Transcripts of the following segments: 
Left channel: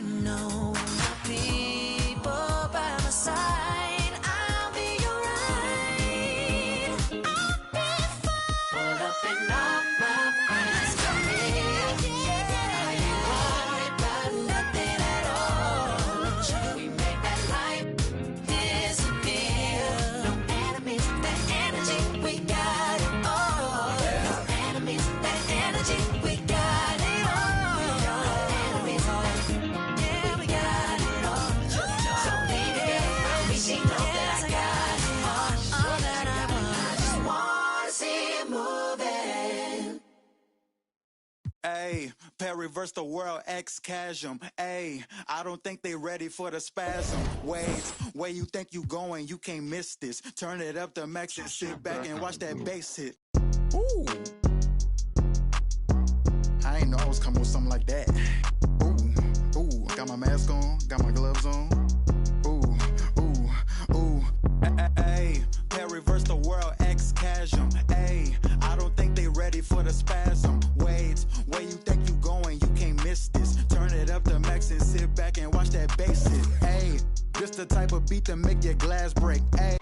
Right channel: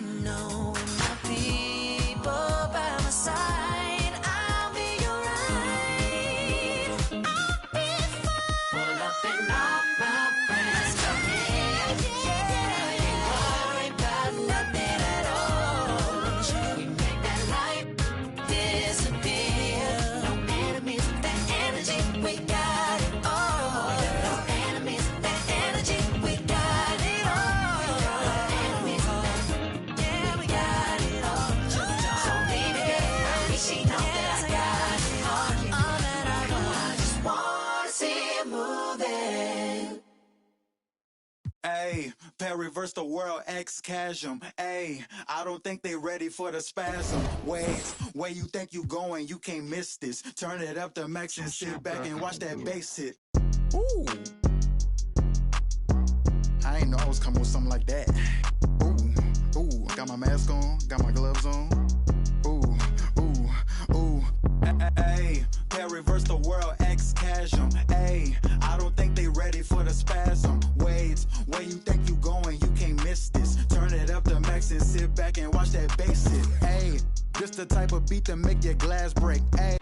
know when my people by my side, I'll be alright. I'll be fine. Up and up, let's go. Yeah. We got nothing at all. Should we make that light disappear? Enemies, that energy, we got it all. Enemies, that energy, we got it all. Enemies, yeah, we got it all. So leave it. Yes, I got it all that I want. I just wanna see you moving. Ayy, reverse the world, X-Chasm. Ayy, I don't think they ready for the spasm. Wait, where you think you going? You can't miss this. Turn it up to max and sit back and watch that bass hit. Ooh. I ain't know I was coming with something like that. Ooh, ooh, got my mask on, got my gloves on. Ooh, ooh, ooh. Ayy, reverse the world, X-Chasm. Ayy, I don't think they ready for the spasm. Wait, where you think you going? You can't miss this. Turn it up to max and sit back and watch that bass hit. Ayy, this the type of beat that make your glass break. Ayy.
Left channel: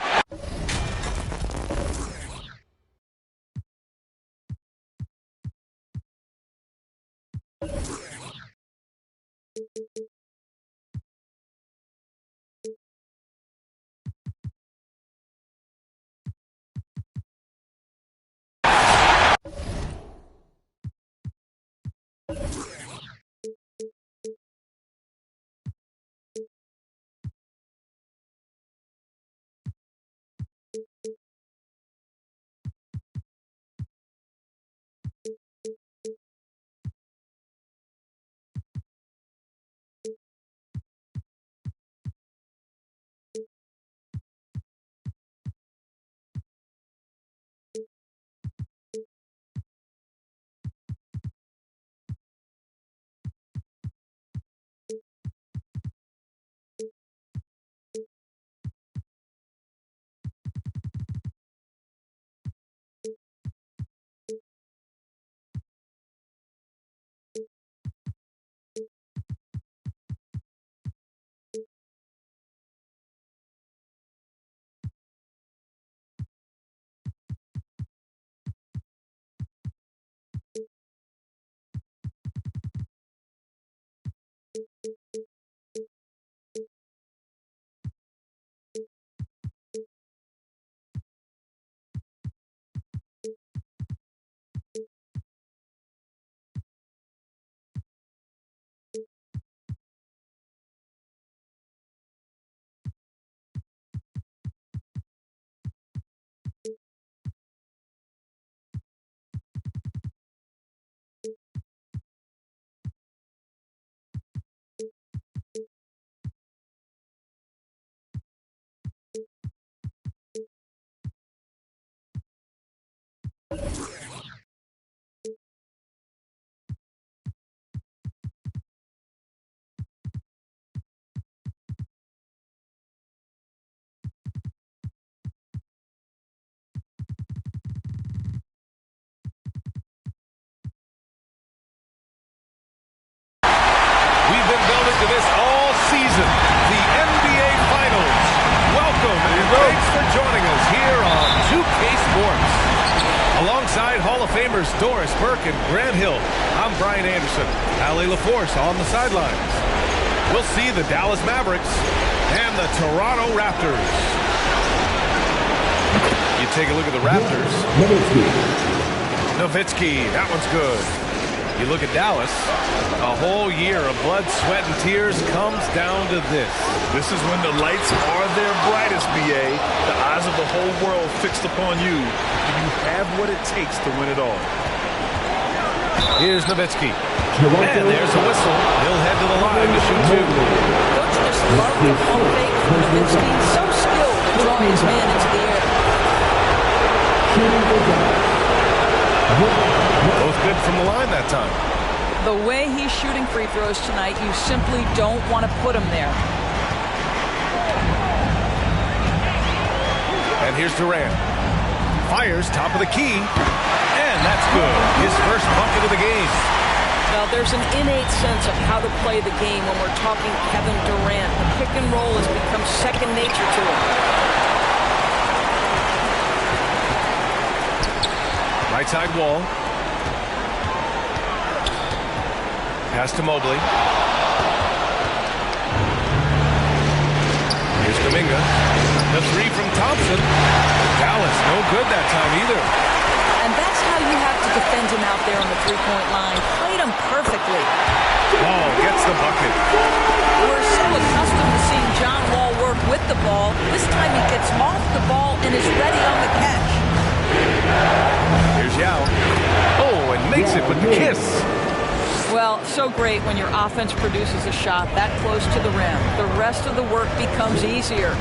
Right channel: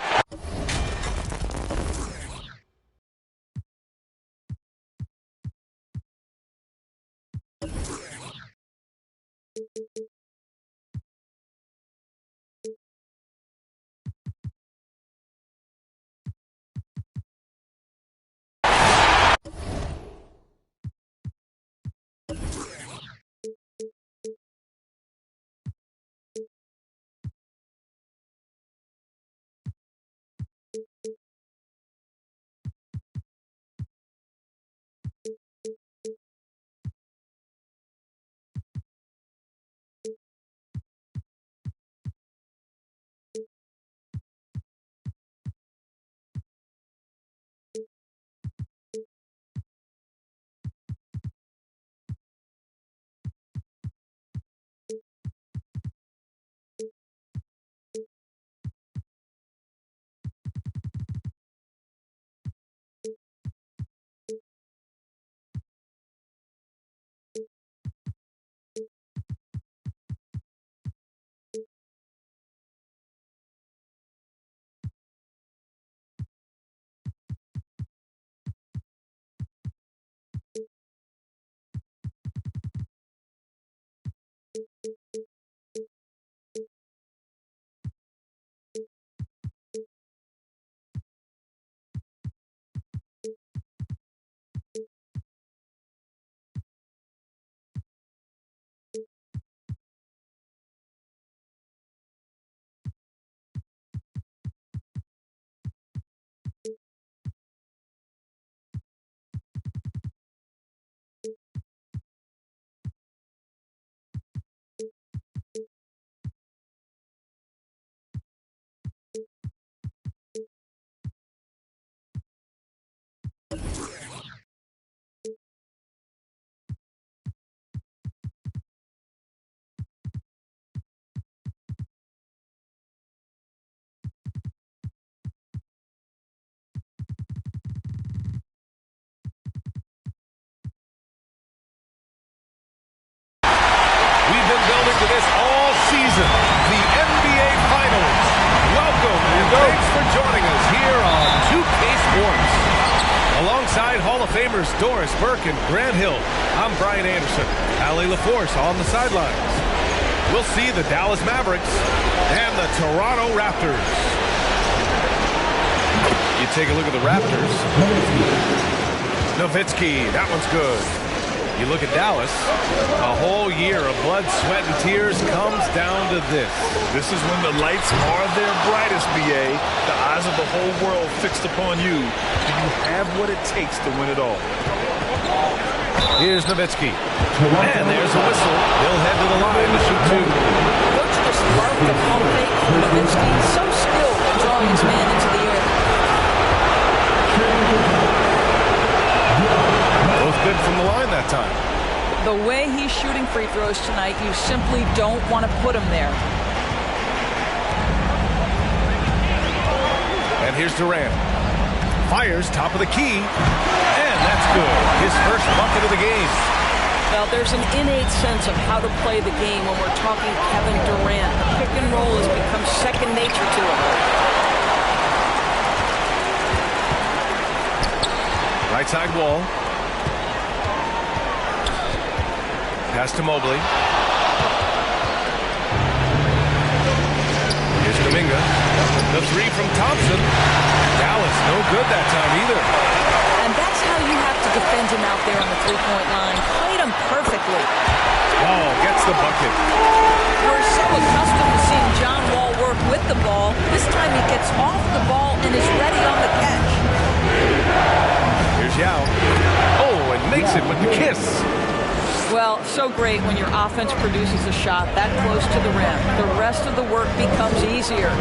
We've been building to this all season, the NBA Finals. Welcome and thanks for joining us here on 2K Sports. Alongside Hall of Famers Doris Burke and Grant Hill, I'm Brian Anderson. Allie LaForce on the sidelines. We'll see the Dallas Mavericks and the Toronto Raptors. You take a look at the Raptors. Nowitzki, that one's good. You look at Dallas, a whole year of blood, sweat, and tears comes down to this. This is when the lights are their brightest, BA. The eyes of the whole world fixed upon you. Do you have what it takes to win it all? Here's Nowitzki. And there's a whistle. He'll head to the line to shoot two. Coach just loved the pump fake from Nowitzki. So skilled at drawing his man into the air. Both good from the line that time. The way he's shooting free throws tonight, you simply don't want to put him there. And here's Durant. Fires top of the key. And that's good. His first bucket of the game. Well, there's an innate sense of how to play the game when we're talking Kevin Durant. The pick and roll has become second nature to him. Right side wall. Pass to Mobley. Here's Kuminga. The three from Thompson. Dallas, no good that time either. And that's how you have to defend him out there on the three-point line. Played him perfectly. Wall gets the bucket. We're so accustomed to seeing John Wall work with the ball. This time he gets off the ball and is ready on the catch. Here's Yao. Oh, and makes it with the kiss. Well, so great when your offense produces a shot that close to the rim. The rest of the work becomes easier.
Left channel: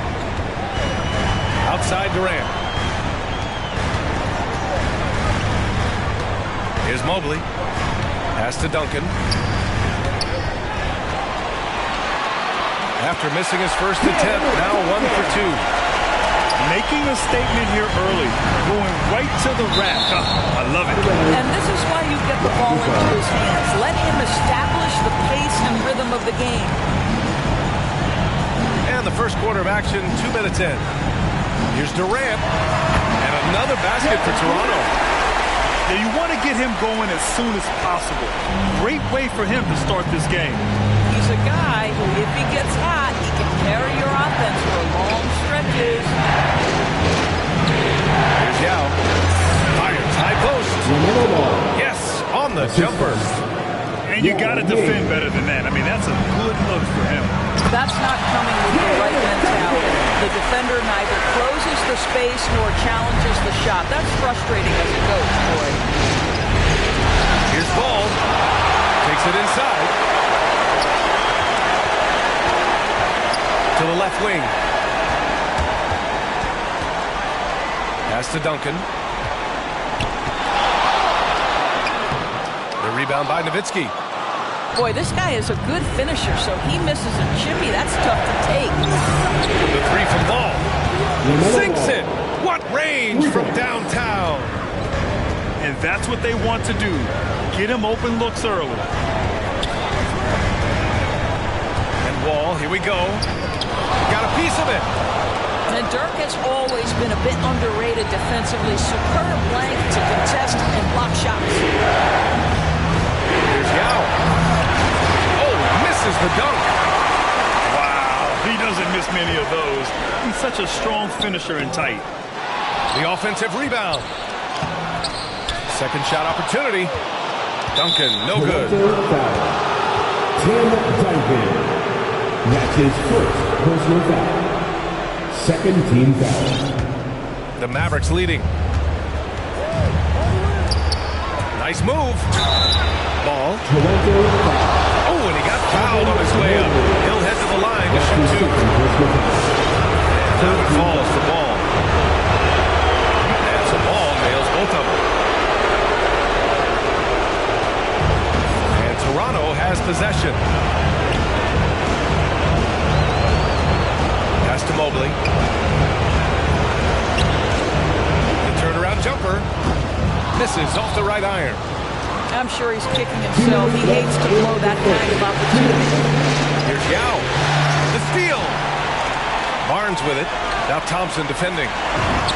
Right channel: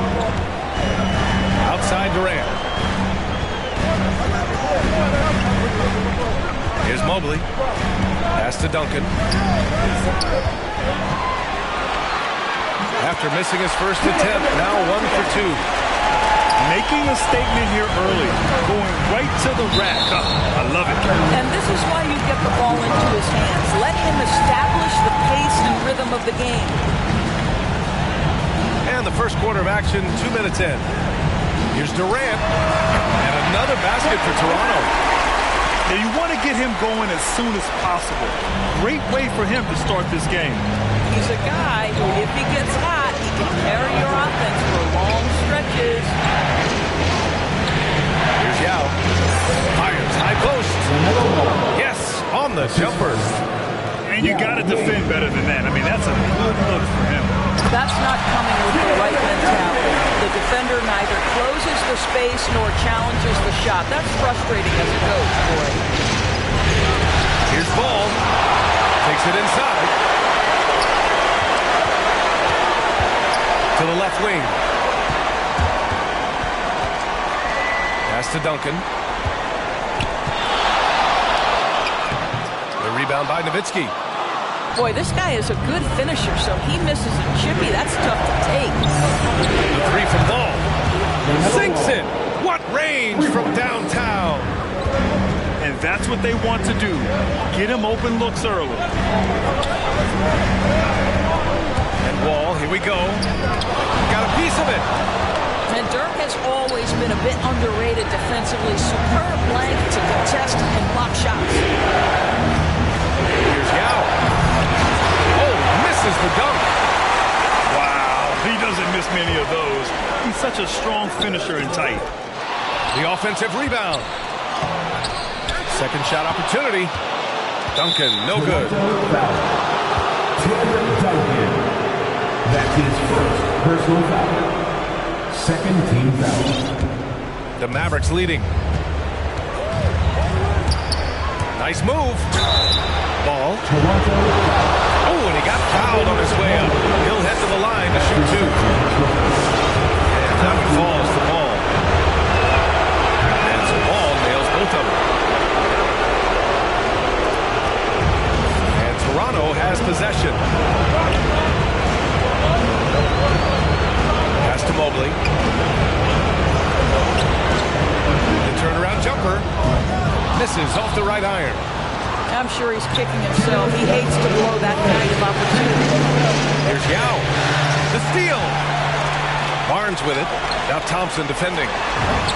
Outside Durant. Here's Mobley. Pass to Duncan. After missing his first attempt, now 1 for 2. Making a statement here early. Going right to the rack. Oh, I love it. And this is why you get the ball into his hands. Let him establish the pace and rhythm of the game. And the first quarter of action, 2 minutes in. Here's Durant. And another basket for Toronto. Now you want to get him going as soon as possible. Great way for him to start this game. He's a guy who, if he gets hot, he can carry your offense for long stretches. Here's Yao. Fires high post. Yes, on the jumper. And you got to defend better than that. I mean, that's a good look for him. That's not coming with the right mentality. The defender neither closes the space nor challenges the shot. That's frustrating as it goes, boy. Here's Ball. Takes it inside. To the left wing. Pass to Duncan. The rebound by Nowitzki. Boy, this guy is a good finisher, so he misses a chippy. That's tough to take. The three from Ball. Sinks it. What range from downtown. And that's what they want to do. Get him open looks early. And Wall, here we go. Got a piece of it. And Dirk has always been a bit underrated defensively. Superb length to contest and block shots. Here's Yao. Oh, misses the dunk. Wow, he doesn't miss many of those. He's such a strong finisher and tight. The offensive rebound. Second shot opportunity. Duncan, no good. Tim Duncan. That's his first personal foul. Second team foul. The Mavericks leading. Nice move. Ball. Toronto foul. Oh, and he got fouled on his way up. He'll head to the line to shoot two. And that one falls to Ball. And so Ball nails both of them. And Toronto has possession. Pass to Mobley. The turnaround jumper. Misses off the right iron. I'm sure he's kicking himself. He hates to blow that kind of opportunity. Here's Yao. The steal. Barnes with it. Now Thompson defending.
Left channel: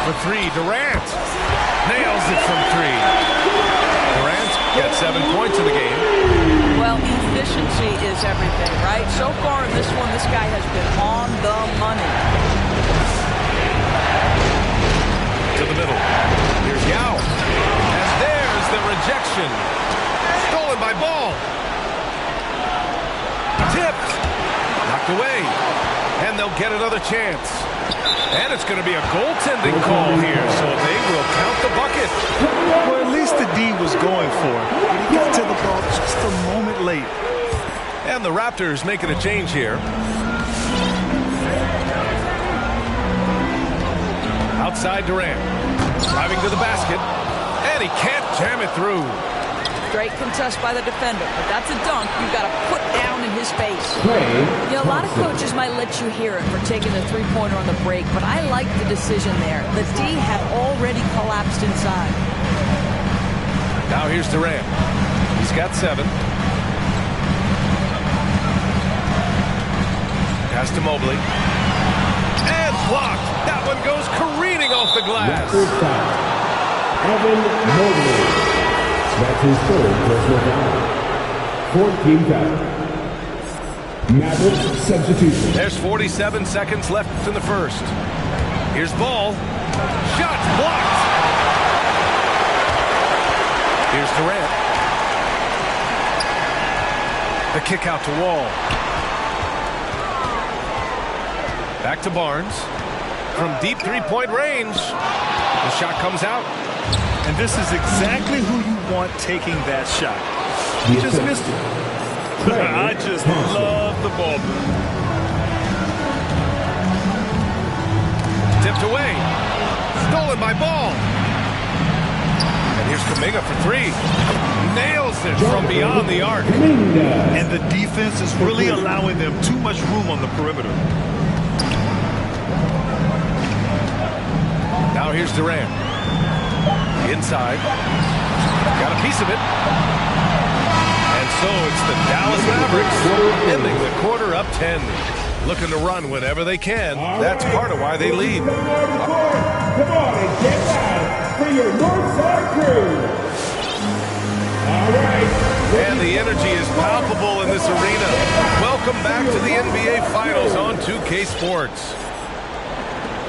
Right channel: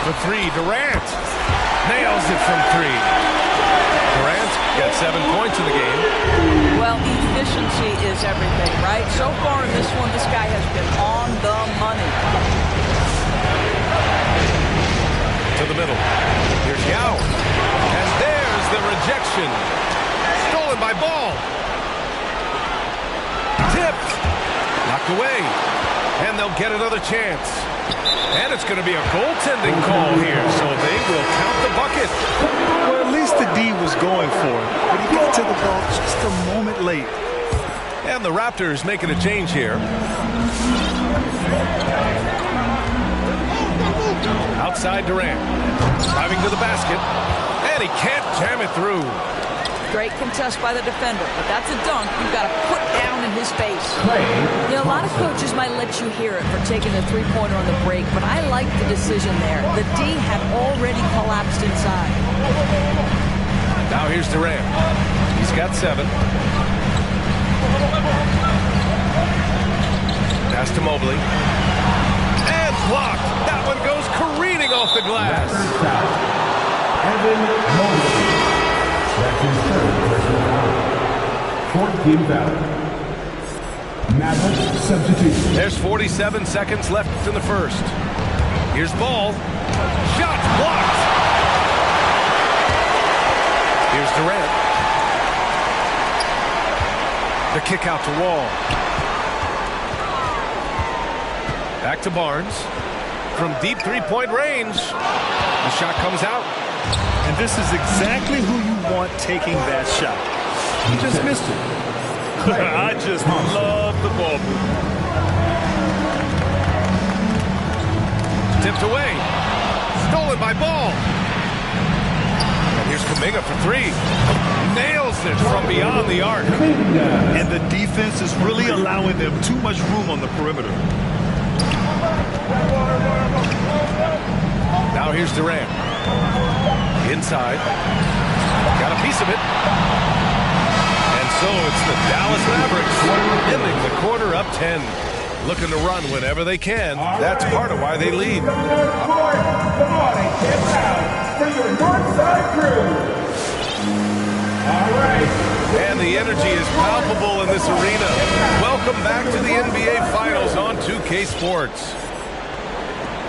For three, Durant. Nails it from three. Durant got 7 points in the game. Well, efficiency is everything, right? So far in this one, this guy has been on the money. To the middle. Here's Yao. And there's the rejection. Stolen by Ball. Tipped. Knocked away. And they'll get another chance. And it's going to be a goaltending call here, so they will count the bucket. Well, at least the D was going for it, but he got to the ball just a moment late. And the Raptors making a change here. Outside Durant. Driving to the basket. And he can't jam it through. Great contest by the defender, but that's a dunk you've got to put down in his face. You know, a lot of coaches might let you hear it for taking the three-pointer on the break, but I like the decision there. The D had already collapsed inside. Now here's Durant. He's got 7. Pass to Mobley. And blocked. That one goes careening off the glass. Raptors foul. Evan Mobley. That's his third personal foul. 4th team foul. Mavericks substitution. There's 47 seconds left in the first. Here's Ball. Shot blocked. Here's Durant. The kick out to Wall. Back to Barnes. From deep three-point range. The shot comes out. And this is exactly who you want taking that shot. He just missed it. I just love the ball move. Tipped away. Stolen by Ball. And here's Kuminga for three. Nails it from beyond the arc. And the defense is really allowing them too much room on the perimeter. Now here's Durant. Inside. Got a piece of it. And so it's the Dallas Mavericks ending the quarter up 10. Looking to run whenever they can. That's part of why they lead. Come on and get loud for your Northside crew. All right. And the energy is palpable in this arena. Welcome back to the NBA Finals on 2K Sports.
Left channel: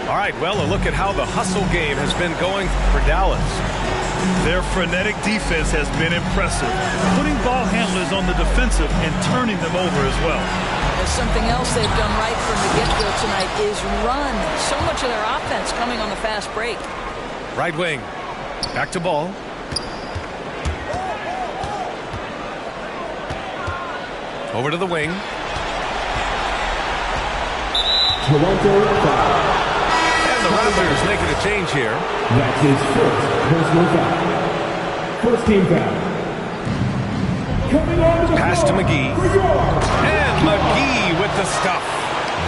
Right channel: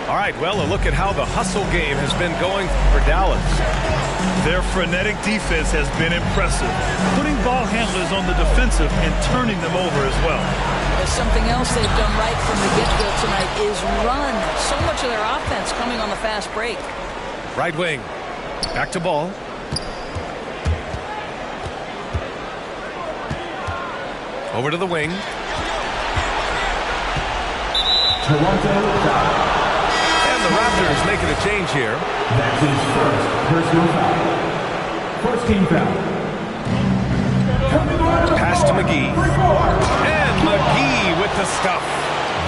All right, well, a look at how the hustle game has been going for Dallas. Their frenetic defense has been impressive, putting ball handlers on the defensive and turning them over as well. There's something else they've done right from the get-go tonight is run. So much of their offense coming on the fast break. Right wing. Back to Ball. Over to the wing. Toronto foul. And the Raptors making a change here. That's his first personal foul. First team foul. Coming on the Pass to floor McGee. for yours. And McGee with the stuff.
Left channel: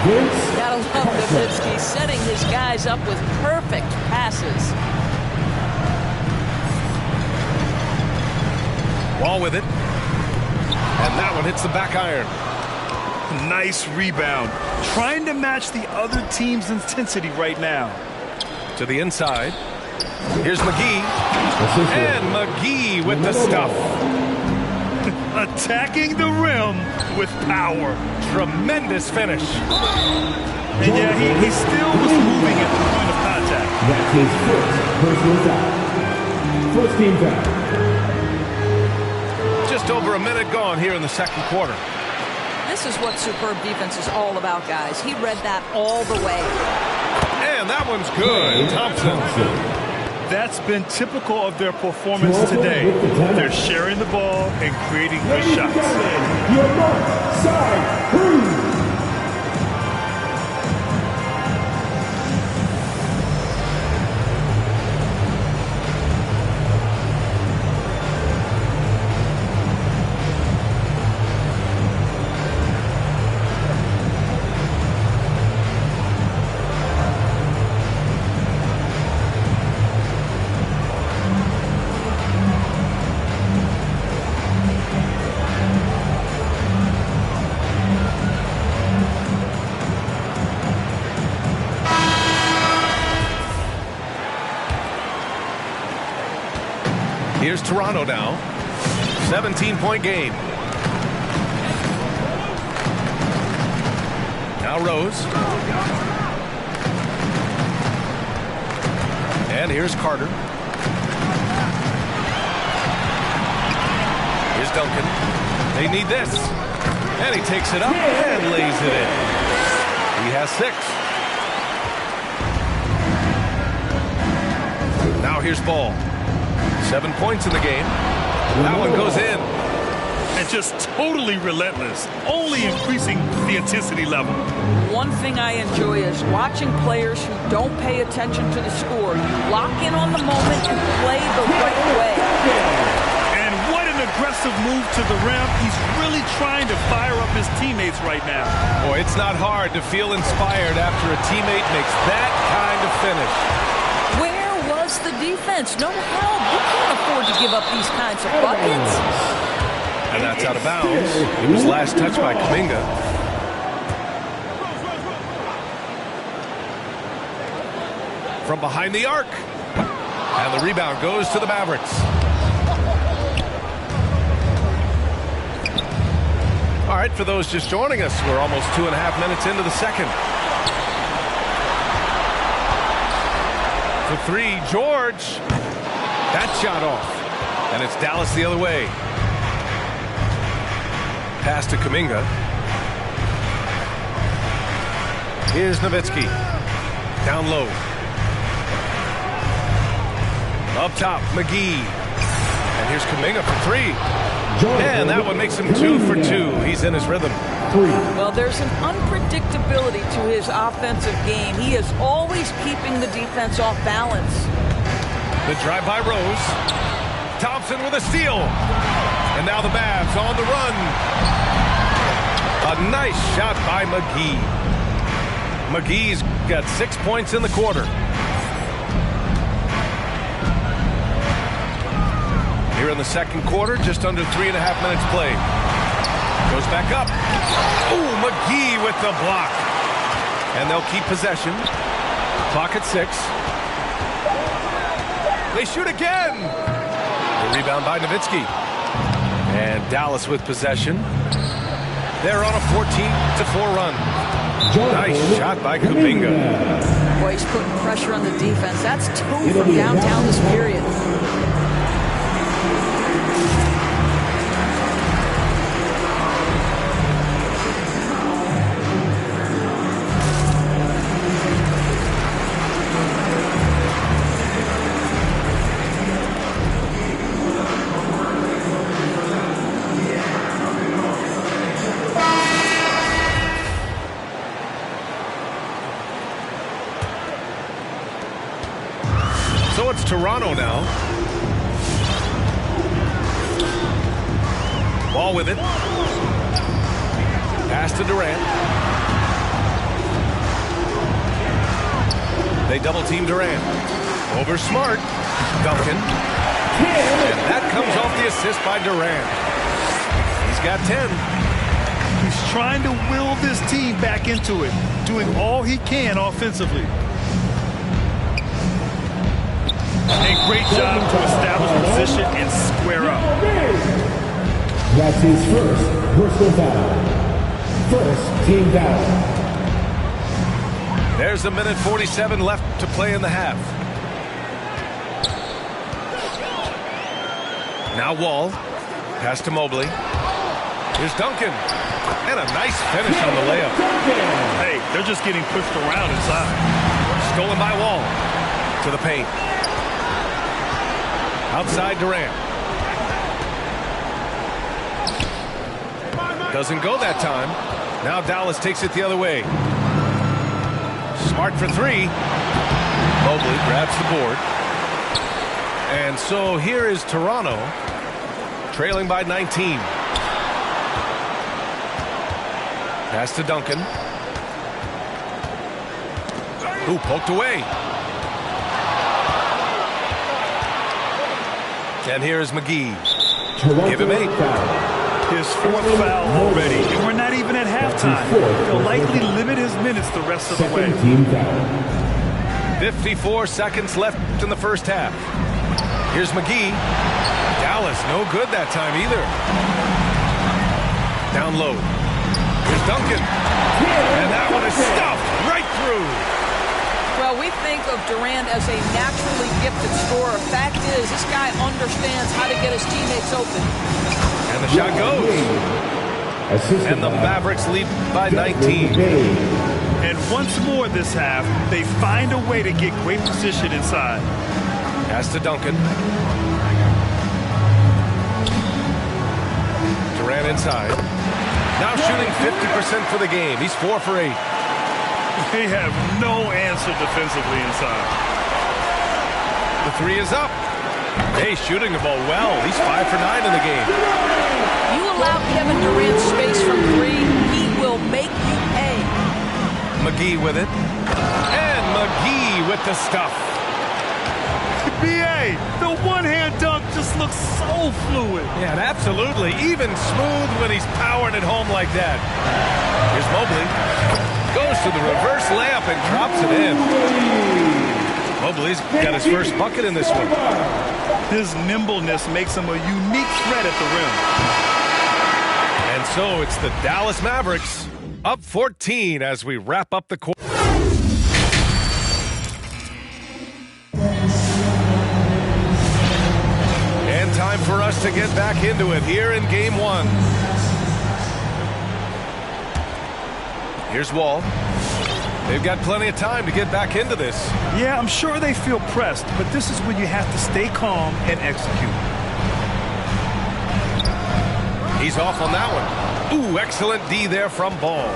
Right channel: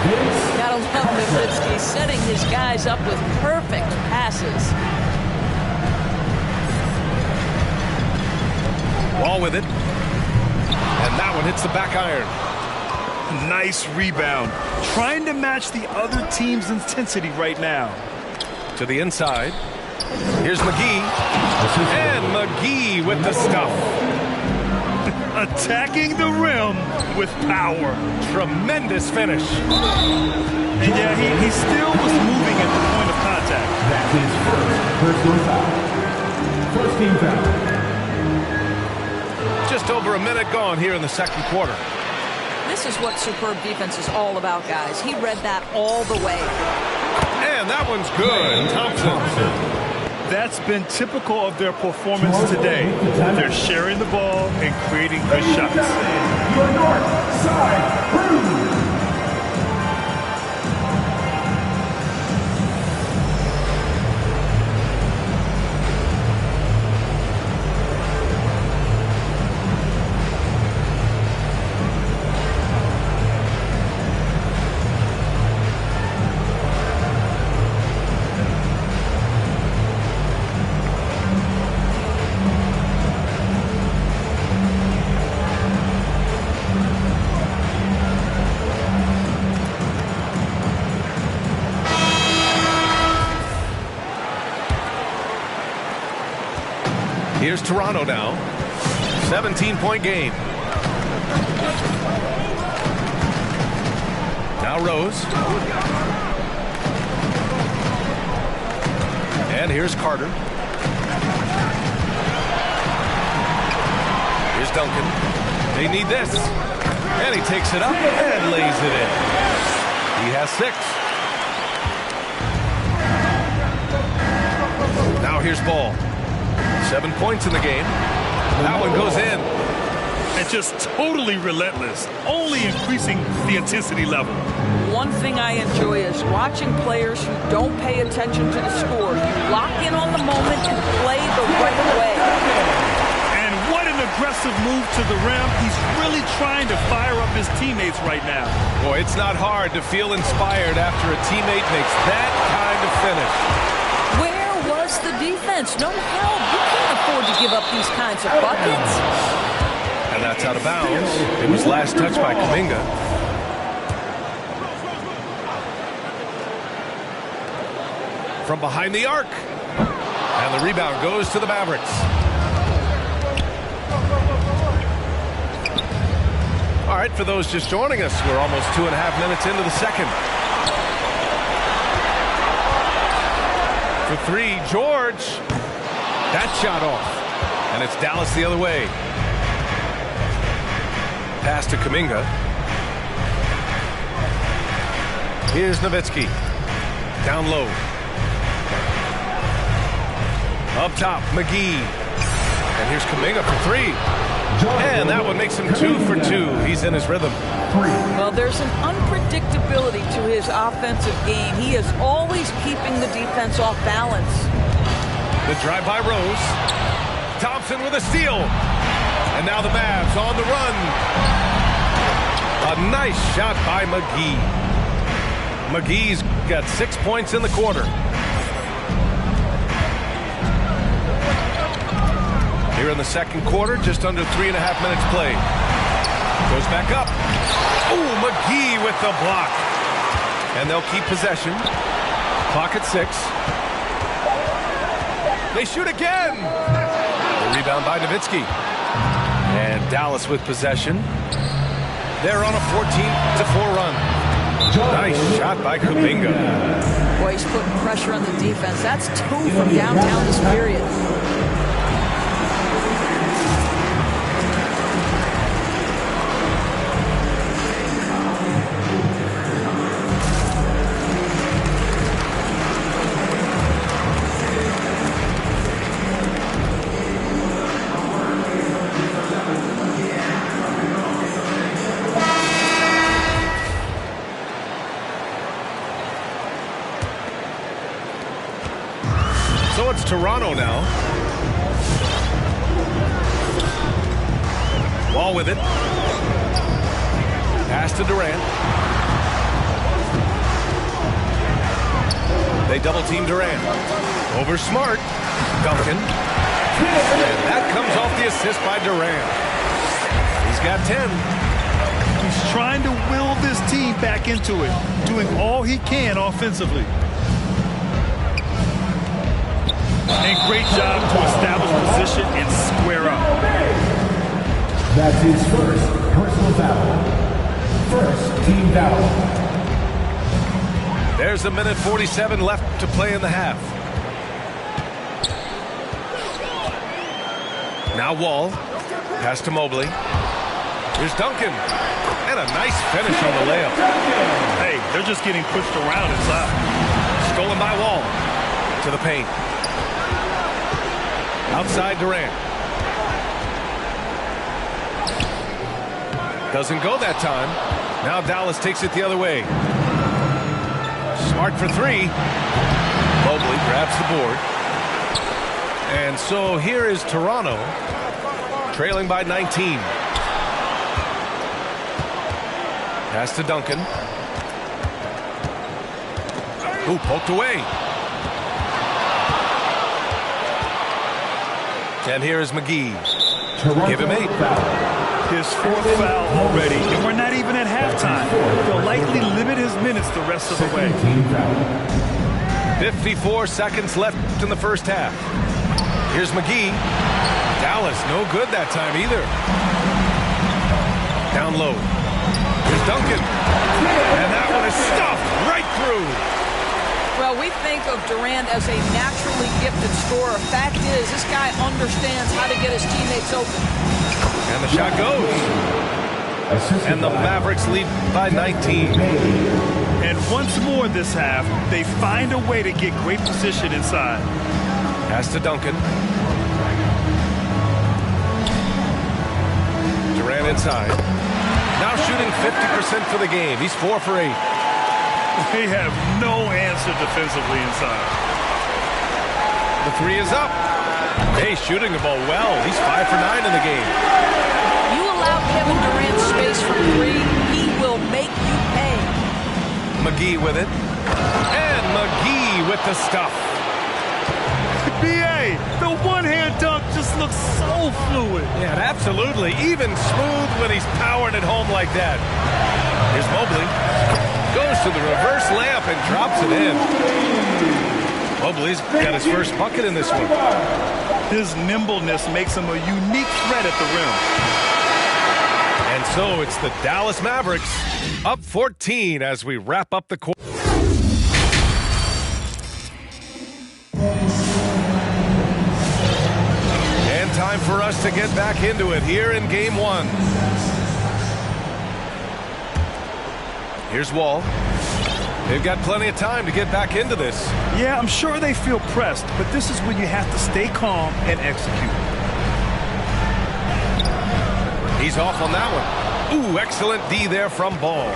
Vince. Gotta love Nowitzki setting his guys up with perfect passes. Wall with it. And that one hits the back iron. Nice rebound. Trying to match the other team's intensity right now. To the inside. Here's McGee. And McGee with the stuff. Attacking the rim with power. Tremendous finish. And yeah, he still was moving at the point of contact. That's his first personal foul. First team foul. Just over a minute gone here in the second quarter. This is what superb defense is all about, guys. He read that all the way. And that one's good. Thompson. That's been typical of their performance today. They're sharing the ball and creating good shots. Your North Side Crew. Here's Toronto now. 17-point game. Now Rose. And here's Carter. Here's Duncan. They need this. And he takes it up and lays it in. He has 6. Now here's Ball. 7 points in the game. That one goes in. And just totally relentless, only increasing the intensity level. One thing I enjoy is watching players who don't pay attention to the score. You lock in on the moment and play the right way. And what an aggressive move to the rim. He's really trying to fire up his teammates right now. Boy, it's not hard to feel inspired after a teammate makes that kind of finish. Where was the defense? No help. You can't afford to give up these kinds of buckets. And that's out of bounds. It was last touched by Kuminga. from behind the arc. And the rebound goes to the Mavericks. All right, for those just joining us, we're almost 2.5 minutes into the second. For three, George. That shot off. And it's Dallas the other way. Pass to Kuminga. Here's Nowitzki. Down low. Up top, McGee. And here's Kuminga for three. And that one makes him 2 for 2. He's in his rhythm. Well, there's an unpredictability to his offensive game. He is always keeping the defense off balance. The drive by Rose. Thompson with a steal. And now the Mavs on the run. A nice shot by McGee. McGee's got 6 points in the quarter. Here in the second quarter, just under 3.5 minutes played. Goes back up. Oh, McGee with the block. And they'll keep possession. Clock at 6. They shoot again. The rebound by Nowitzki. And Dallas with possession. They're on a 14-4 run. Nice shot by Kuminga. Boy, he's putting pressure on the defense. That's 2 from downtown this period. So it's Toronto now. Ball with it. Pass to Durant. They double team Durant. Over Smart. Duncan. And that comes off the assist by Durant. He's got 10. He's trying to will this team back into it, doing all he can offensively. A great job to establish position and square up. That's his first personal foul. First team foul. There's a minute 47 left to play in the half. Now Wall. Pass to Mobley. Here's Duncan. And a nice finish on the layup. Hey, they're just getting pushed around inside. Stolen by Wall. To the paint. Outside Durant. Doesn't go that time. Now Dallas takes it the other way. Smart for three. Mobley grabs the board. And so here is Toronto, trailing by 19. Pass to Duncan. Ooh, poked away. And here is McGee. Give him 8. His 4th foul already, and we're not even at halftime. They'll likely limit his minutes the rest of the way. 54 seconds left in the first half. Here's McGee. Dallas, no good that time either. Down low. Here's Duncan. And that one is stuffed right through. Well, we think of Durant as a naturally gifted scorer. Fact is, this guy understands how to get his teammates open. And the shot goes. And the Mavericks lead by 19. And once more this half, they find a way to get great position inside. Pass to Duncan. Durant inside. Now shooting 50% for the game. He's 4 for 8. They have no answer defensively inside. The 3 is up. Hey, shooting the ball well. He's 5 for 9 in the game. You allow Kevin Durant space from 3, he will make you pay. McGee with it. And McGee with the stuff. B.A., the one-hand dunk just looks so fluid. Yeah, absolutely. Even smooth when he's powering it home like that. Here's Mobley. Goes to the reverse layup and drops it in. Mobley's got his first bucket in this one. His nimbleness makes him a unique threat at the rim. And so it's the Dallas Mavericks up 14 as we wrap up the quarter. And time for us to get back into it here in game one. Here's Wall. They've got plenty of time to get back into this. Yeah, I'm sure they feel pressed, but this is when you have to stay calm and execute. He's off on that one. Ooh, excellent D there from Ball.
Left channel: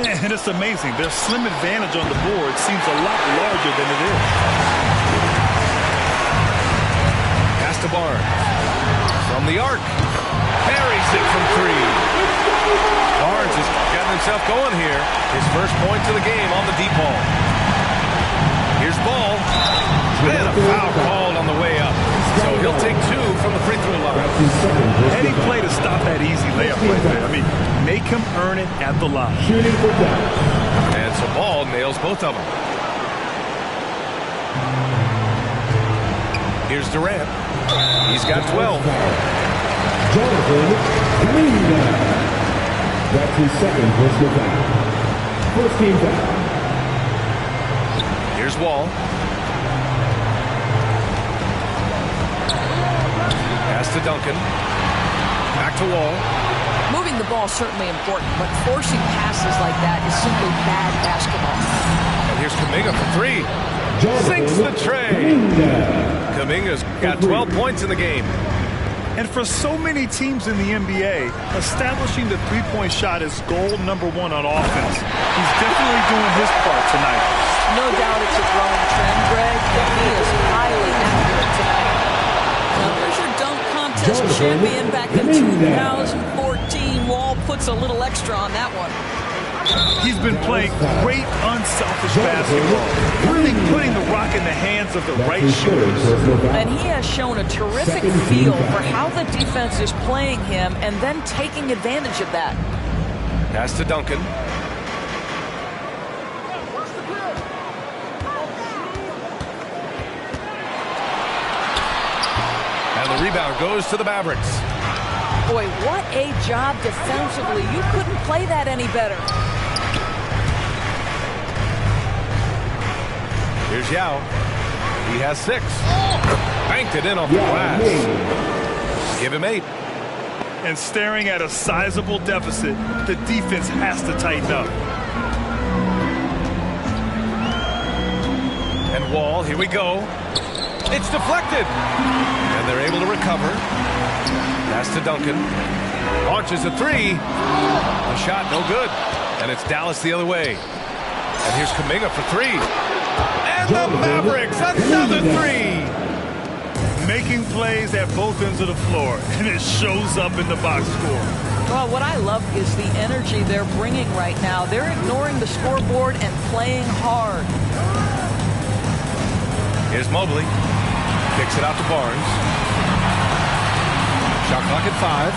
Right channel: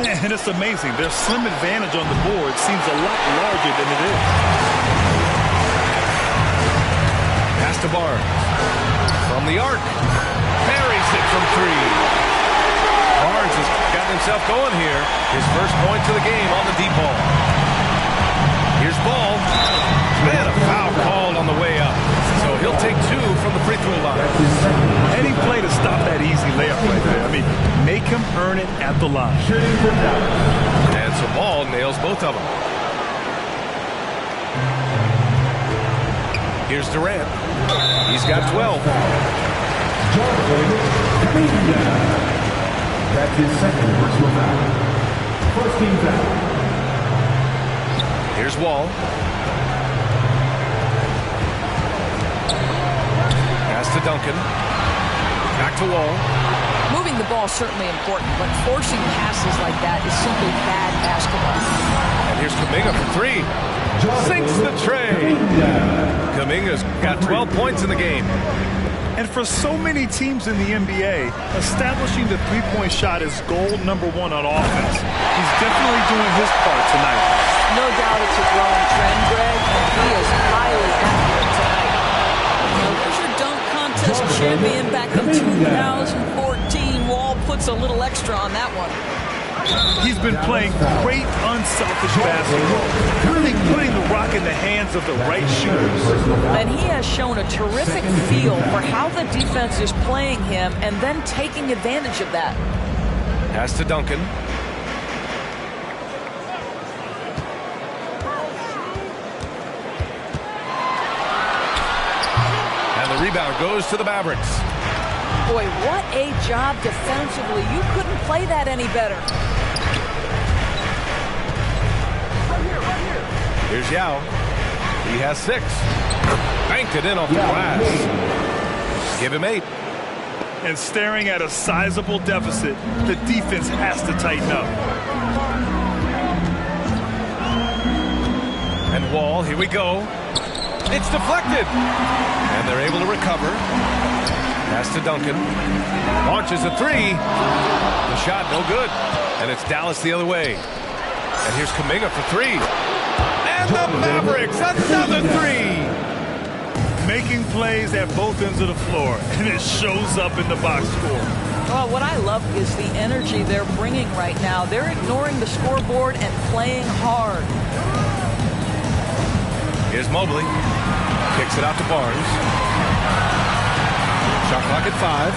And it's amazing. Their slim advantage on the board seems a lot larger than it is. Pass to Barnes. From the arc. Buries it from three. Barnes has gotten himself going here. His first point to the game on the deep ball. Here's Ball. And a foul called on the way up. So he'll take two from the free throw line. Heady play to stop that easy layup right there. I mean, make him earn it at the line. And so Ball nails both of them. Here's Durant. He's got 12. Jonathan Kuminga. That's his second personal foul. First team foul. Here's Wall. Pass to Duncan. Back to Wall. Moving the ball is certainly important, but forcing passes like that is simply bad basketball. And here's Kuminga for three. Sinks the tray. Kuminga's got 12 points in the game. And for so many teams in the NBA, establishing the three-point shot is goal number one on offense. He's definitely doing his part tonight. No doubt it's a growing trend, Greg, and he is highly accurate tonight. Now there's your dunk contest champion back in 2014. Wall puts a little extra on that one. He's been playing great, unselfish basketball, really putting the rock in the hands of the right shooters. And he has shown a terrific feel for how the defense is playing him and then taking advantage of that. Pass to Duncan. And the rebound goes to the Mavericks. Boy, what a job defensively. You couldn't play that any better. Here's Yao. He has 6. Banked it in off the glass. Give him 8. And staring at a sizable deficit, the defense has to tighten up. And Wall, here we go. It's deflected. And they're able to recover. Pass to Duncan. Launches a three. The shot no good. And it's Dallas the other way. And here's Kuminga for 3. And the Mavericks, another 3. Making plays at both ends of the floor, and it shows up in the box score. Well, what I love is the energy they're bringing right now. They're ignoring the scoreboard and playing hard. Here's Mobley. Kicks it out to Barnes. Shot clock at 5.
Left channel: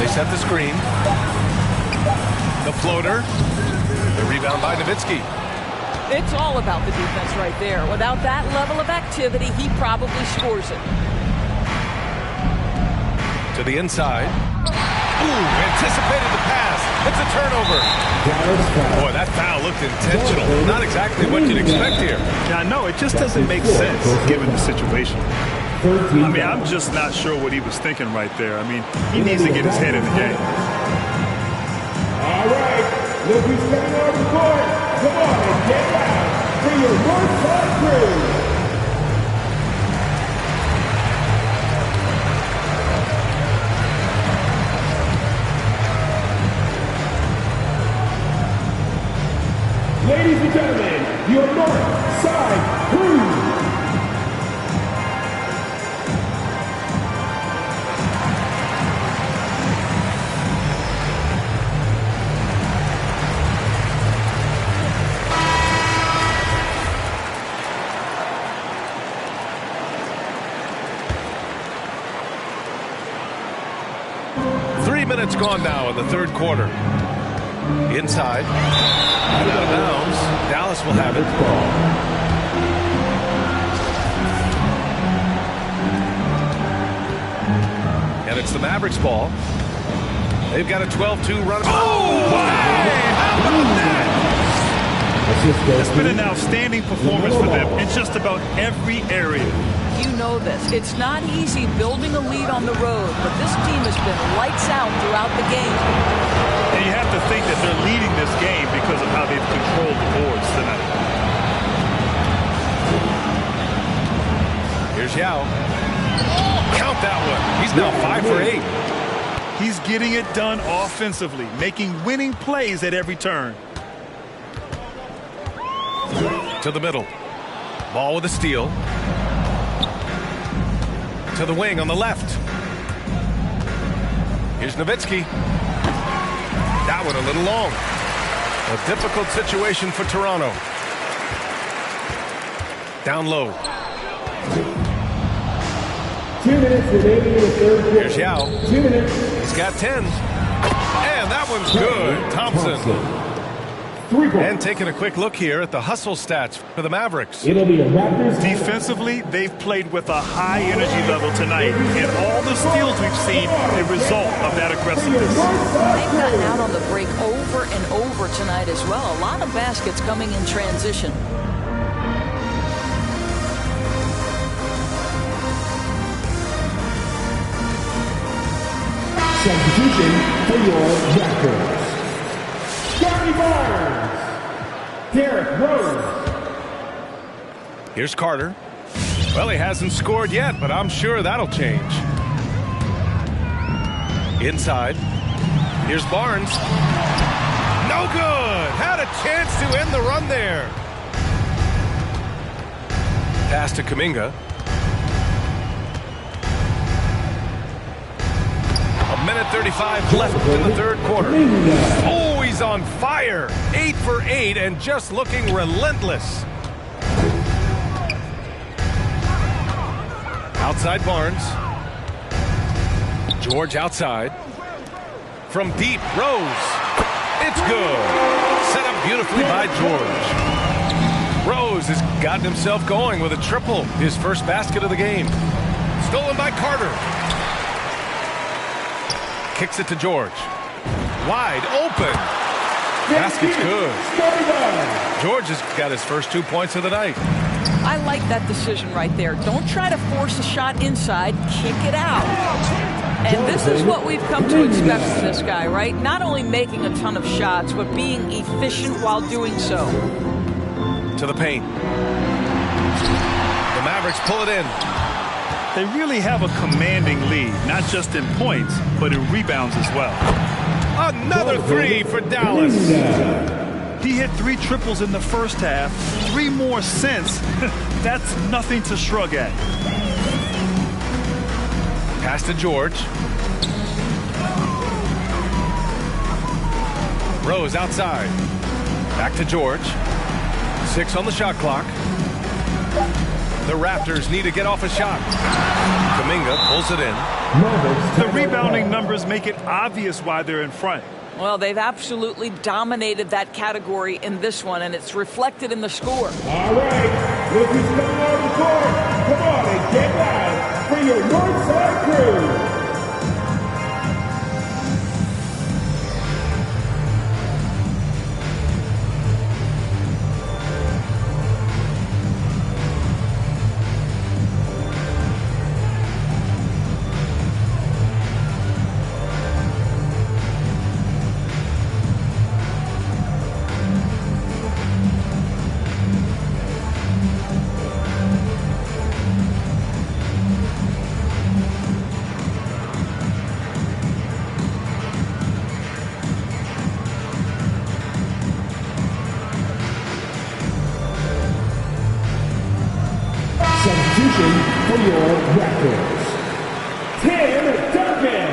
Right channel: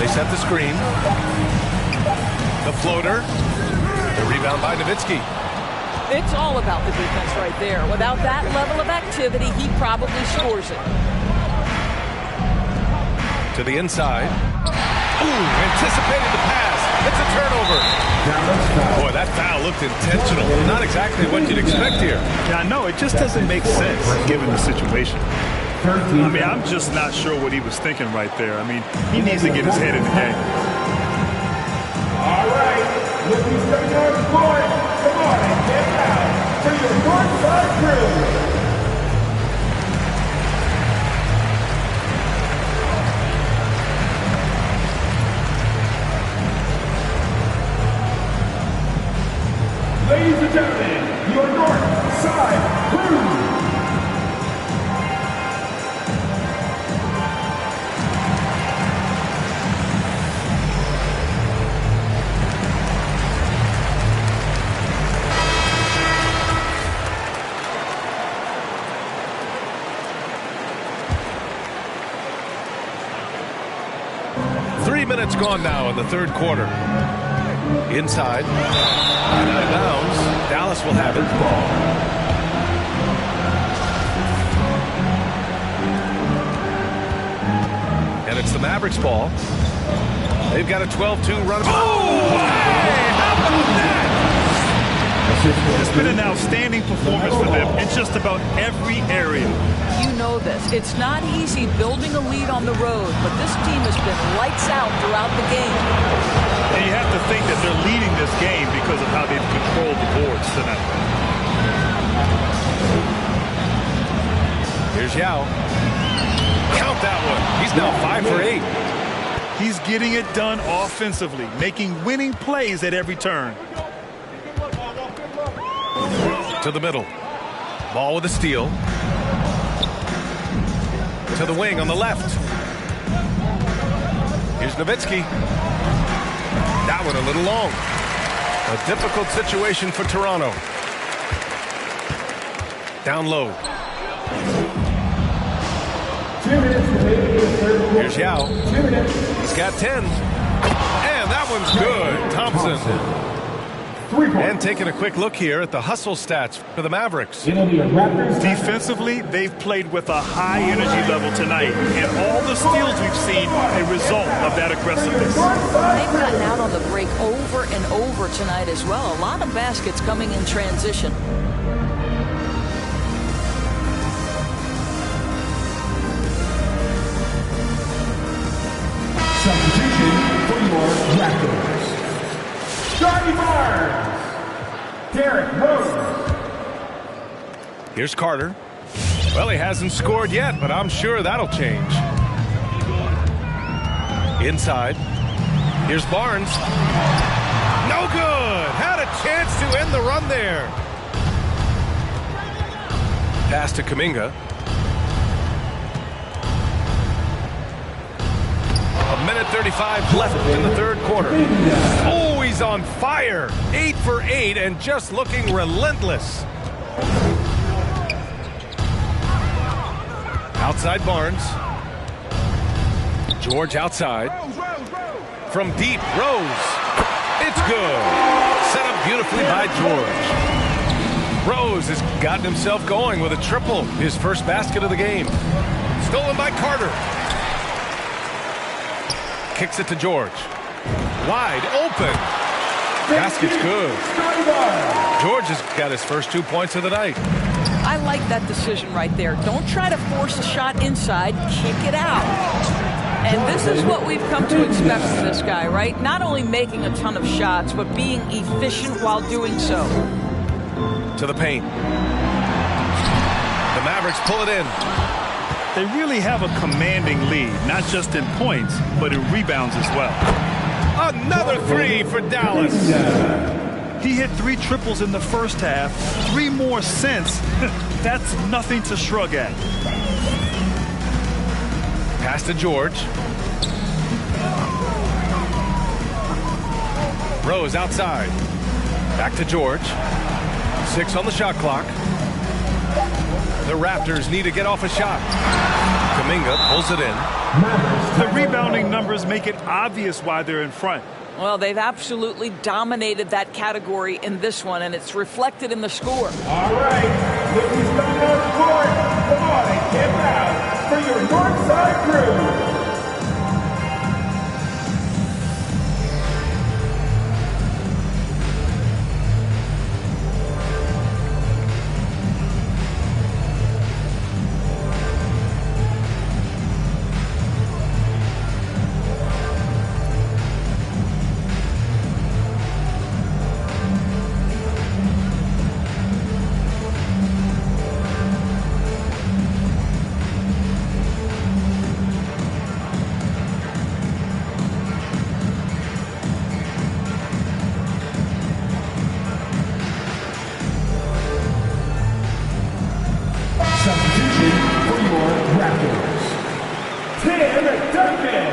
They set the screen. The floater. The rebound by Nowitzki. It's all about the defense right there. Without that level of activity, he probably scores it. To the inside. Ooh, anticipated the pass. It's a turnover. Boy, that foul looked intentional. Not exactly what you'd expect here. Yeah, no, it just doesn't make sense given the situation. I mean, I'm just not sure what he was thinking right there. I mean, he needs to get his head in the game. All right, look who's coming on the court. Come on and get down for your North Side crew. Ladies and gentlemen, your North Side crew. Minutes gone now in the third quarter. Inside and out of bounds. Dallas will have it. And it's the Mavericks ball. They've got a 12-2 run. Oh, hey, how about that? It's been an outstanding performance for them in just about every area. You know this. It's not easy building a lead on the road, but this team has been lights out throughout the game. And you have to think that they're leading this game because of how they've controlled the boards tonight. Here's Yao. Count that one. He's now 5 for 8. He's getting it done offensively, making winning plays at every turn. To the middle. Ball with a steal. To the wing on the left. Here's Nowitzki. That one a little long. A difficult situation for Toronto. Down low. 2 minutes remaining in the third quarter. Here's Yao. 2 minutes. He's got 10. And that one's good. Thompson. 3 points. And taking a quick look here at the hustle stats for the Mavericks. It'll be a Raptors. Defensively, they've played with a high energy level tonight, and all the steals we've seen a result of that aggressiveness. They've gotten out on the break over and over tonight as well. A lot of baskets coming in transition. Substitution for your Raptors. Scotty Barnes. Derrick Rose. Here's Carter. Well, he hasn't scored yet, but I'm sure that'll change. Inside. Here's Barnes. No good. Had a chance to end the run there. Pass to Kuminga. A minute 35 left in the third quarter. Oh, he's on fire. 8 for 8 and just looking relentless. Outside Barnes. George outside. From deep, Rose. It's good. Set up beautifully by George. Rose has gotten himself going with a triple. His first basket of the game. Stolen by Carter. Kicks it to George. Wide open. Basket's good. George has got his first 2 points of the night. I like that decision right there. Don't try to force a shot inside. Kick it out. And this is what we've come to expect from this guy, right? Not only making a ton of shots, but being efficient while doing so. To the paint. The Mavericks pull it in. They really have a commanding lead, not just in points, but in rebounds as well. Another three for Dallas. He hit 3 triples in the first half, 3 more since. That's nothing to shrug at. Pass to George. Rose outside. Back to George. 6 on the shot clock. The Raptors need to get off a shot. Kuminga pulls it in. The rebounding numbers make it obvious why they're in front. Well, they've absolutely dominated that category in this one, and it's reflected in the score. All right, look who's coming out of the court. Come on and get loud for your Northside crew. Substitution for your Raptors. Tim Duncan.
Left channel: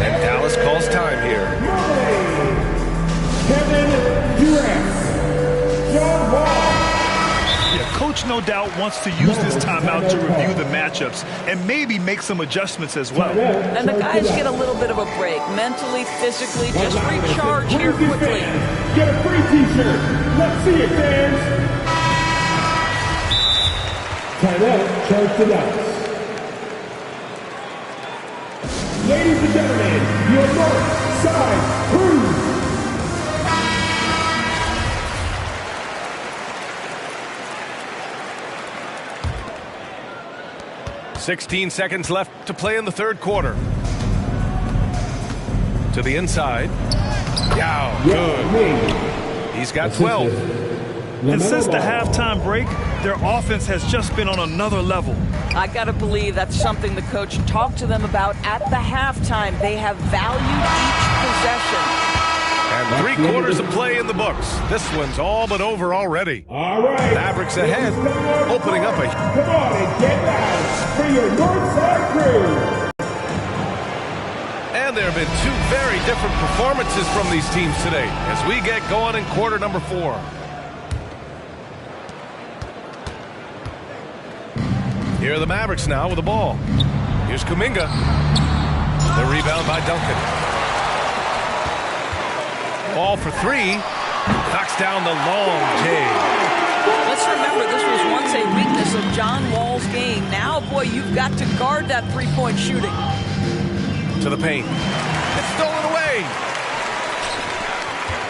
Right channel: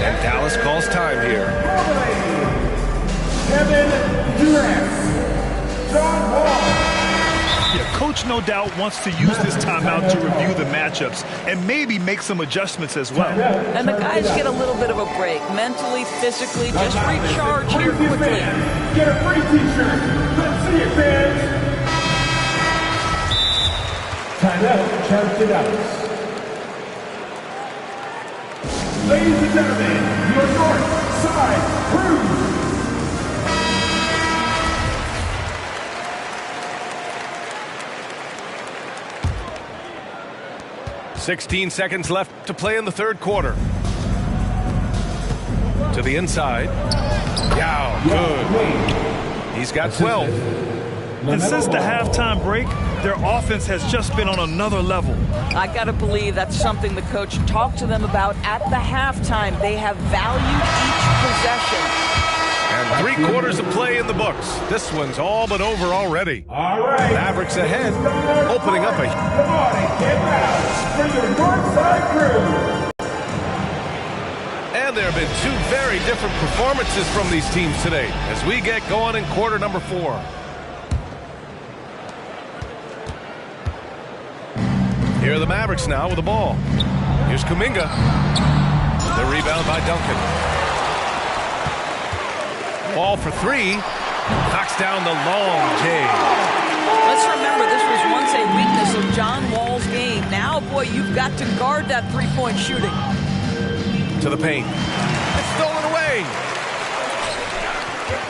And Dallas calls time here. Mobley. Kevin Durant. John Wall. Yeah, Coach no doubt wants to use this timeout to review the matchups and maybe make some adjustments as well. And the guys get a little bit of a break, mentally, physically, just recharge here quickly. Get a free t-shirt. Let's see it, fans. Timeout, charge to Dallas. Ladies and gentlemen, your North Side Crew. 16 seconds left to play in the third quarter. To the inside. Yao, good. He's got 12. And since the halftime break, their offense has just been on another level. I got to believe that's something the coach talked to them about at the halftime. They have valued each possession. And 3 quarters of play in the books. This one's all but over already. All right. Mavericks ahead, opening up a... Come on and get loud for your North Side Crew. And there have been 2 very different performances from these teams today as we get going in quarter number 4. Here are the Mavericks now with the ball. Here's Kuminga. The rebound by Duncan. Ball for 3. Knocks down the long J. Let's remember, this was once a weakness of John Wall's game. Now, boy, you've got to guard that three-point shooting. To the paint. It's stolen away.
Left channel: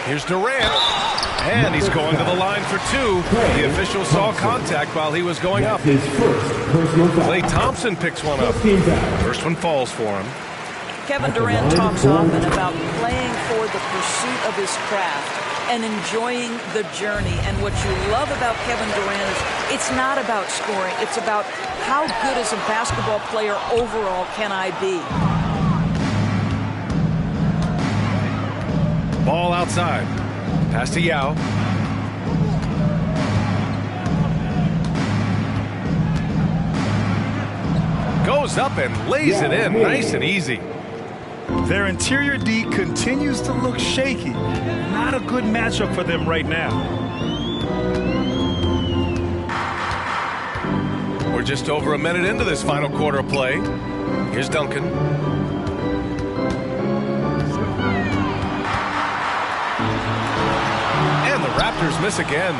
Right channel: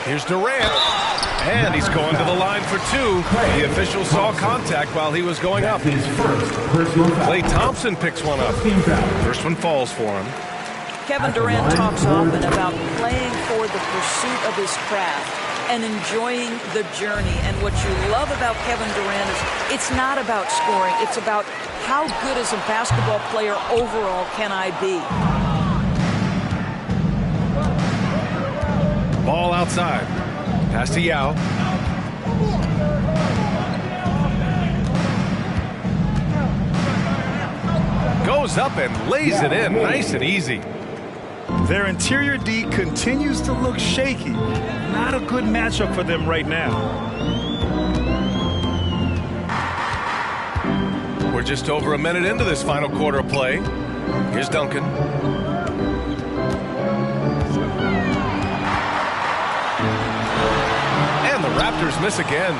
Here's Durant. And he's going to the line for 2. The official saw contact while he was going up. His first personal foul. Klay Thompson picks one up. Team foul. First one falls for him. Kevin Durant talks often about playing for the pursuit of his craft and enjoying the journey. And what you love about Kevin Durant is it's not about scoring. It's about how good as a basketball player overall can I be. Ball outside. Pass to Yao. Goes up and lays it in. Nice and easy. Their interior D continues to look shaky. Not a good matchup for them right now. We're just over a minute into this final quarter of play. Here's Duncan. And the Raptors miss again.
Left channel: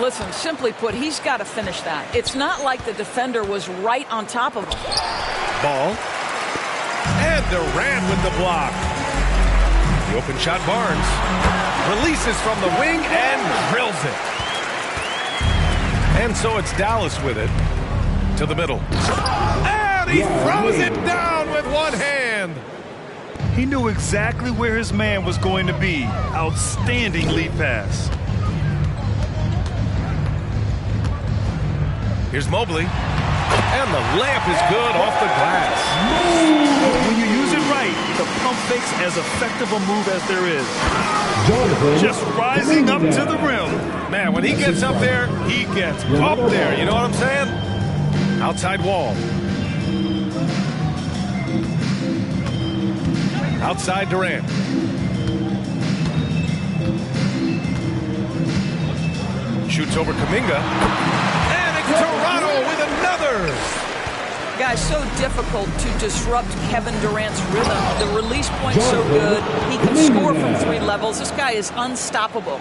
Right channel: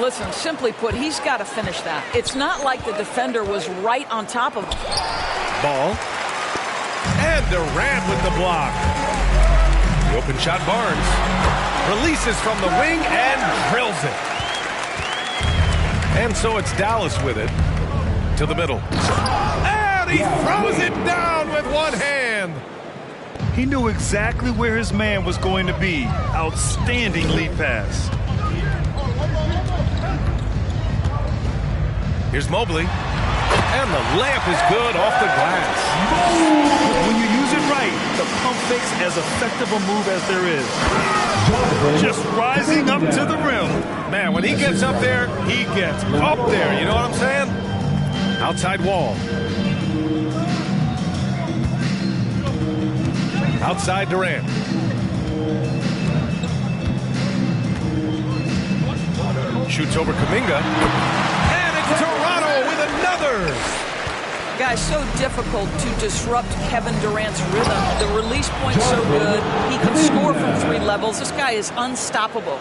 Listen, simply put, he's got to finish that. It's not like the defender was right on top of him. Ball. And Durant with the block. The open shot, Barnes. Releases from the wing and drills it. And so it's Dallas with it. To the middle. And he throws it down with one hand. He knew exactly where his man was going to be. Outstanding lead pass. Here's Mobley. And the layup is good off the glass. When you use it right, the pump fake's as effective a move as there is. Just rising up to the rim. Man, when he gets up there, he gets up there. You know what I'm saying? Outside Wall. Outside Durant. Shoots over Kuminga. And it's Toronto with another. Guys, so difficult to disrupt Kevin Durant's rhythm. The release point's so good. He can score from 3 levels. This guy is unstoppable.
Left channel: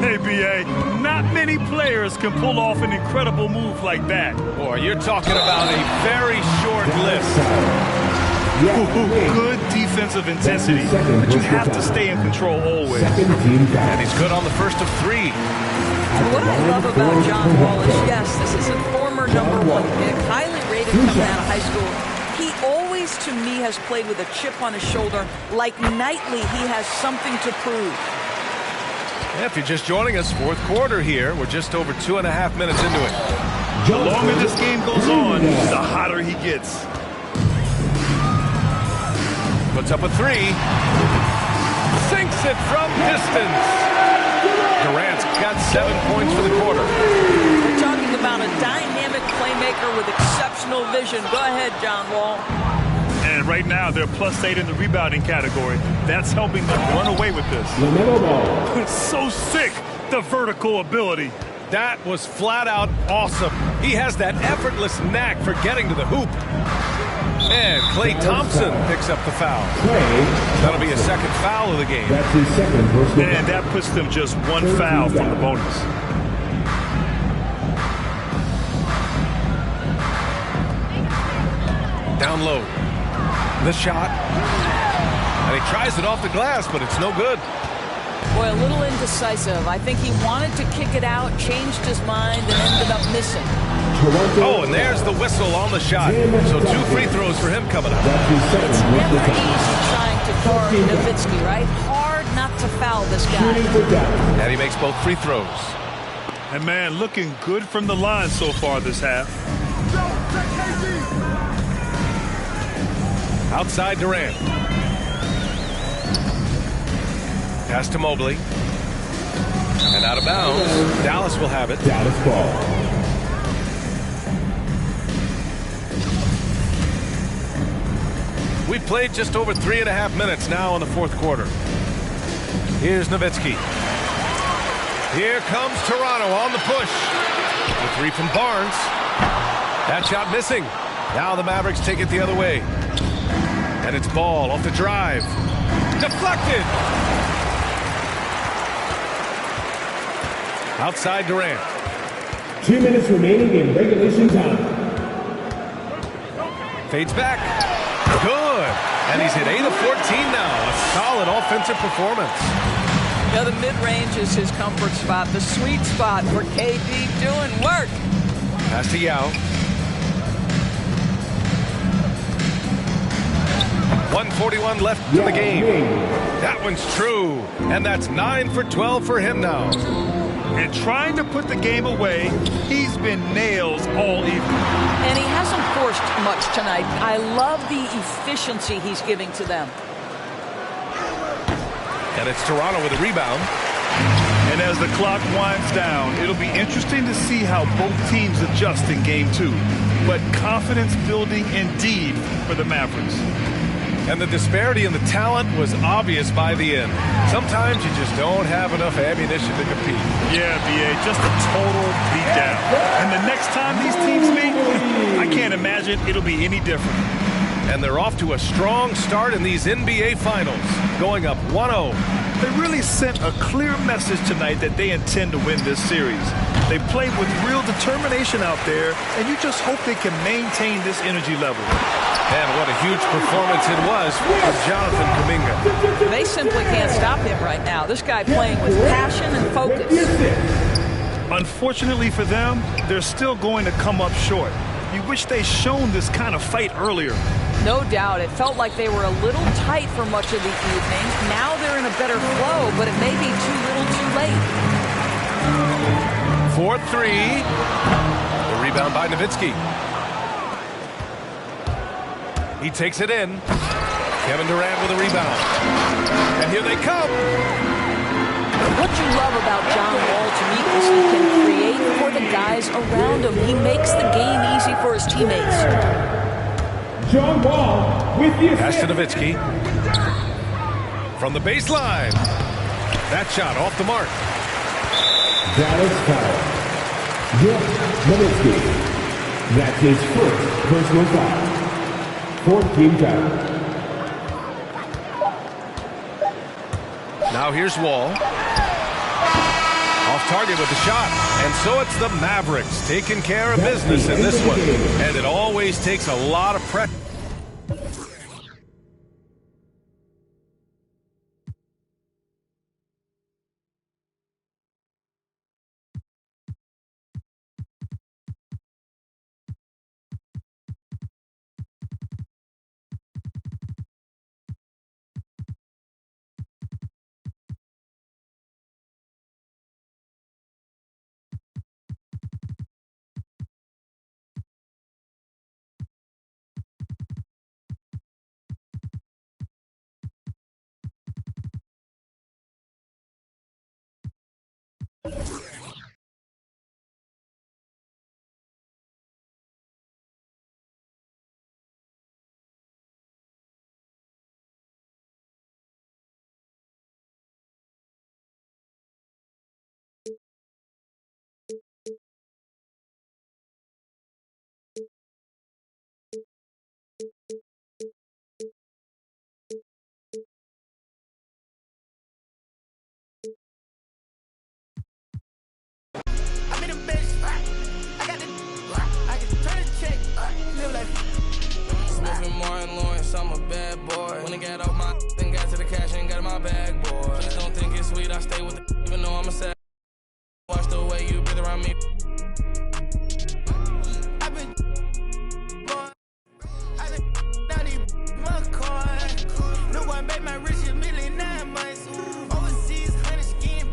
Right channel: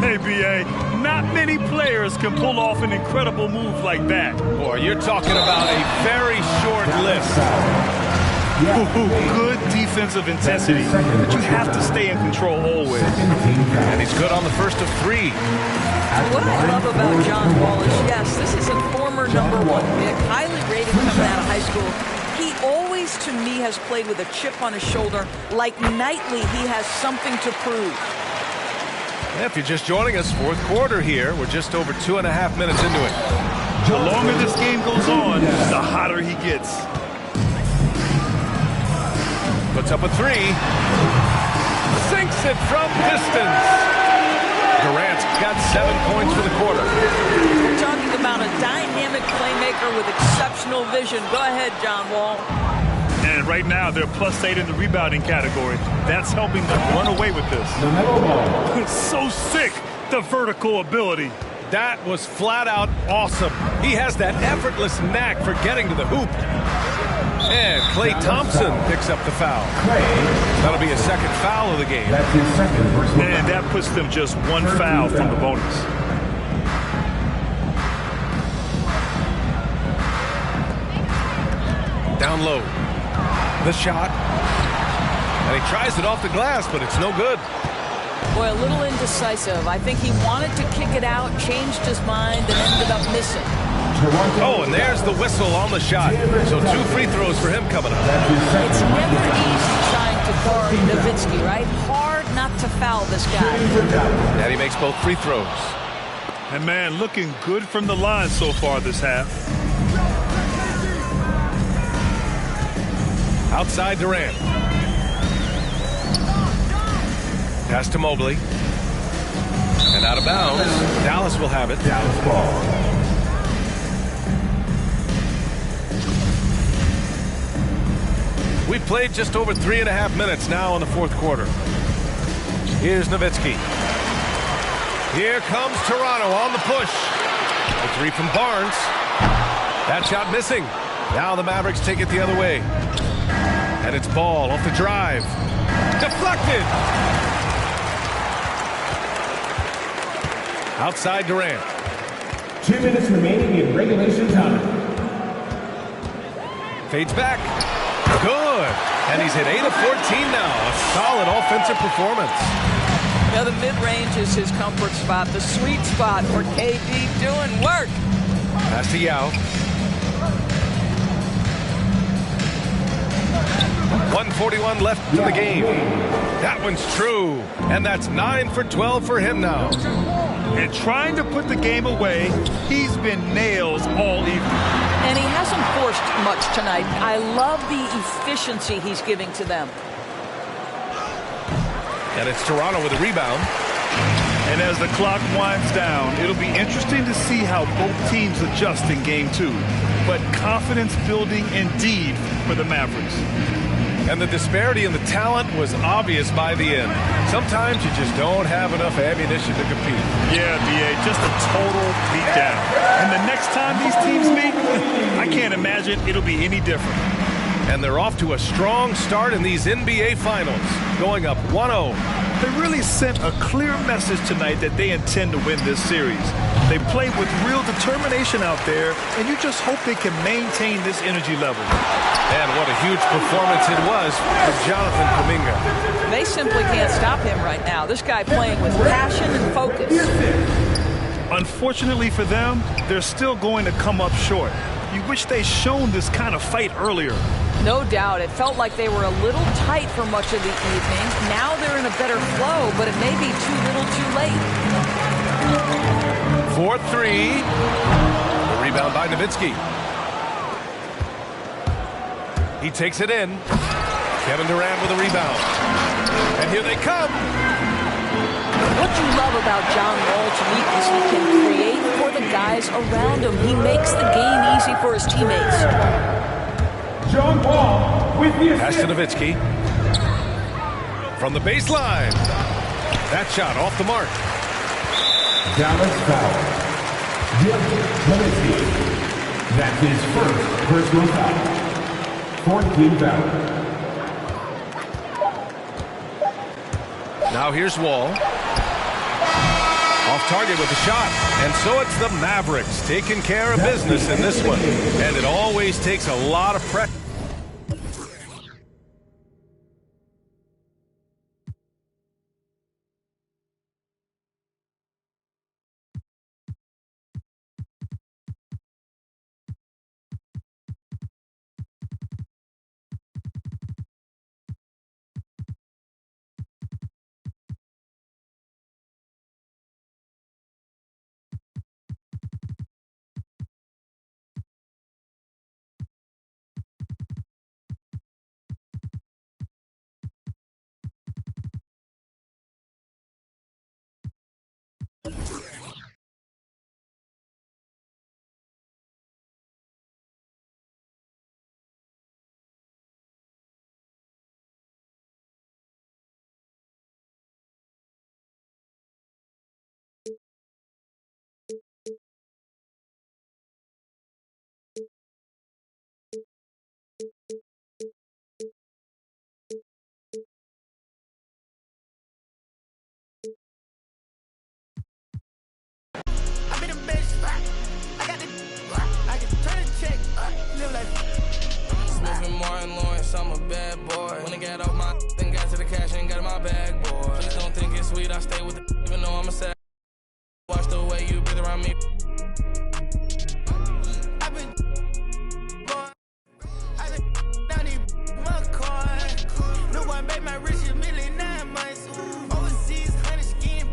Hey, B.A., not many players can pull off an incredible move like that. Boy, you're talking about a very short list. Good defensive intensity, but you have to stay in control always. And he's good on the first of 3. What I love about John Wall is, yes, this is a former #1 pick, highly rated coming out of high school. He always, to me, has played with a chip on his shoulder. Like nightly, he has something to prove. Yeah, if you're just joining us, fourth quarter here. We're just over 2.5 minutes into it. The longer this game goes on, the hotter he gets. Puts up a 3. Sinks it from distance. Durant's got 7 points for the quarter. We're talking about a dynamic playmaker with exceptional vision. Go ahead, John Wall. And right now, they're +8 in the rebounding category. That's helping them run away with this. So sick, the vertical ability. That was flat out awesome. He has that effortless knack for getting to the hoop. And Klay Thompson picks up the foul. That'll be a second foul of the game. That's his second personal. And that puts them just 1 foul from the bonus. Down low. The shot. And he tries it off the glass, but it's no good. Boy, a little indecisive. I think he wanted to kick it out, changed his mind, and ended up missing. Oh, and there's the whistle on the shot. So 2 free throws for him coming up. It's never easy trying to guard Nowitzki, right? Hard not to foul this guy. And he makes both free throws. And man, looking good from the line so far this half. Outside Durant. Pass to Mobley. And out of bounds. Dallas will have it. Dallas ball. We've played just over 3.5 minutes now in the fourth quarter. Here's Nowitzki. Here comes Toronto on the push. The 3 from Barnes. That shot missing. Now the Mavericks take it the other way. And it's Ball off the drive. Deflected. Outside Durant. 2 minutes remaining in regulation time. Fades back. Good. And he's hit 8 of 14 now. A solid offensive performance. Now the mid-range is his comfort spot, the sweet spot for KD doing work. Pass to Yao. 1:41 left to the game. That one's true. And that's 9 for 12 for him now. And trying to put the game away, he's been nails all evening. And he hasn't forced much tonight. I love the efficiency he's giving to them. And it's Toronto with a rebound. And as the clock winds down, it'll be interesting to see how both teams adjust in game 2. But confidence building indeed for the Mavericks. And the disparity in the talent was obvious by the end. Sometimes you just don't have enough ammunition to compete. Yeah, B.A., just a total beatdown. And the next time these teams meet, I can't imagine it'll be any different. And they're off to a strong start in these NBA Finals, going up 1-0. They really sent a clear message tonight that they intend to win this series. They play with real determination out there, and you just hope they can maintain this energy level. And what a huge performance it was for Jonathan Kuminga. They simply can't stop him right now. This guy playing with passion and focus. Unfortunately for them, they're still going to come up short. You wish they'd shown this kind of fight earlier. No doubt. It felt like they were a little tight for much of the evening. Now they're in a better flow, but it may be too little too late. 4-3. The rebound by Nowitzki. He takes it in. Kevin Durant with a rebound. And here they come. What you love about John Wall to me is he can create for the guys around him. He makes the game easy for his teammates. John Wall with the Pass to Nowitzki. From the baseline. That shot off the mark. Dallas foul. Nowitzki. That's his first personal foul. 4th team foul. Now here's Wall. Off target with the shot. And so it's the Mavericks taking care of business in this one. And it always takes a lot of pressure. guess I'm a bad boy. When I got off my then got to the cash and got in my bag, boy. Please don't think it's sweet, I stay with the even though I'm a sad. Watch the way you breathe around me. I've been down these my car. No one made my rich a million 9 months. Overseas, honey skin.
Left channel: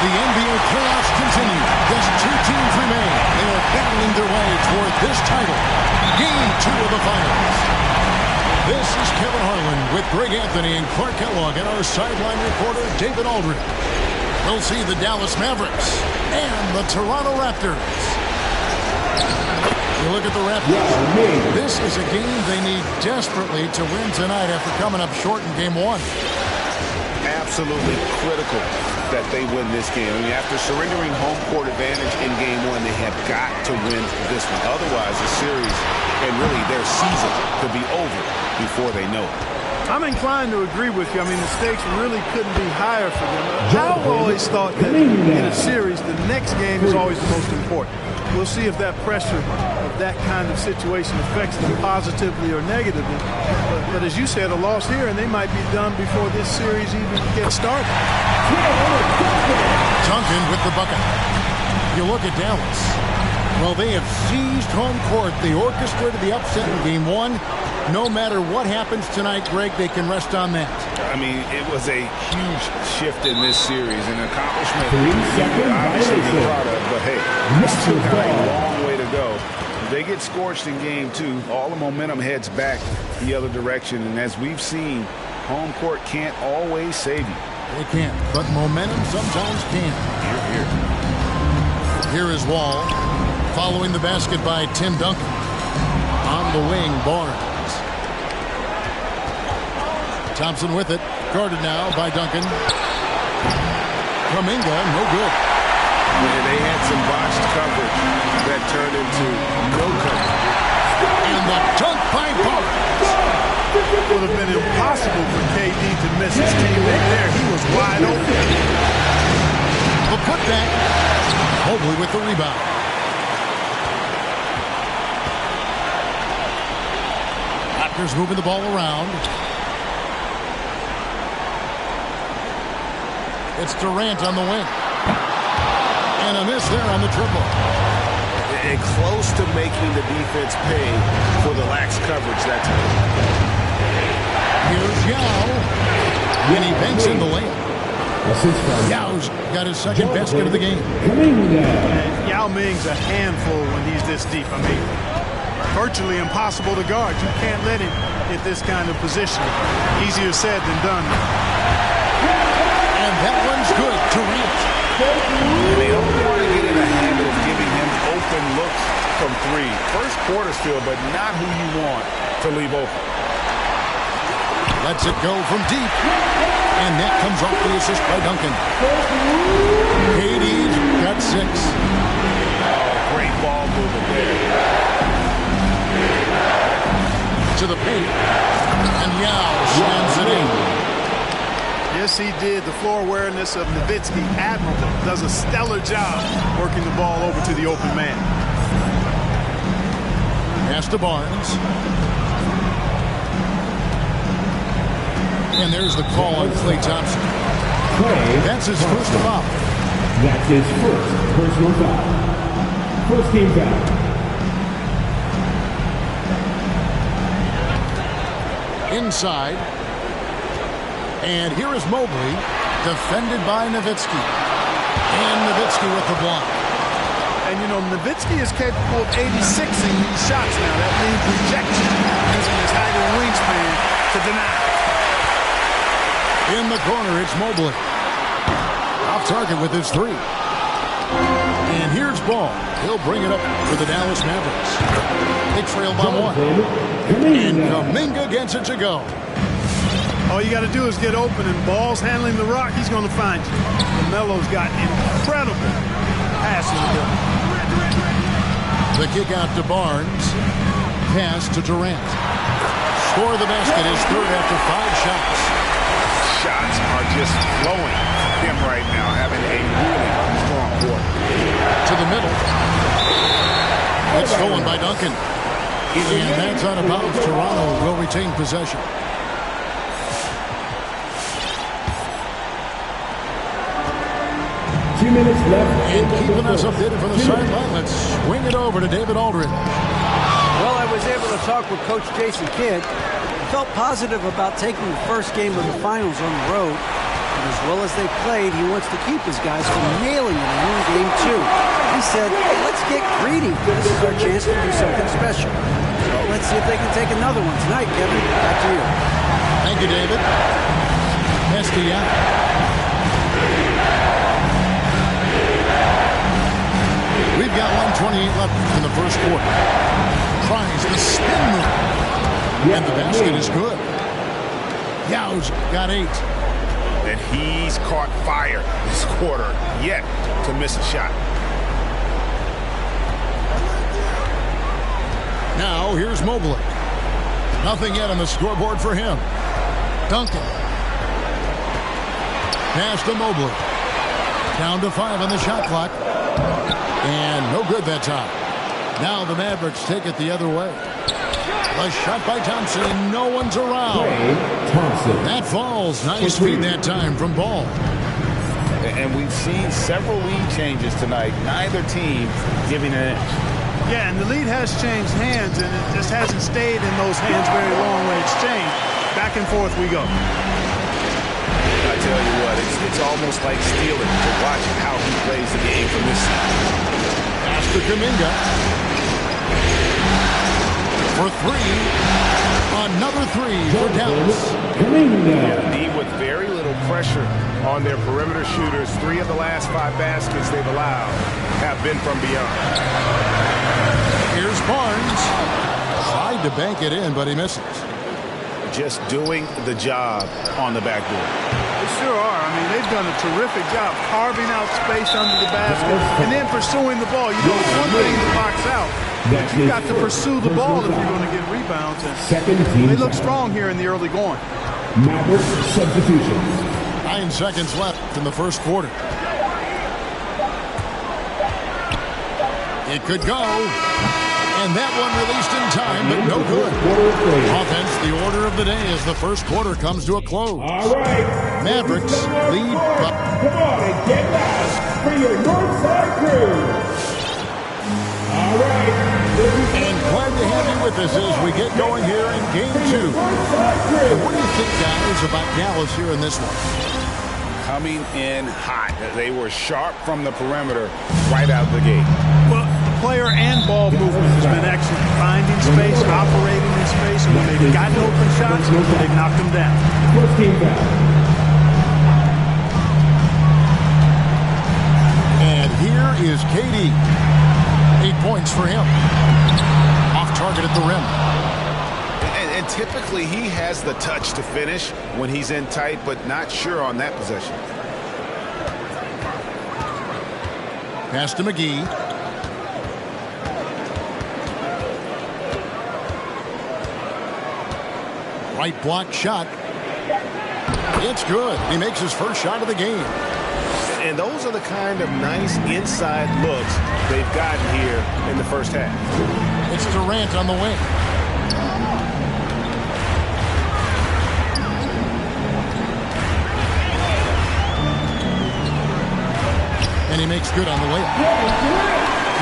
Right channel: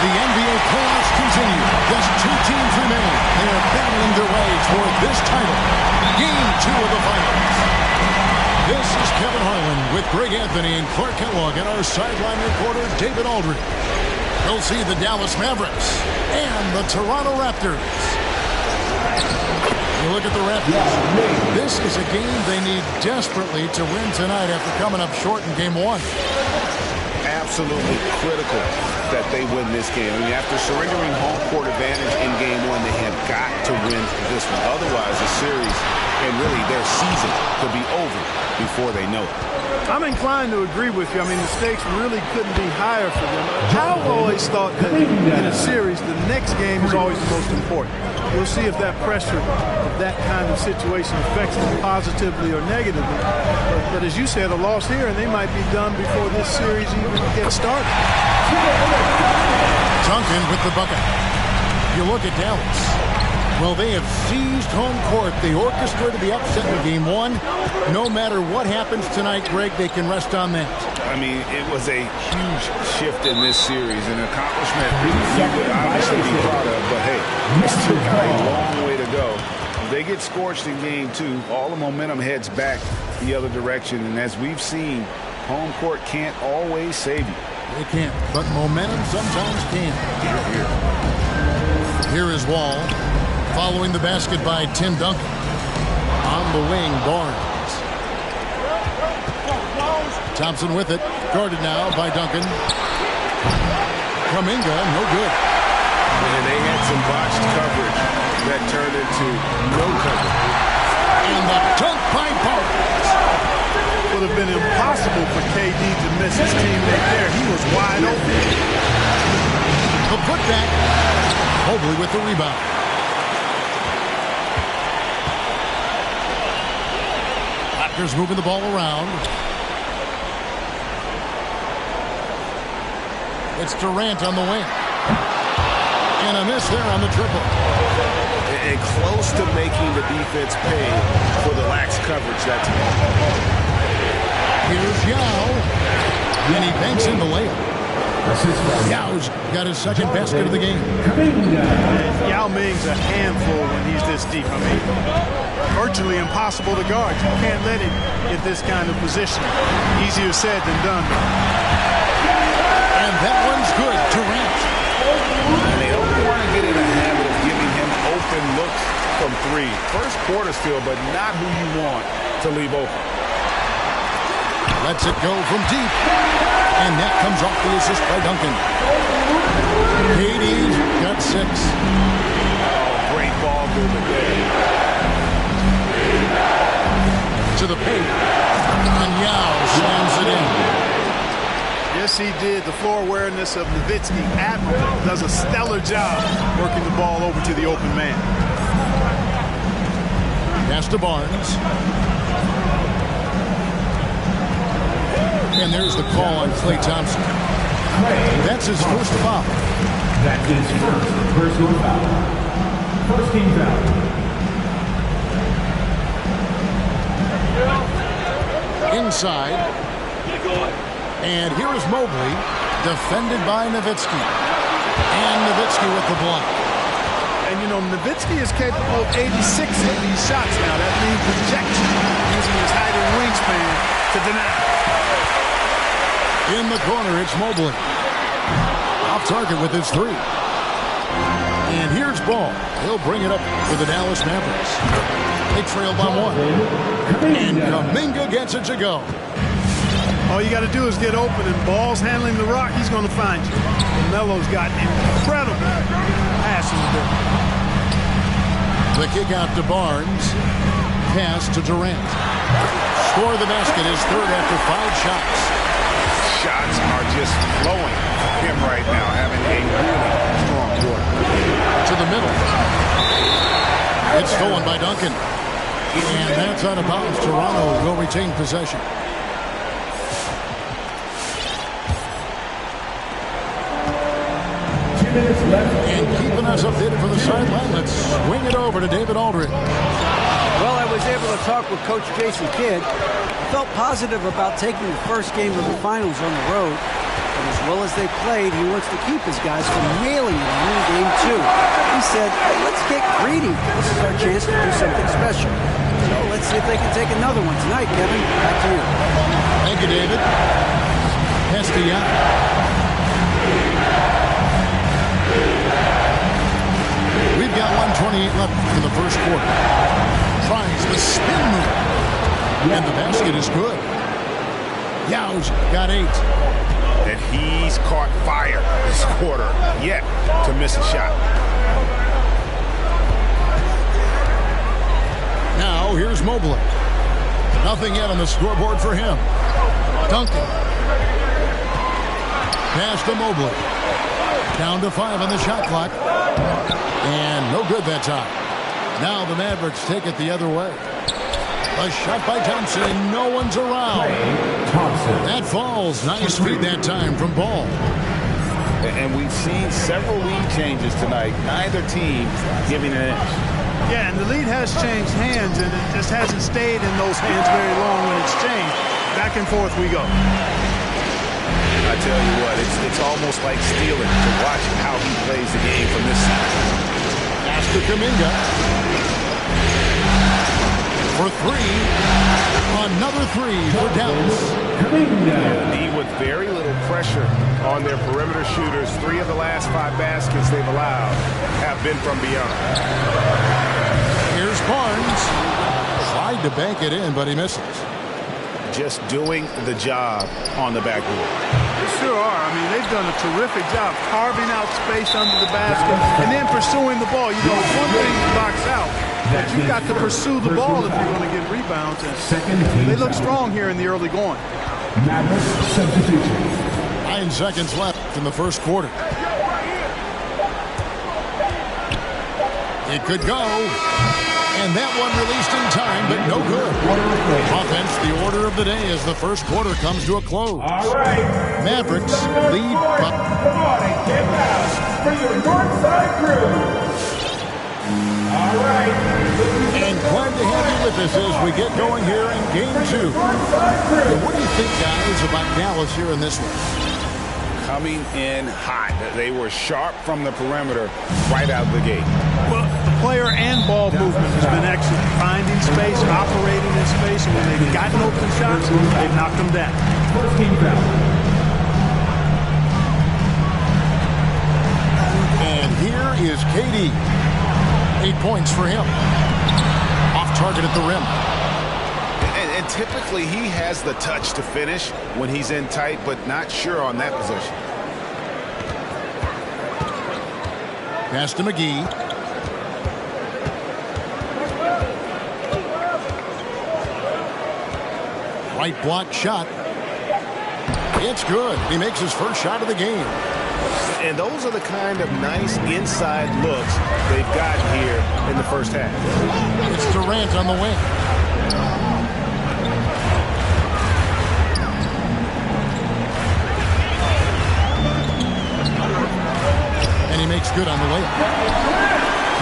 The NBA playoffs continue. Just 2 teams remain. They are battling their way toward this title. Game 2 of the finals. This is Kevin Harlan with Greg Anthony and Clark Kellogg and our sideline reporter David Aldridge. We'll see the Dallas Mavericks and the Toronto Raptors. You look at the Raptors. This is a game they need desperately to win tonight after coming up short in Game 1. Absolutely critical that they win this game. I mean, after surrendering home court advantage in Game 1, they have got to win this one. Otherwise, the series and really their season could be over before they know it. I'm inclined to agree with you. I mean, the stakes really couldn't be higher for them. I've always thought that in a series, the next game is always the most important. We'll see if that pressure of that kind of situation affects them positively or negatively. But as you said, a loss here, and they might be done before this series even gets started. Duncan with the bucket. You look at Dallas. Well, they have seized home court. They orchestrated the upset in Game 1. No matter what happens tonight, Greg, they can rest on that. I mean, it was a huge shift in this series, an accomplishment you would obviously be proud of, but hey, we still got a long way to go. If they get scorched in Game 2, all the momentum heads back the other direction, and as we've seen, home court can't always save you. They can't, but momentum sometimes can. Here is Wall, following the basket by Tim Duncan. On the wing, Barnes. Thompson with it, guarded now by Duncan. Kuminga, no good. And they had some botched coverage that turned into no coverage. And the dunk by Barnes. Would have been impossible for KD to miss his teammate there. He was wide open. The putback. Mobley with the rebound. Raptors moving the ball around. It's Durant on the wing. And a miss there on the triple. And close to making the defense pay for the lax coverage that time. Here's Yao. And he banks in the layup. Yao's got his second basket of the game. And Yao Ming's a handful when he's this deep. I mean, virtually impossible to guard. You can't let him get this kind of positioning. Easier said than done. And that one's good. Durant. And they don't want to get in a habit of giving him open looks from three. First quarter still, but not who you want to leave open. Lets it go from deep. And that comes off the assist by Duncan. KD's got 6. Oh, great ball movement there. To the paint. And Yao slams it in. Yes, he did. The floor awareness of Nowitzki, admirable. Does a stellar job working the ball over to the open man. Pass to Barnes. And there's the call on Klay Thompson. That's his first foul. That's his first personal foul. First team foul. Inside. And here is Mobley, defended by Nowitzki. And Nowitzki with the block. And, you know, Nowitzki is capable of 86ing these shots now. That means rejection, using his height and wingspan to deny. In the corner, it's Mobley. Off target with his 3. And here's Ball. He'll bring it up for the Dallas Mavericks. They trail by 1. And Kuminga gets it to go. All you got to do is get open, and Ball's handling the rock. He's going to find you. LaMelo's got incredible pass in the building. The kick out to Barnes. Pass to Durant. Score the basket, his third after 5 shots. Shots are just flowing him right now, having a really strong quarter. To the middle. It's stolen by Duncan. And that's out of bounds. Toronto will retain possession. Minutes left. And keeping us updated from the sideline, let's swing it over to David Aldridge. Well, I was able to talk with Coach Jason Kidd. I felt positive about taking the first game of the finals on the road. But as well as they played, he wants to keep his guys from nailing it in game 2. He said, hey, let's get greedy. This is our chance to do something special. So let's see if they can take another one tonight, Kevin. Back to you. Thank you, David. Pass to Yao. We've got 1:28 left in the first quarter. Tries the spin move. And the basket is good. Yao's got 8. And he's caught fire this quarter, yet to miss a shot. Now here's Mobley. Nothing yet on the scoreboard for him. Duncan. Pass to Mobley. Down to 5 on the shot clock. And no good that time. Now the Mavericks take it the other way. A shot by Thompson, and no one's around. Thompson. That falls. Nice feed that time from Ball. And we've seen several lead changes tonight. Neither team giving an inch. Yeah, and the lead has changed hands, and it just hasn't stayed in those hands very long when it's changed. Back and forth we go. I tell you what, it's almost like stealing to watch how he plays the game from this season. Pass to Kuminga. For 3. Another 3 for Dallas. Yeah, D with very little pressure on their perimeter shooters. 3 of the last 5 baskets they've allowed have been from beyond. Here's Barnes. Tried to bank it in, but he misses. Just doing the job on the backboard. They sure are. I mean, they've done a terrific job carving out space under the basket and then pursuing the ball. You know, it's one thing to box out, but you've got to pursue the ball if you're going to get rebounds. And they look strong here in the early going. Maverick substitutions. 9 seconds left in the first quarter. It could go. And that one released in time, but no good. Offense, the order of the day as the first quarter comes to a close. All right. Mavericks lead by... Come on and get loud for your Northside crew. All right. And glad to have you with us as we get going here in Game 2. And what do you think, guys, about Dallas here in this one? coming in hot. They were sharp from the perimeter right out of the gate. Well, the player and ball movement has been excellent. Finding space, operating in space, and when they've gotten open shots, they've knocked them down. First team foul. And here is KD. 8 points for him. Off target at the rim. And typically he has the touch to finish when he's in tight, but not sure on that possession. Pass to McGee. Right block shot. It's good. He makes his first shot of the game. And those are the kind of nice inside looks they've gotten here in the first half. It's Durant on the wing. And he makes good on the layup.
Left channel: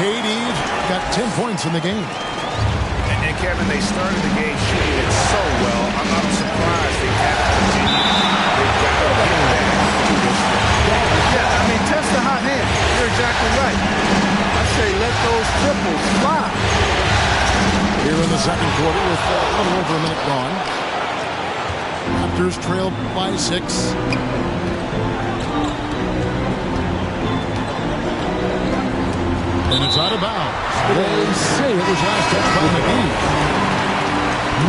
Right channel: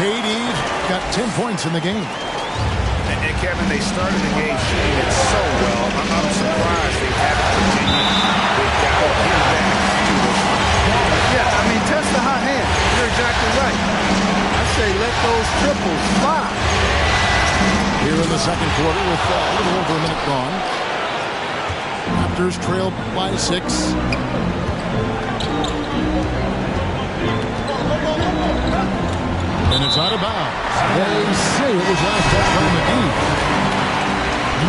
KD's got 10 points in the game. And Kevin, they started the game shooting it so well. I'm surprised they haven't continued. They've got to get back to this one. Yeah, I mean, test the hot hand. You're exactly right. I say let those triples fly. Here in the second quarter with a little over a minute gone. Raptors trailed by 6. And it's out of bounds. They say it was last touched by McGee.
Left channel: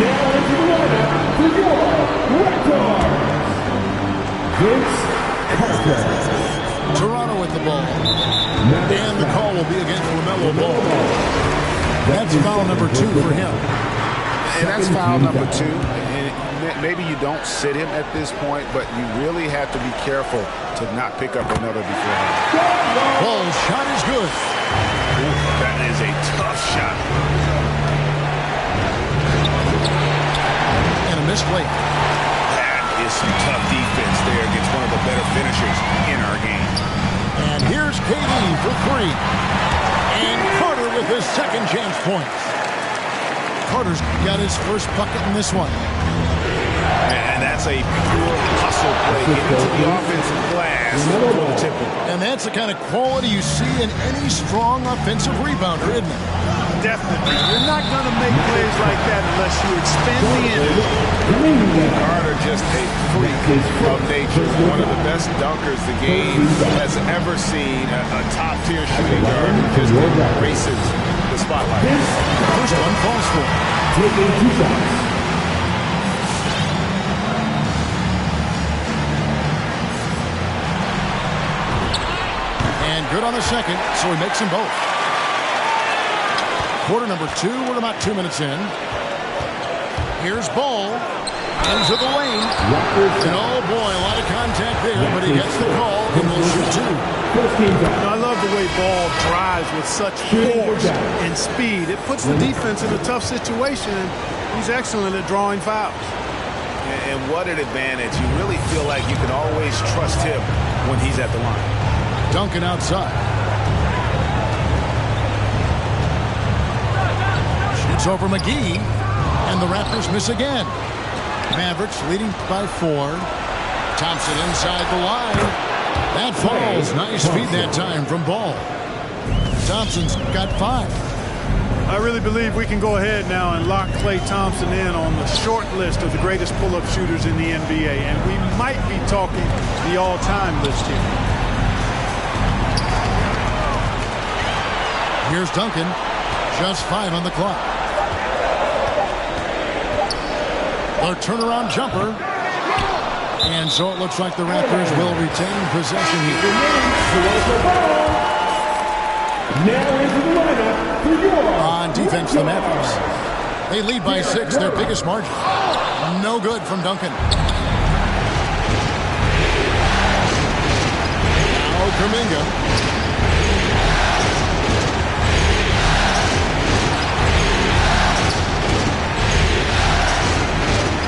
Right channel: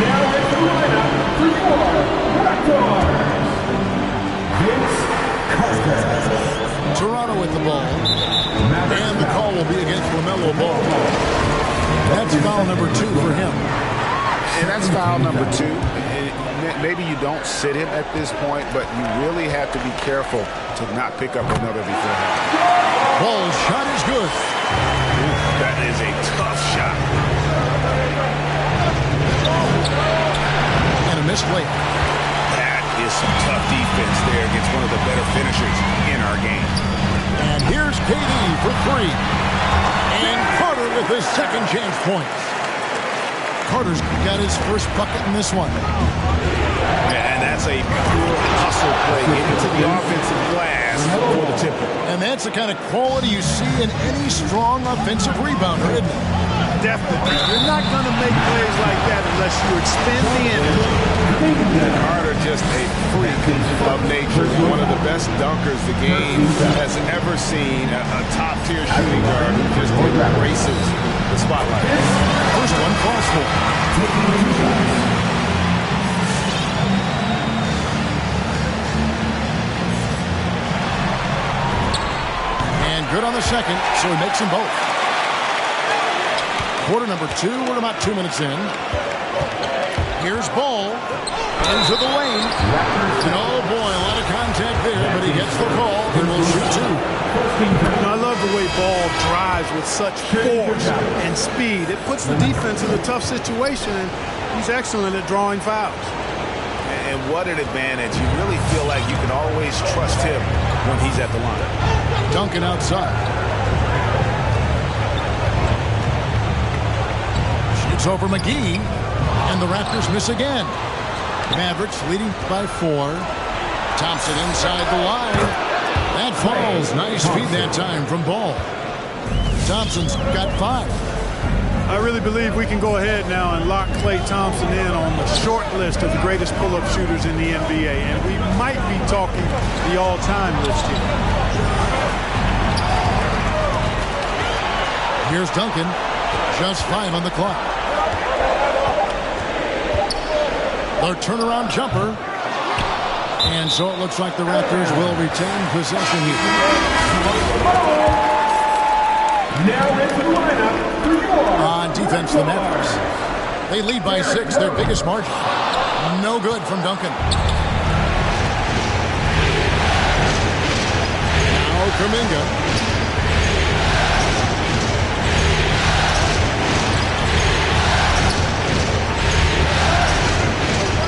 Now into the lineup for your Raptors, Vince Carter. Toronto with the ball. And the call will be against LaMelo Ball. That's foul number 2 for him. And that's foul number 2. And maybe you don't sit him at this point, but you really have to be careful to not pick up another beforehand. Ball's shot is good. Ooh, that is a tough shot. And a missed layup. That is some tough defense there against one of the better finishers in our game. And here's KD for 3. And Carter with his second chance points. Carter's got his first bucket in this one. And that's a pure hustle play. Getting to the offensive glass for the tip. And that's the kind of quality you see in any strong offensive rebounder, isn't it? Definitely. You're not going to make plays like that unless you expend the energy. Carter just a freak of nature. One of the best dunkers the game has ever seen. A top-tier shooting guard who just embraces the spotlight. First one falls for. Taking 2 shots. And good on the second, so he makes them both. Quarter number 2, we're about 2 minutes in. Here's Ball. Into the lane. And oh boy, a lot of contact there, but he gets the call and will shoot 2. I love the way Ball drives with such force and speed. It puts the defense in a tough situation, and he's excellent at drawing fouls. And what an advantage. You really feel like you can always trust him when he's at the line. Duncan outside. Shoots over McGee, and the Raptors miss again. Mavericks leading by 4. Thompson inside the line. That falls. Nice feed that time from Ball. Thompson's got 5. I really believe we can go ahead now and lock Klay Thompson in on the short list of the greatest pull-up shooters in the NBA, and we might be talking the all-time list here. Here's Duncan. Just 5 on the clock. Their turnaround jumper. And so it looks like the Raptors will retain possession here. Now into the lineup for your on defense, the Mavericks. They lead by 6, their biggest margin. No good from Duncan. Now Kuminga.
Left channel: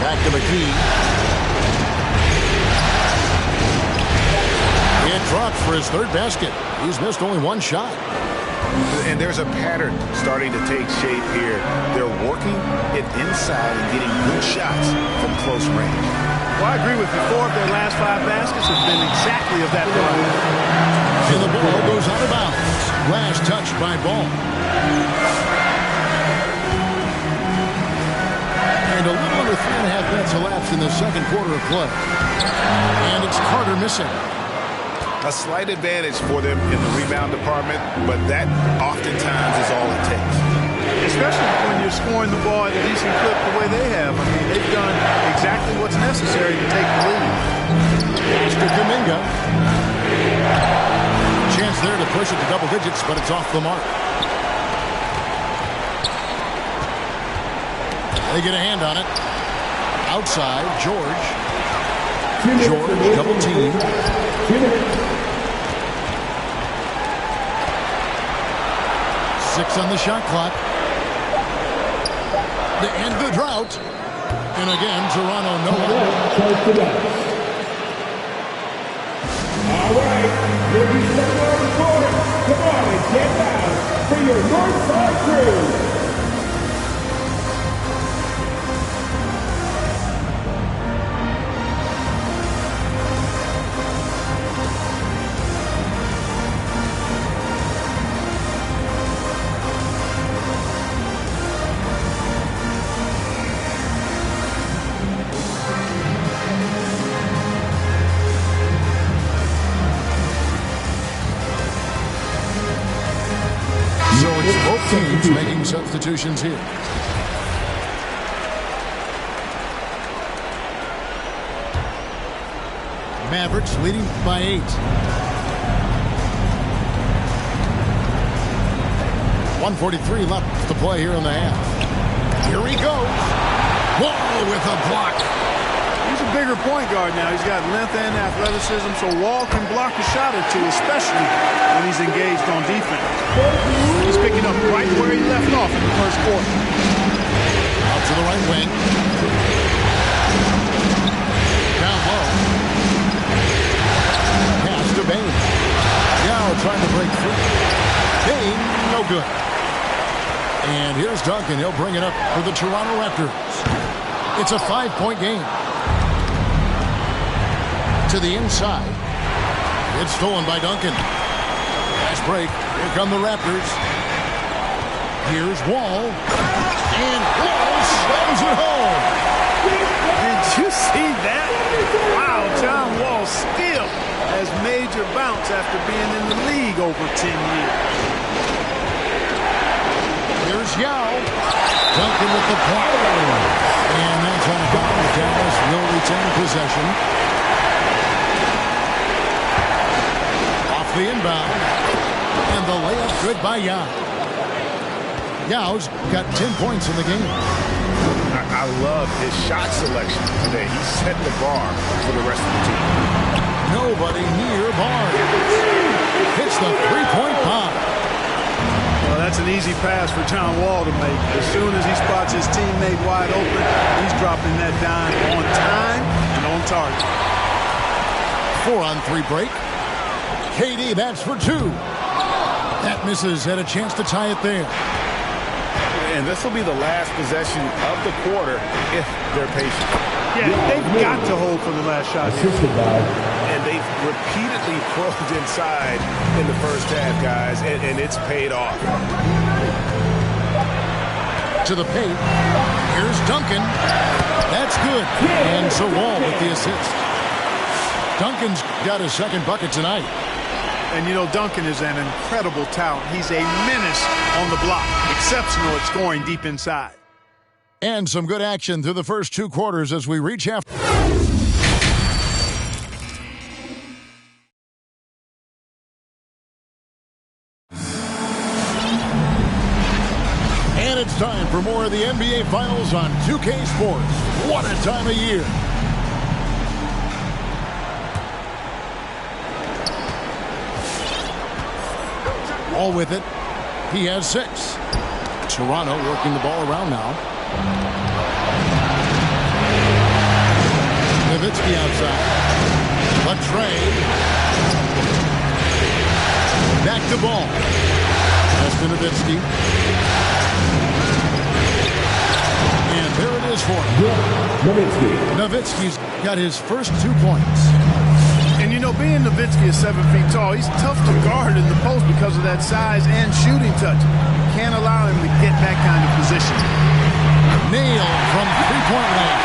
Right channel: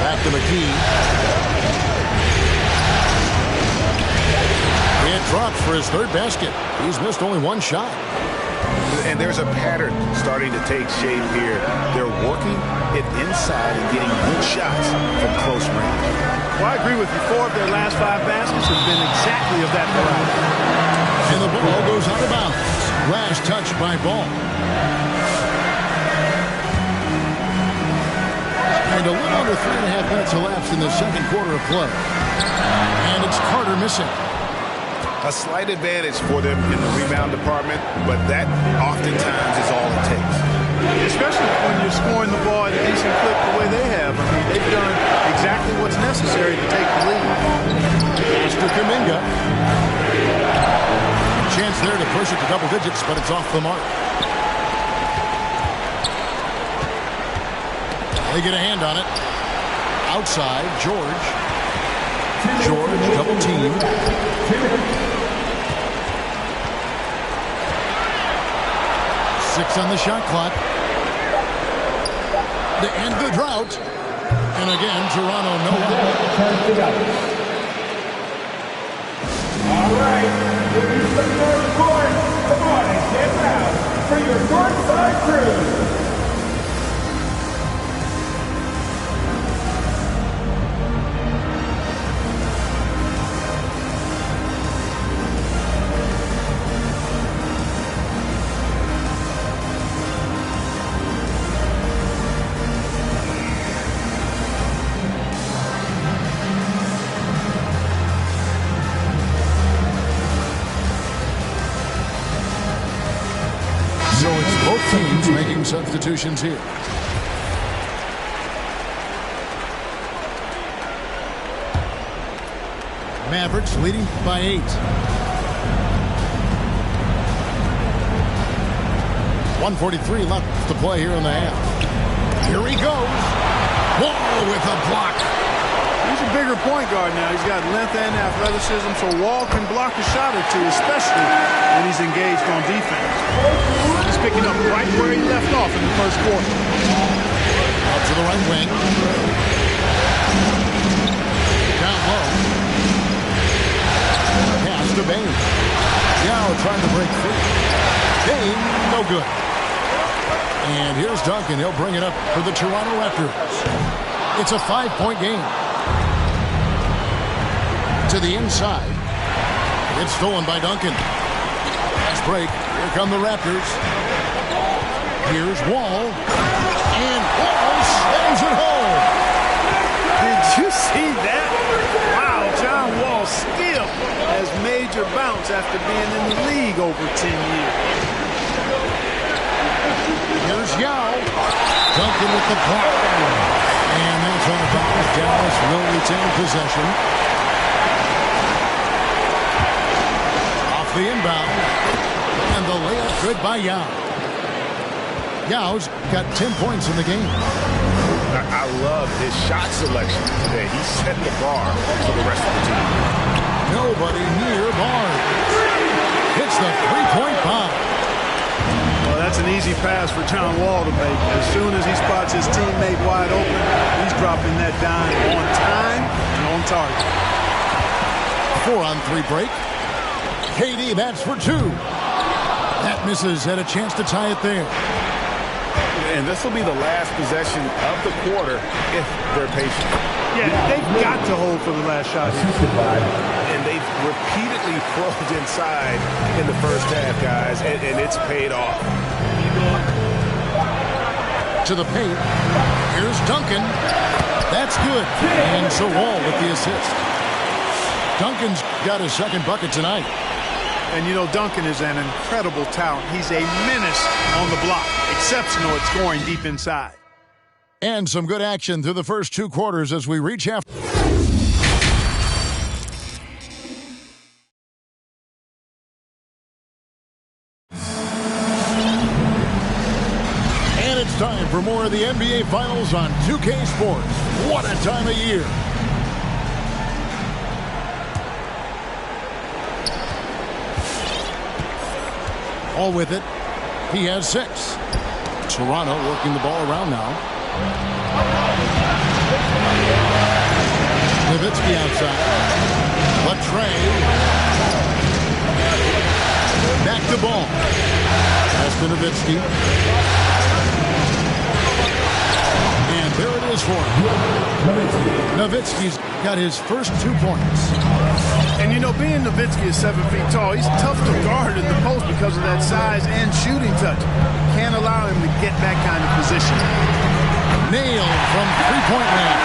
Back to McGee. It drops for his 3rd basket. He's missed only 1 shot. And there's a pattern starting to take shape here. They're working it inside and getting good shots from close range. Well, I agree with you. 4 of their last 5 baskets have been exactly of that variety. And the ball goes out of bounds. Last touch by Ball. And a little under 3.5 minutes elapsed in the second quarter of play. And it's Carter missing. A slight advantage for them in the rebound department, but that oftentimes is all it takes. Especially when you're scoring the ball at a decent clip the way they have. I mean, they've done exactly what's necessary to take the lead. Pastor Kuminga. Chance there to push it to double digits, but it's off the mark. They get a hand on it. Outside, George. George, double team. 6 on the shot clock. To end the drought. And again, Toronto no out. All right, looking from North Court. Come on and get down for your Northside Crew. So it's both teams making substitutions here. Mavericks leading by 8. 1:43 left to play here in the half. Here he goes. Wall with a block. He's a bigger point guard now. He's got length and athleticism, so Wall can block a shot or two, especially when he's engaged on defense. He's picking up right where he left off in the first quarter. Out to the right wing. Down low. Pass to Bane. Yao trying to break free. Bane, no good. And here's Duncan. He'll bring it up for the Toronto Raptors. It's a 5-point game. To the inside. It's stolen by Duncan. Fast break. Here come the Raptors. Here's Wall. And Wall slams it home. Did you see that? Wow, John Wall still has major bounce after being in the league over 10 years. Here's Yao. Duncan with the block. And that's out of bounds. Dallas will retain possession. Off the inbound. And the layup good by Yao. Yao's got 10 points in the game. I love his shot selection today. He set the bar for the rest of the team. Nobody near Barnes. Hits the three-point bomb. Well, that's an easy pass for John Wall to make. As soon as he spots his teammate wide open, he's dropping that dime on time and on target. 4-on-3 break. KD bats for 2. That misses. Had a chance to tie it there. And this will be the last possession of the quarter if they're patient. Yeah, they've got to hold for the last shot here. And they've repeatedly probed inside in the first half, guys, and it's paid off. To the paint. Here's Duncan. That's good. And so Wall with the assist. Duncan's got his second bucket tonight. And, you know, Duncan is an incredible talent. He's a menace on the block. Exceptional at scoring deep inside. And some good action through the first 2 quarters as we reach half. And it's time for more of the NBA Finals on 2K Sports. What a time of year. All with it. He has 6. Toronto working the ball around now. Nowitzki outside. Latrey. Back to ball. Pass to Nowitzki. And there it is for him. Nowitzki's got his first 2 points. And, you know, being Nowitzki is 7 feet tall, he's tough to guard in the post because of that size and shooting touch. You can't allow him to get that kind of position. Nailed from three-point land.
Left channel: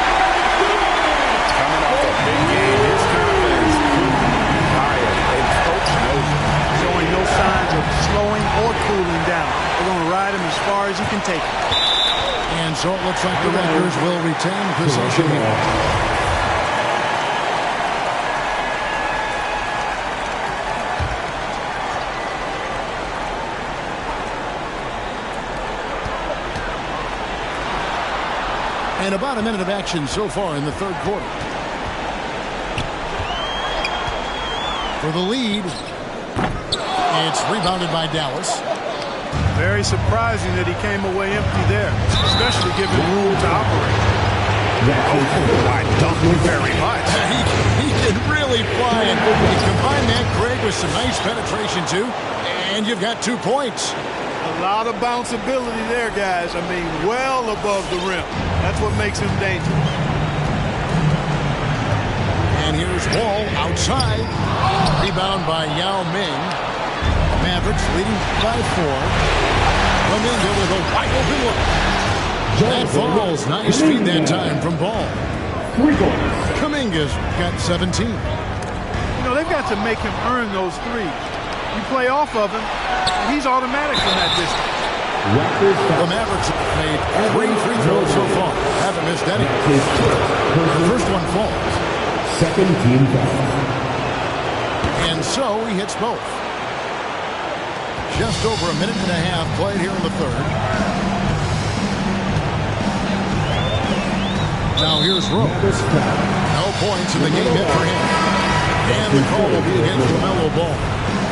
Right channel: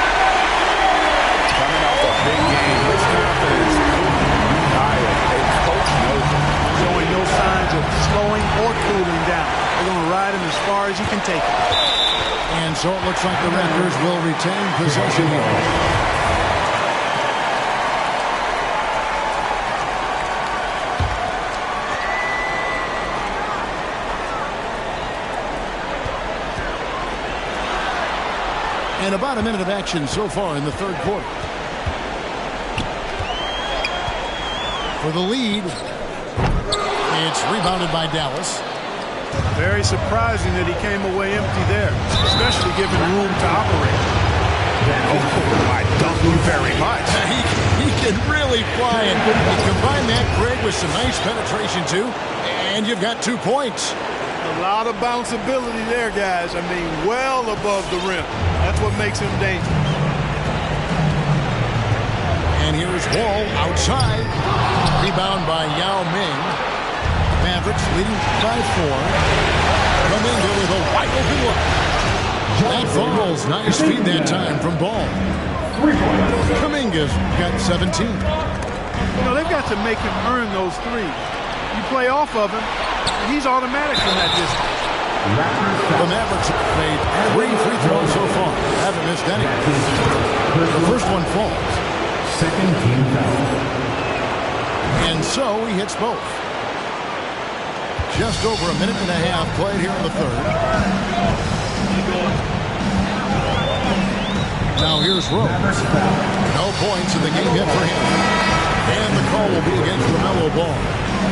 Coming off a big game, his confidence couldn't be higher, and coach knows it. Showing no signs of slowing or cooling down. They're going to ride him as far as he can take it. And so it looks like the Raptors will retain possession here. And about a minute of action so far in the third quarter. For the lead, it's rebounded by Dallas. Very surprising that he came away empty there, especially given room to operate. Oh, I thank you very much. He can really fly, and you combine that, Greg, with some nice penetration, too, and you've got 2 points. A lot of bounceability there, guys. I mean, well above the rim. That's what makes him dangerous. And here's Wall outside. Rebound by Yao Ming. Mavericks leading by 4. Kuminga with a wide open look. That falls. Nice feed that time from Ball. Kuminga's got 17. You know, they've got to make him earn those threes. You play off of him, and he's automatic from that distance. The Mavericks have made 3 free throws so far. Haven't missed any. The first one falls. Second team foul. And so he hits both. Just over a minute and a half played here in the third. Now here's Rose. No points in the game hit for him. And the call will be against LaMelo Ball.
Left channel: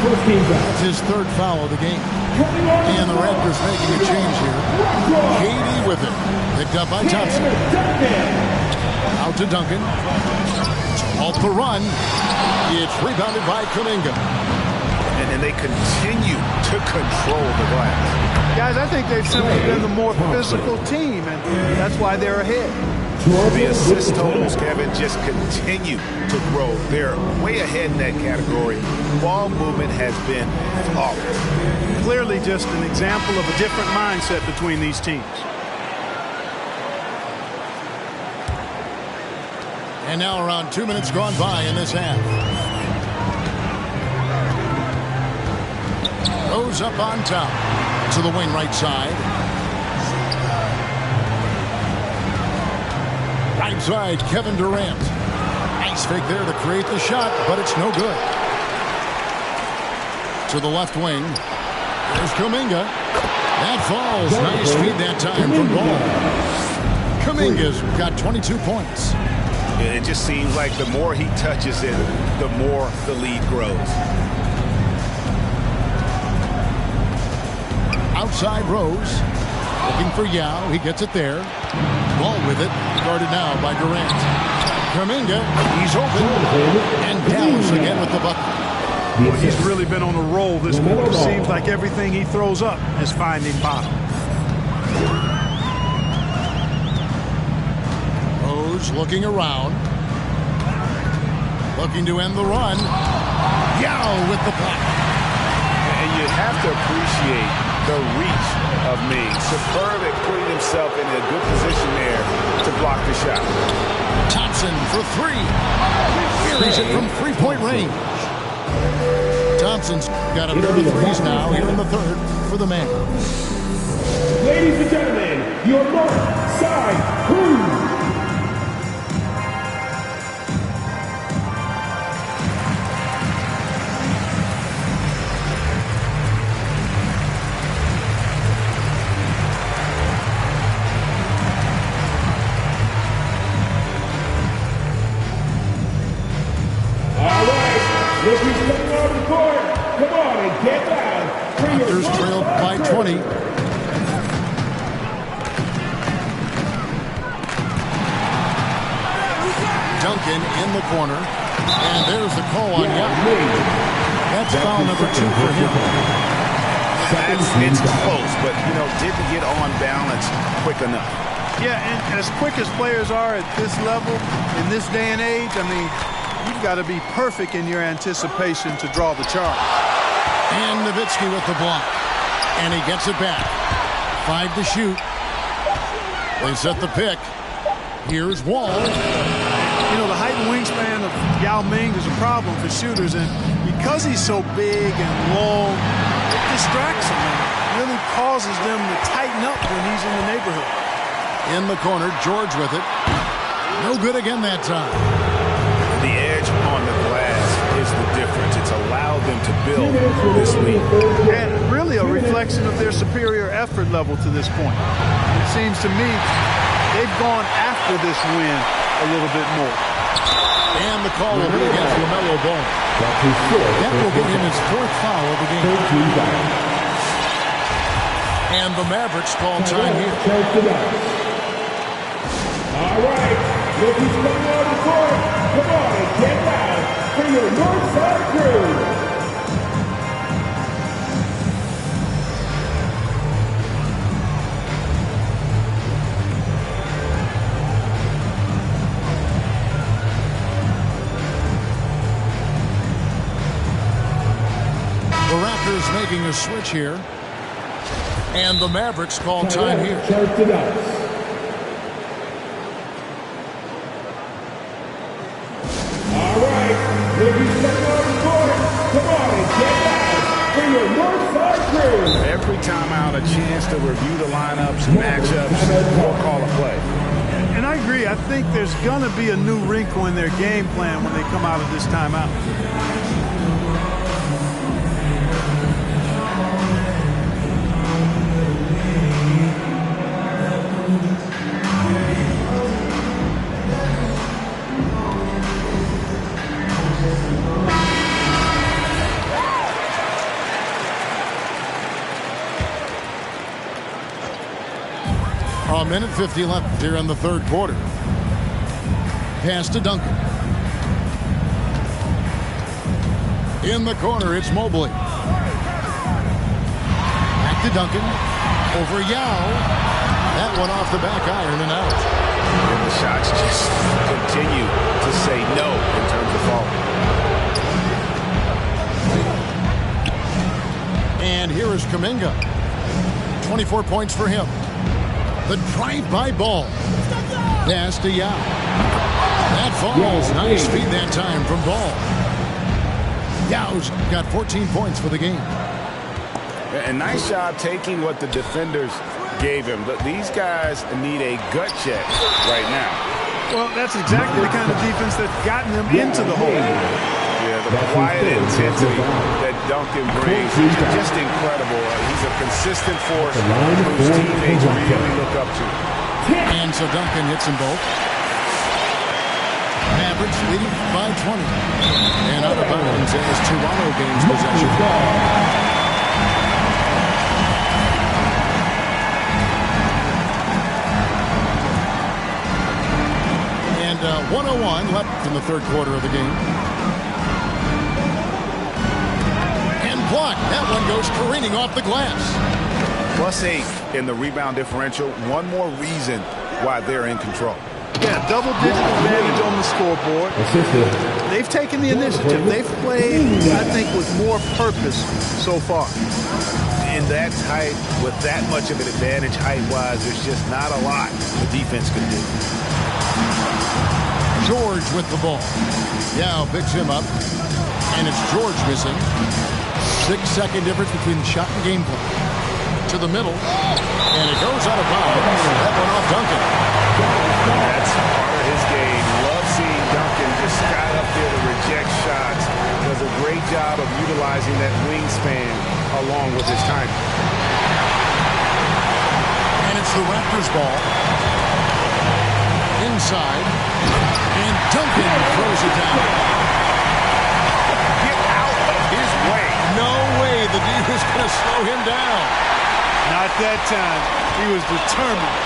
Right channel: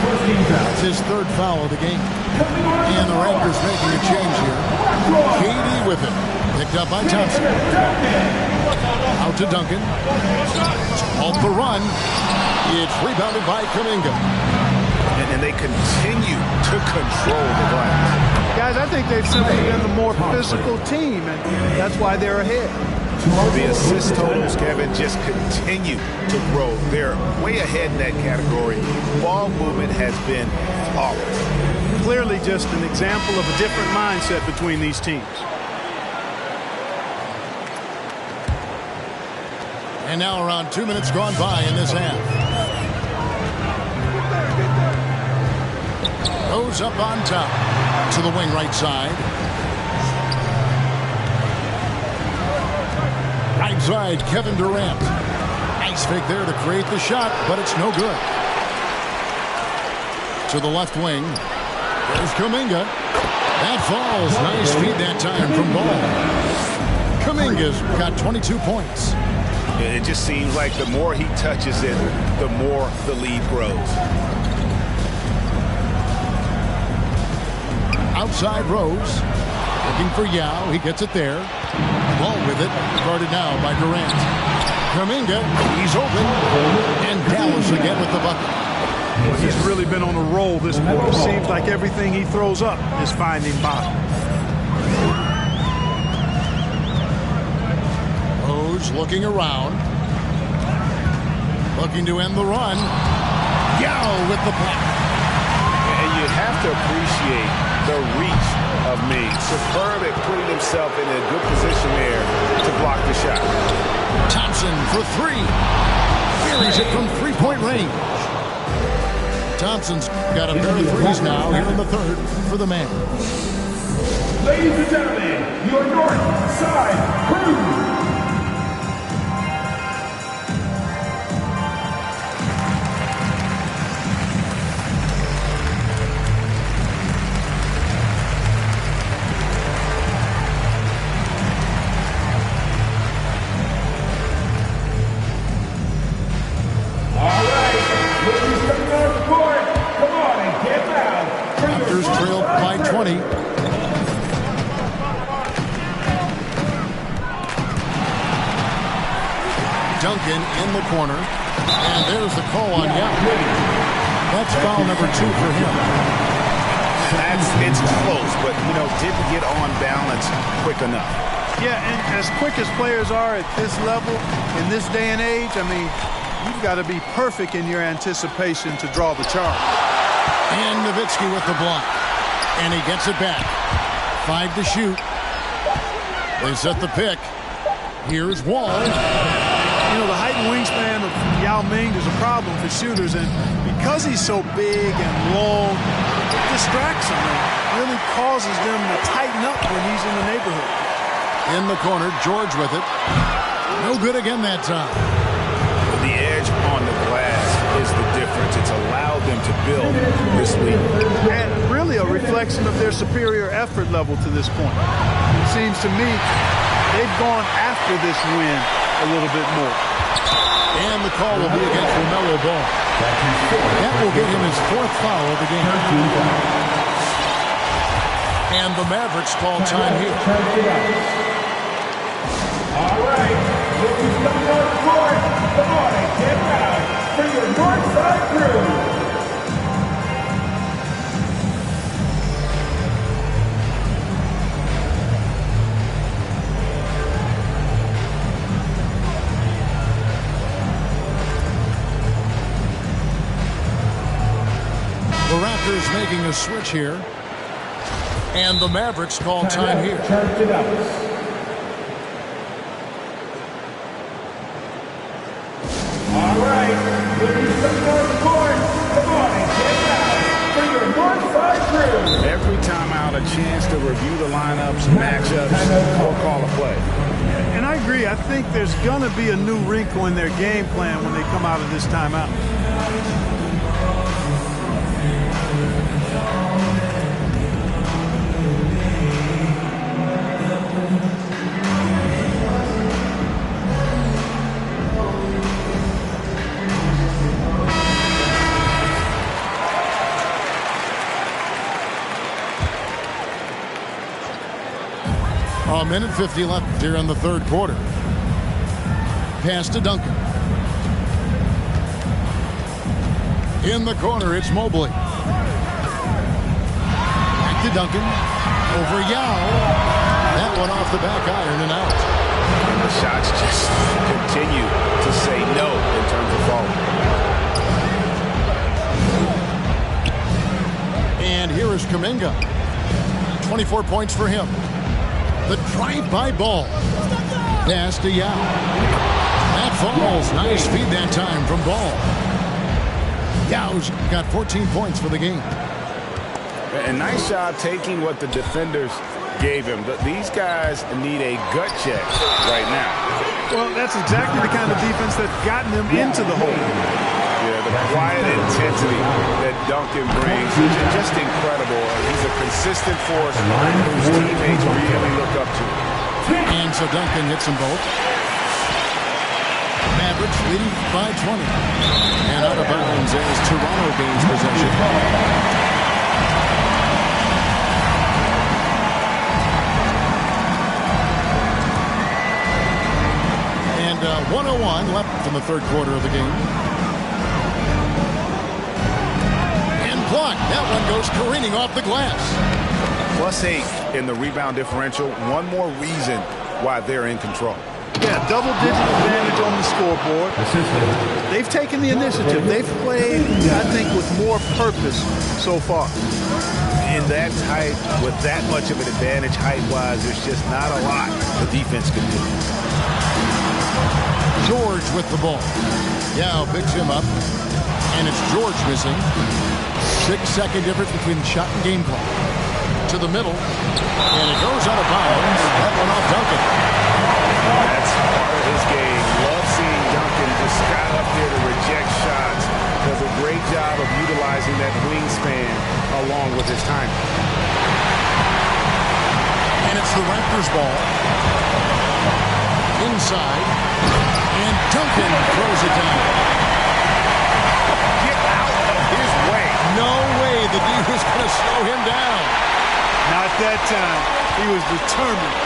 That's his third foul of the game. And the Raptors making a change here. KD with it. Picked up by Thompson. Out to Duncan. Off the run. It's rebounded by Kuminga. And they continue to control the glass. Guys, I think they've simply been the more physical team, and that's why they're ahead. The assist totals, Kevin, just continue to grow. They're way ahead in that category. Ball movement has been flawless. Clearly just an example of a different mindset between these teams. And now around 2 minutes gone by in this half. Rose up on top to the wing right side. Right side, Kevin Durant. Nice fake there to create the shot, but it's no good. To the left wing. There's Kuminga. That falls. Nice feed that time from Ball. Kuminga's got 22 points. It just seems like the more he touches it, the more the lead grows. Outside Rose. Looking for Yao. He gets it there. Ball with it. Guarded now by Durant. Kuminga. He's open. And Dallas again with the bucket. Well, he's really been on a roll this quarter. Seems like everything he throws up is finding bottom. Rose looking around. Looking to end the run. Yao with the block. And you have to appreciate the reach of Ming. Superb at putting himself in a good position there to block the shot. Thompson for 3. Buries it from three-point range. Thompson's got a pair of threes now here in the third for the man. Ladies and gentlemen, your North Side Crew. Raptors trail by 20. Duncan in the corner. And there's the call on Yao. That's foul number 2 for him. It's close, but, didn't get on balance quick enough. Yeah, and as quick as players are at this level, in this day and age, I mean, you've got to be perfect in your anticipation to draw the charge. And Nowitzki with the block. And he gets it back. 5 to shoot. They set the pick. Here's Wall. You know, the height and wingspan of Yao Ming is a problem for shooters, and because he's so big and long, it distracts them and really causes them to tighten up when he's in the neighborhood. In the corner, George with it. No good again that time. The edge on the glass is the difference. It's allowed them to build this lead. And really a reflection of their superior effort level to this point. It seems to me they've gone after this win a little bit more. And the call will be against LaMelo Ball. That will get him his 4th foul of the game. And the Mavericks call time here. All right, look who's coming on the court. Come on and get loud for your Northside crew. The Raptors making a switch here. And the Mavericks call time here. Charge it out. All right, look who's coming on the court. Come on and get loud for your Northside crew. Every time out, a chance to review the lineups, matchups, or call a play. And I agree. I think there's going to be a new wrinkle in their game plan when they come out of this timeout. A minute 50 left here in the 3rd quarter. Pass to Duncan. In the corner, it's Mobley. Back to Duncan. Over Yao. That one off the back iron and out. And the shots just continue to say no in terms of falling. And here is Kuminga. 24 points for him. The drive-by ball. Pass to Yao. That falls. Nice feed that time from Ball. Yao's got 14 points for the game. And nice job taking what the defenders gave him. These guys need a gut check right now. Well, that's exactly the kind of defense that's gotten them into the hole. Yeah, the quiet intensity that Duncan brings is just incredible. He's a consistent force whose teammates really look up to. And so Duncan hits them both. Mavericks leading by 20. And out of bounds as Toronto gains possession. And 1:01 left in the 3rd quarter of the game. Block. That one goes careening off the glass. +8 in the rebound differential. One more reason why they're in control. Yeah, double-digit advantage on the scoreboard. They've taken the initiative. They've played, I think, with more purpose so far. In that height, with that much of an advantage height-wise, there's just not a lot the defense can do. George with the ball. Yao picks him up. And it's George missing. 6-second difference between the shot and game clock. To the middle. And it goes out of bounds. That one off Duncan. That's part of his game. Love seeing Duncan just got up there to reject shots. Does a great job of utilizing that wingspan along with his timing. And it's the Raptors ball. Inside. And Duncan throws it down. Get out of his way. No way the D was going to slow him down. Not that time. He was determined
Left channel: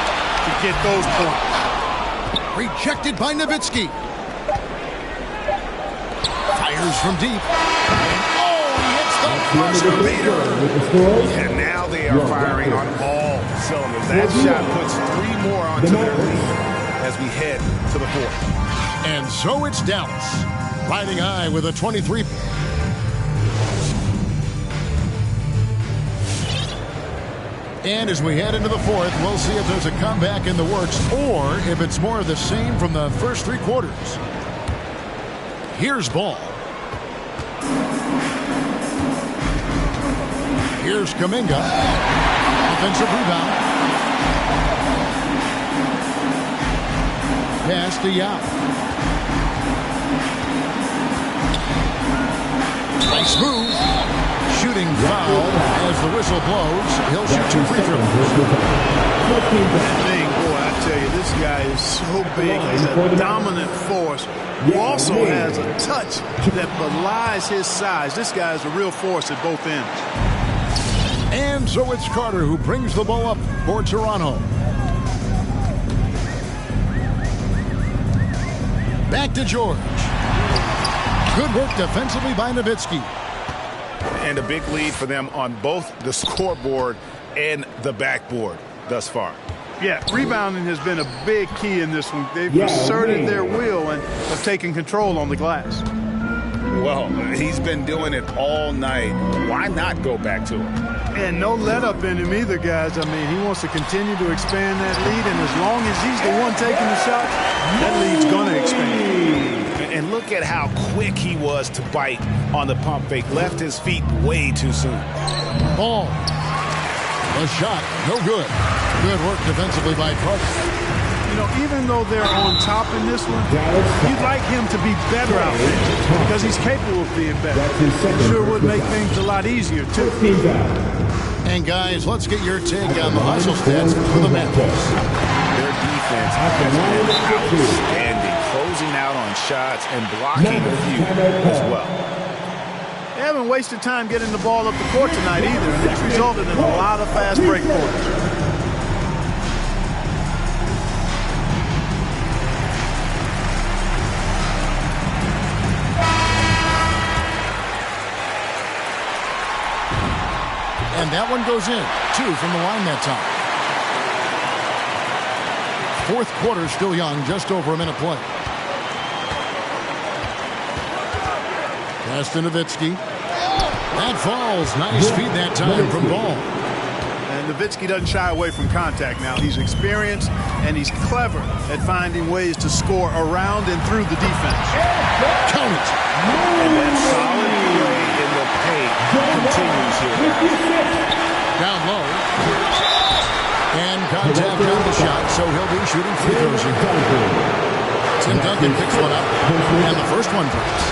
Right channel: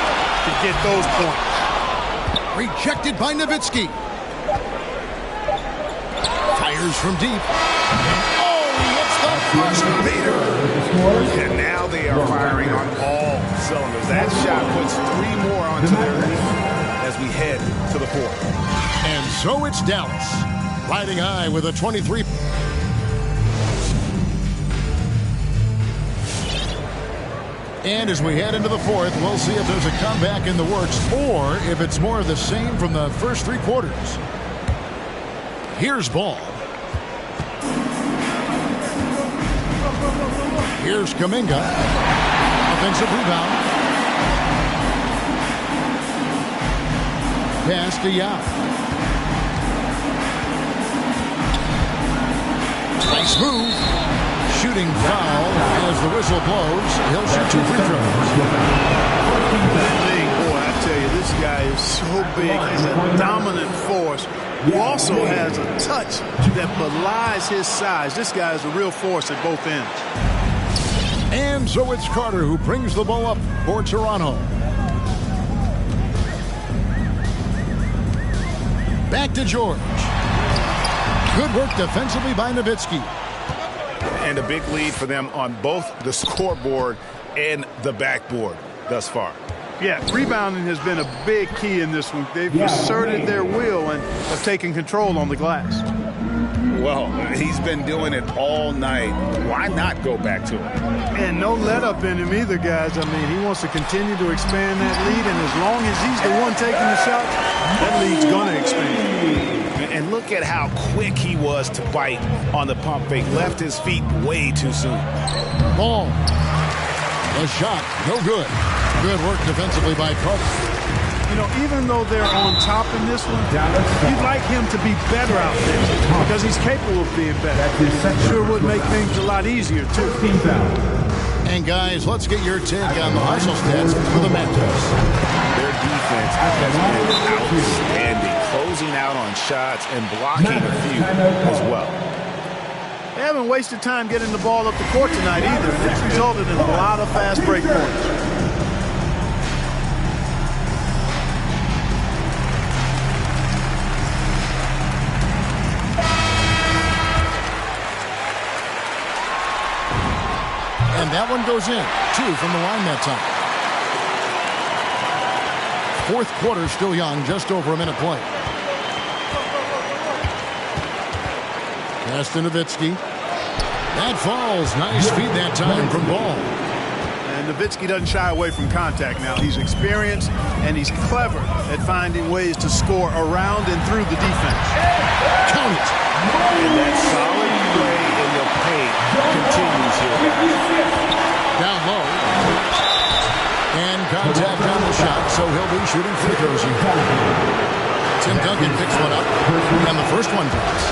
to get those points. Rejected by Nowitzki. Fires from deep. And he hits the buzzer beater. And now they are firing on all cylinders. That shot puts 3 more onto their lead as we head to the 4th. And so it's Dallas, riding high with a 23. And as we head into the 4th, we'll see if there's a comeback in the works or if it's more of the same from the first 3 quarters. Here's ball. Here's Kuminga. Offensive rebound. Pass to Yao. Nice move. Shooting foul as the whistle blows. He'll shoot 2 free throws. Boy, I tell you, this guy is so big. He's a dominant force who also has a touch that belies his size. This guy is a real force at both ends. And so it's Carter who brings the ball up for Toronto. Back to George. Good work defensively by Nowitzki. And a big lead for them on both the scoreboard and the backboard thus far. Yeah, rebounding has been a big key in this one. They've asserted their will and have taken control on the glass. Well, he's been doing it all night. Why not go back to it? And no let up in him either, guys. I mean, he wants to continue to expand that lead, and as long as he's the one taking the shots, that lead's going to expand. And look at how quick he was to bite on the pump fake. Left his feet way too soon. Ball. The shot, no good. Good work defensively by Carter. You know, even though they're on top in this one, you'd like him to be better out there because he's capable of being better. Sure would make things a lot easier, too. And, guys, let's get your take on the hustle stats for the Mavericks. Their defense has been outstanding, closing out on shots and blocking a few as well. They haven't wasted time getting the ball up the court tonight either, and it's resulted in a lot of fast break points. And that one goes in. 2 from the line that time. 4th quarter still young, just over a minute play. Pass to Nowitzki. That falls. Nice feed that time from Ball. And Nowitzki doesn't shy away from contact now. He's experienced and he's clever at finding ways to score around and through the defense. Count it. And that solid play in the paint continues here, guys. Down low. And contact on the shot, so he'll be shooting free throws here. Tim Duncan picks one up, and the first one drops.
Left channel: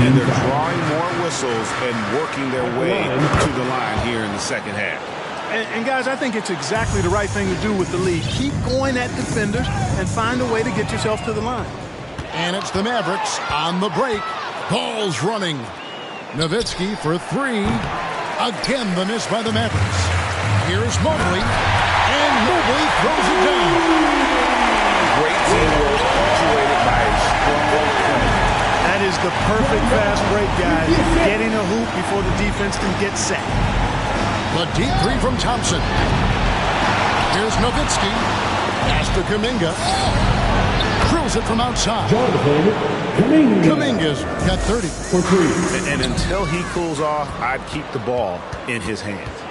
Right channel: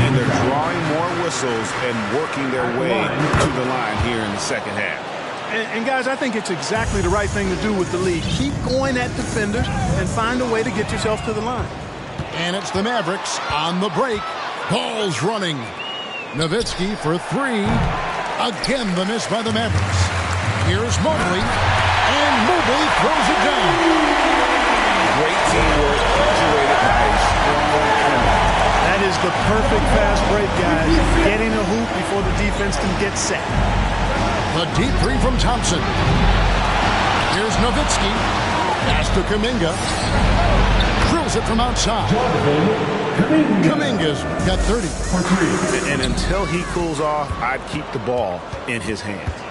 And they're drawing more whistles and working their way to the line here in the second half. And guys, I think it's exactly the right thing to do with the lead. Keep going at defenders and find a way to get yourself to the line. And it's the Mavericks on the break. Ball's running. Nowitzki for 3. Again, the miss by the Mavericks. Here's Mobley. And Mobley throws it down. Great teamwork punctuated by a strong finish. That is the perfect fast break, guys. Getting a hoop before the defense can get set. The deep 3 from Thompson. Here's Nowitzki. Pass to Kuminga. Drills it from outside. Kuminga's got 30 for 3. And until he cools off, I'd keep the ball in his hands.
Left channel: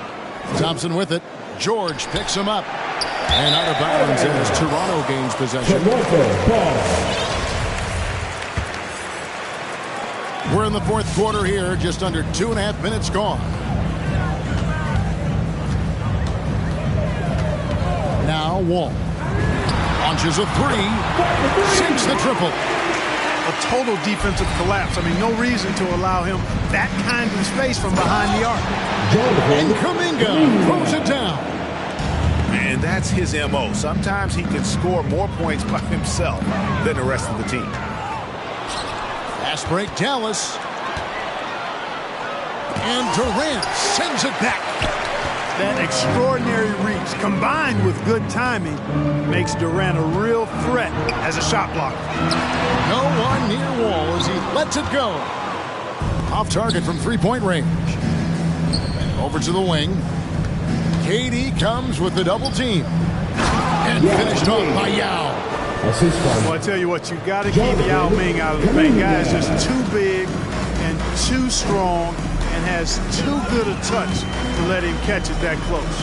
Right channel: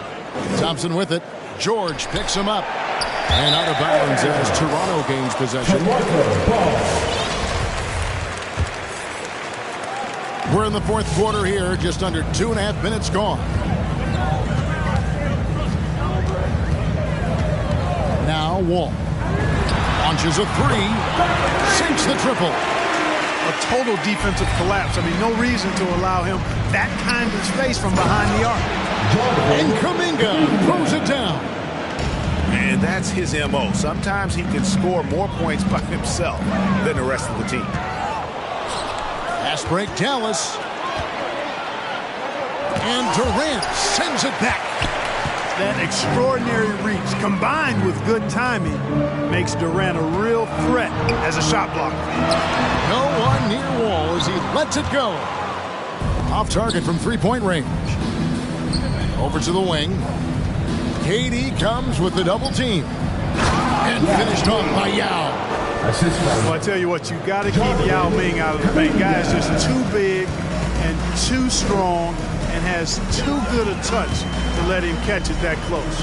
Thompson with it. George picks him up. And out of bounds as Toronto gains possession. We're in the 4th quarter here. Just under 2.5 minutes gone. Now Wall. Launches a 3. Sinks the triple. A total defensive collapse. I mean, no reason to allow him that kind of space from behind the arc. And Kuminga throws it down. And that's his MO. Sometimes he can score more points by himself than the rest of the team. Fast break, Dallas. And Durant sends it back. That extraordinary reach combined with good timing makes Durant a real threat as a shot blocker. No one near Wall as he lets it go. Off target from 3-point range. Over to the wing. KD comes with the double team. And finished off by Yao. Well, I tell you what, you got to keep Yao Ming out of the paint. Guy is just too big and too strong and has too good a touch to let him catch it that close.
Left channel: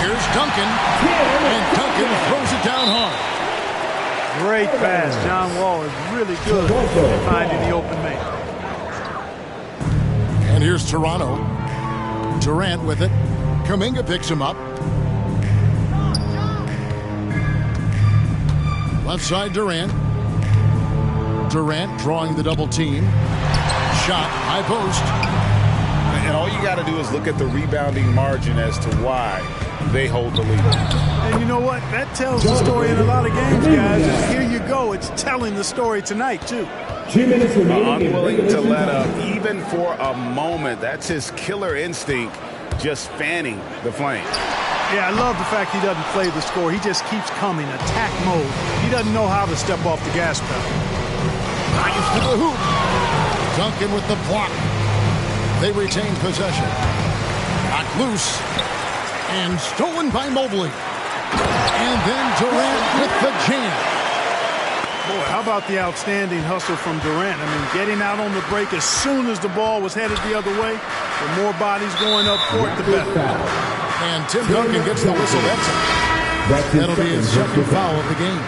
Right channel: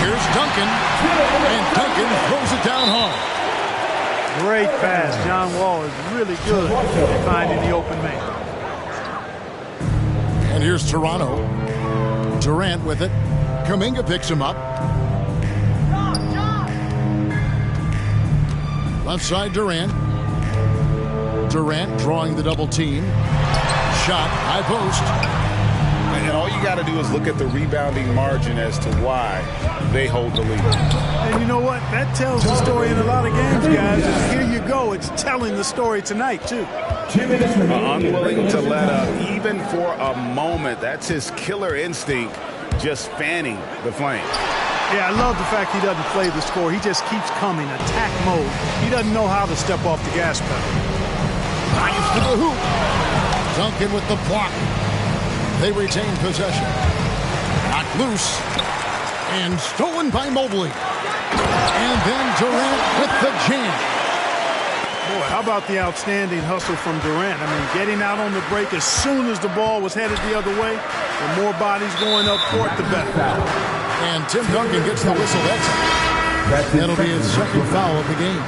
Here's Duncan. And Duncan throws it down hard. Great pass. John Wall is really good at finding the open man. And here's Toronto. Durant with it. Kuminga picks him up. Left side Durant. Durant drawing the double team. Shot, high post. And all you got to do is look at the rebounding margin as to why they hold the lead. And you know what? That tells the story in a lot of games, guys. And here you go. It's telling the story tonight, too. 2 minutes remaining. Unwilling to let up, even for a moment. That's his killer instinct, just fanning the flame. Yeah, I love the fact he doesn't play the score. He just keeps coming, attack mode. He doesn't know how to step off the gas pedal. Drives to the hoop. Duncan with the block. They retain possession. Knocked loose. And stolen by Mobley. And then Durant with the jam. Boy, how about the outstanding hustle from Durant? I mean, getting out on the break as soon as the ball was headed the other way. The more bodies going up court, the better. And Tim Duncan gets the whistle that time. That'll be his second foul of the game.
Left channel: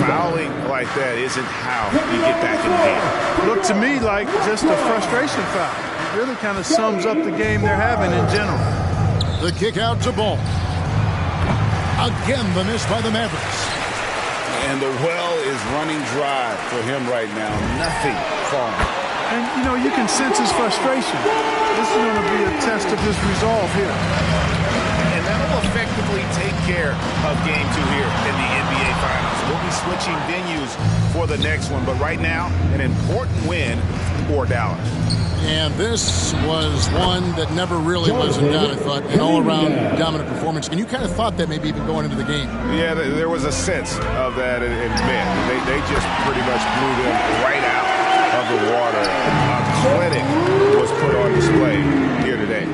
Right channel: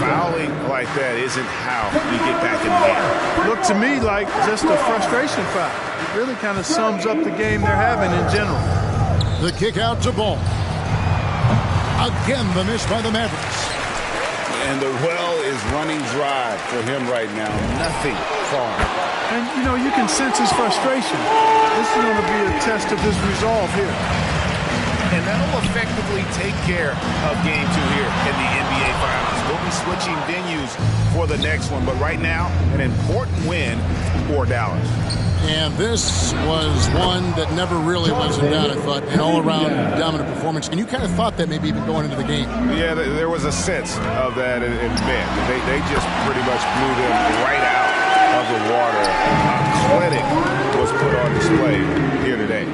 Fouling like that isn't how you get back in the game. Looked to me like just a frustration foul. It really kind of sums up the game they're having in general. The kick out to Ball. Again, the miss by the Mavericks. And the well is running dry for him right now. Nothing falling. And, you know, you can sense his frustration. This is going to be a test of his resolve here. And that'll effectively take care of Game 2 here in the NBA Finals. We'll be switching venues for the next one. But right now, an important win for Dallas. And this was one that never really was in doubt, I thought. An all-around dominant performance. And you kind of thought that maybe even going into the game. Yeah, there was a sense of that. And man, they just pretty much blew them right out of the water. A clinic was put on display here today.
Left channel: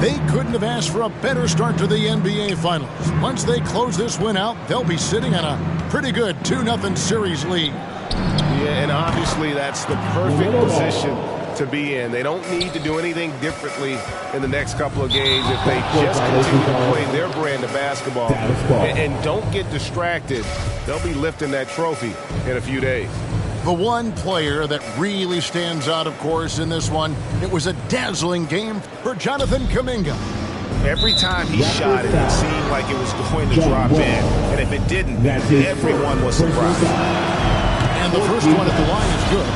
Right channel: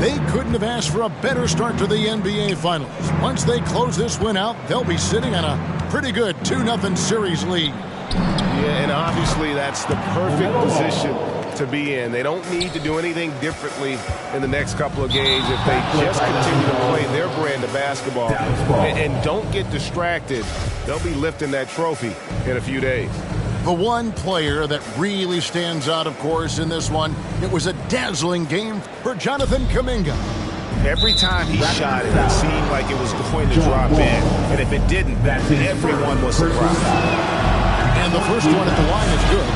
They couldn't have asked for a better start to the NBA Finals. Once they close this win out, they'll be sitting on a pretty good 2-0 series lead. Yeah, and obviously that's the perfect position to be in. They don't need to do anything differently in the next couple of games if they just continue to play their brand of basketball and don't get distracted. They'll be lifting that trophy in a few days. The one player that really stands out, of course, in this one, it was a dazzling game for Jonathan Kuminga. Every time he shot it, it seemed like it was going to drop in. And if it didn't, everyone was surprised. And the first one at the line is good.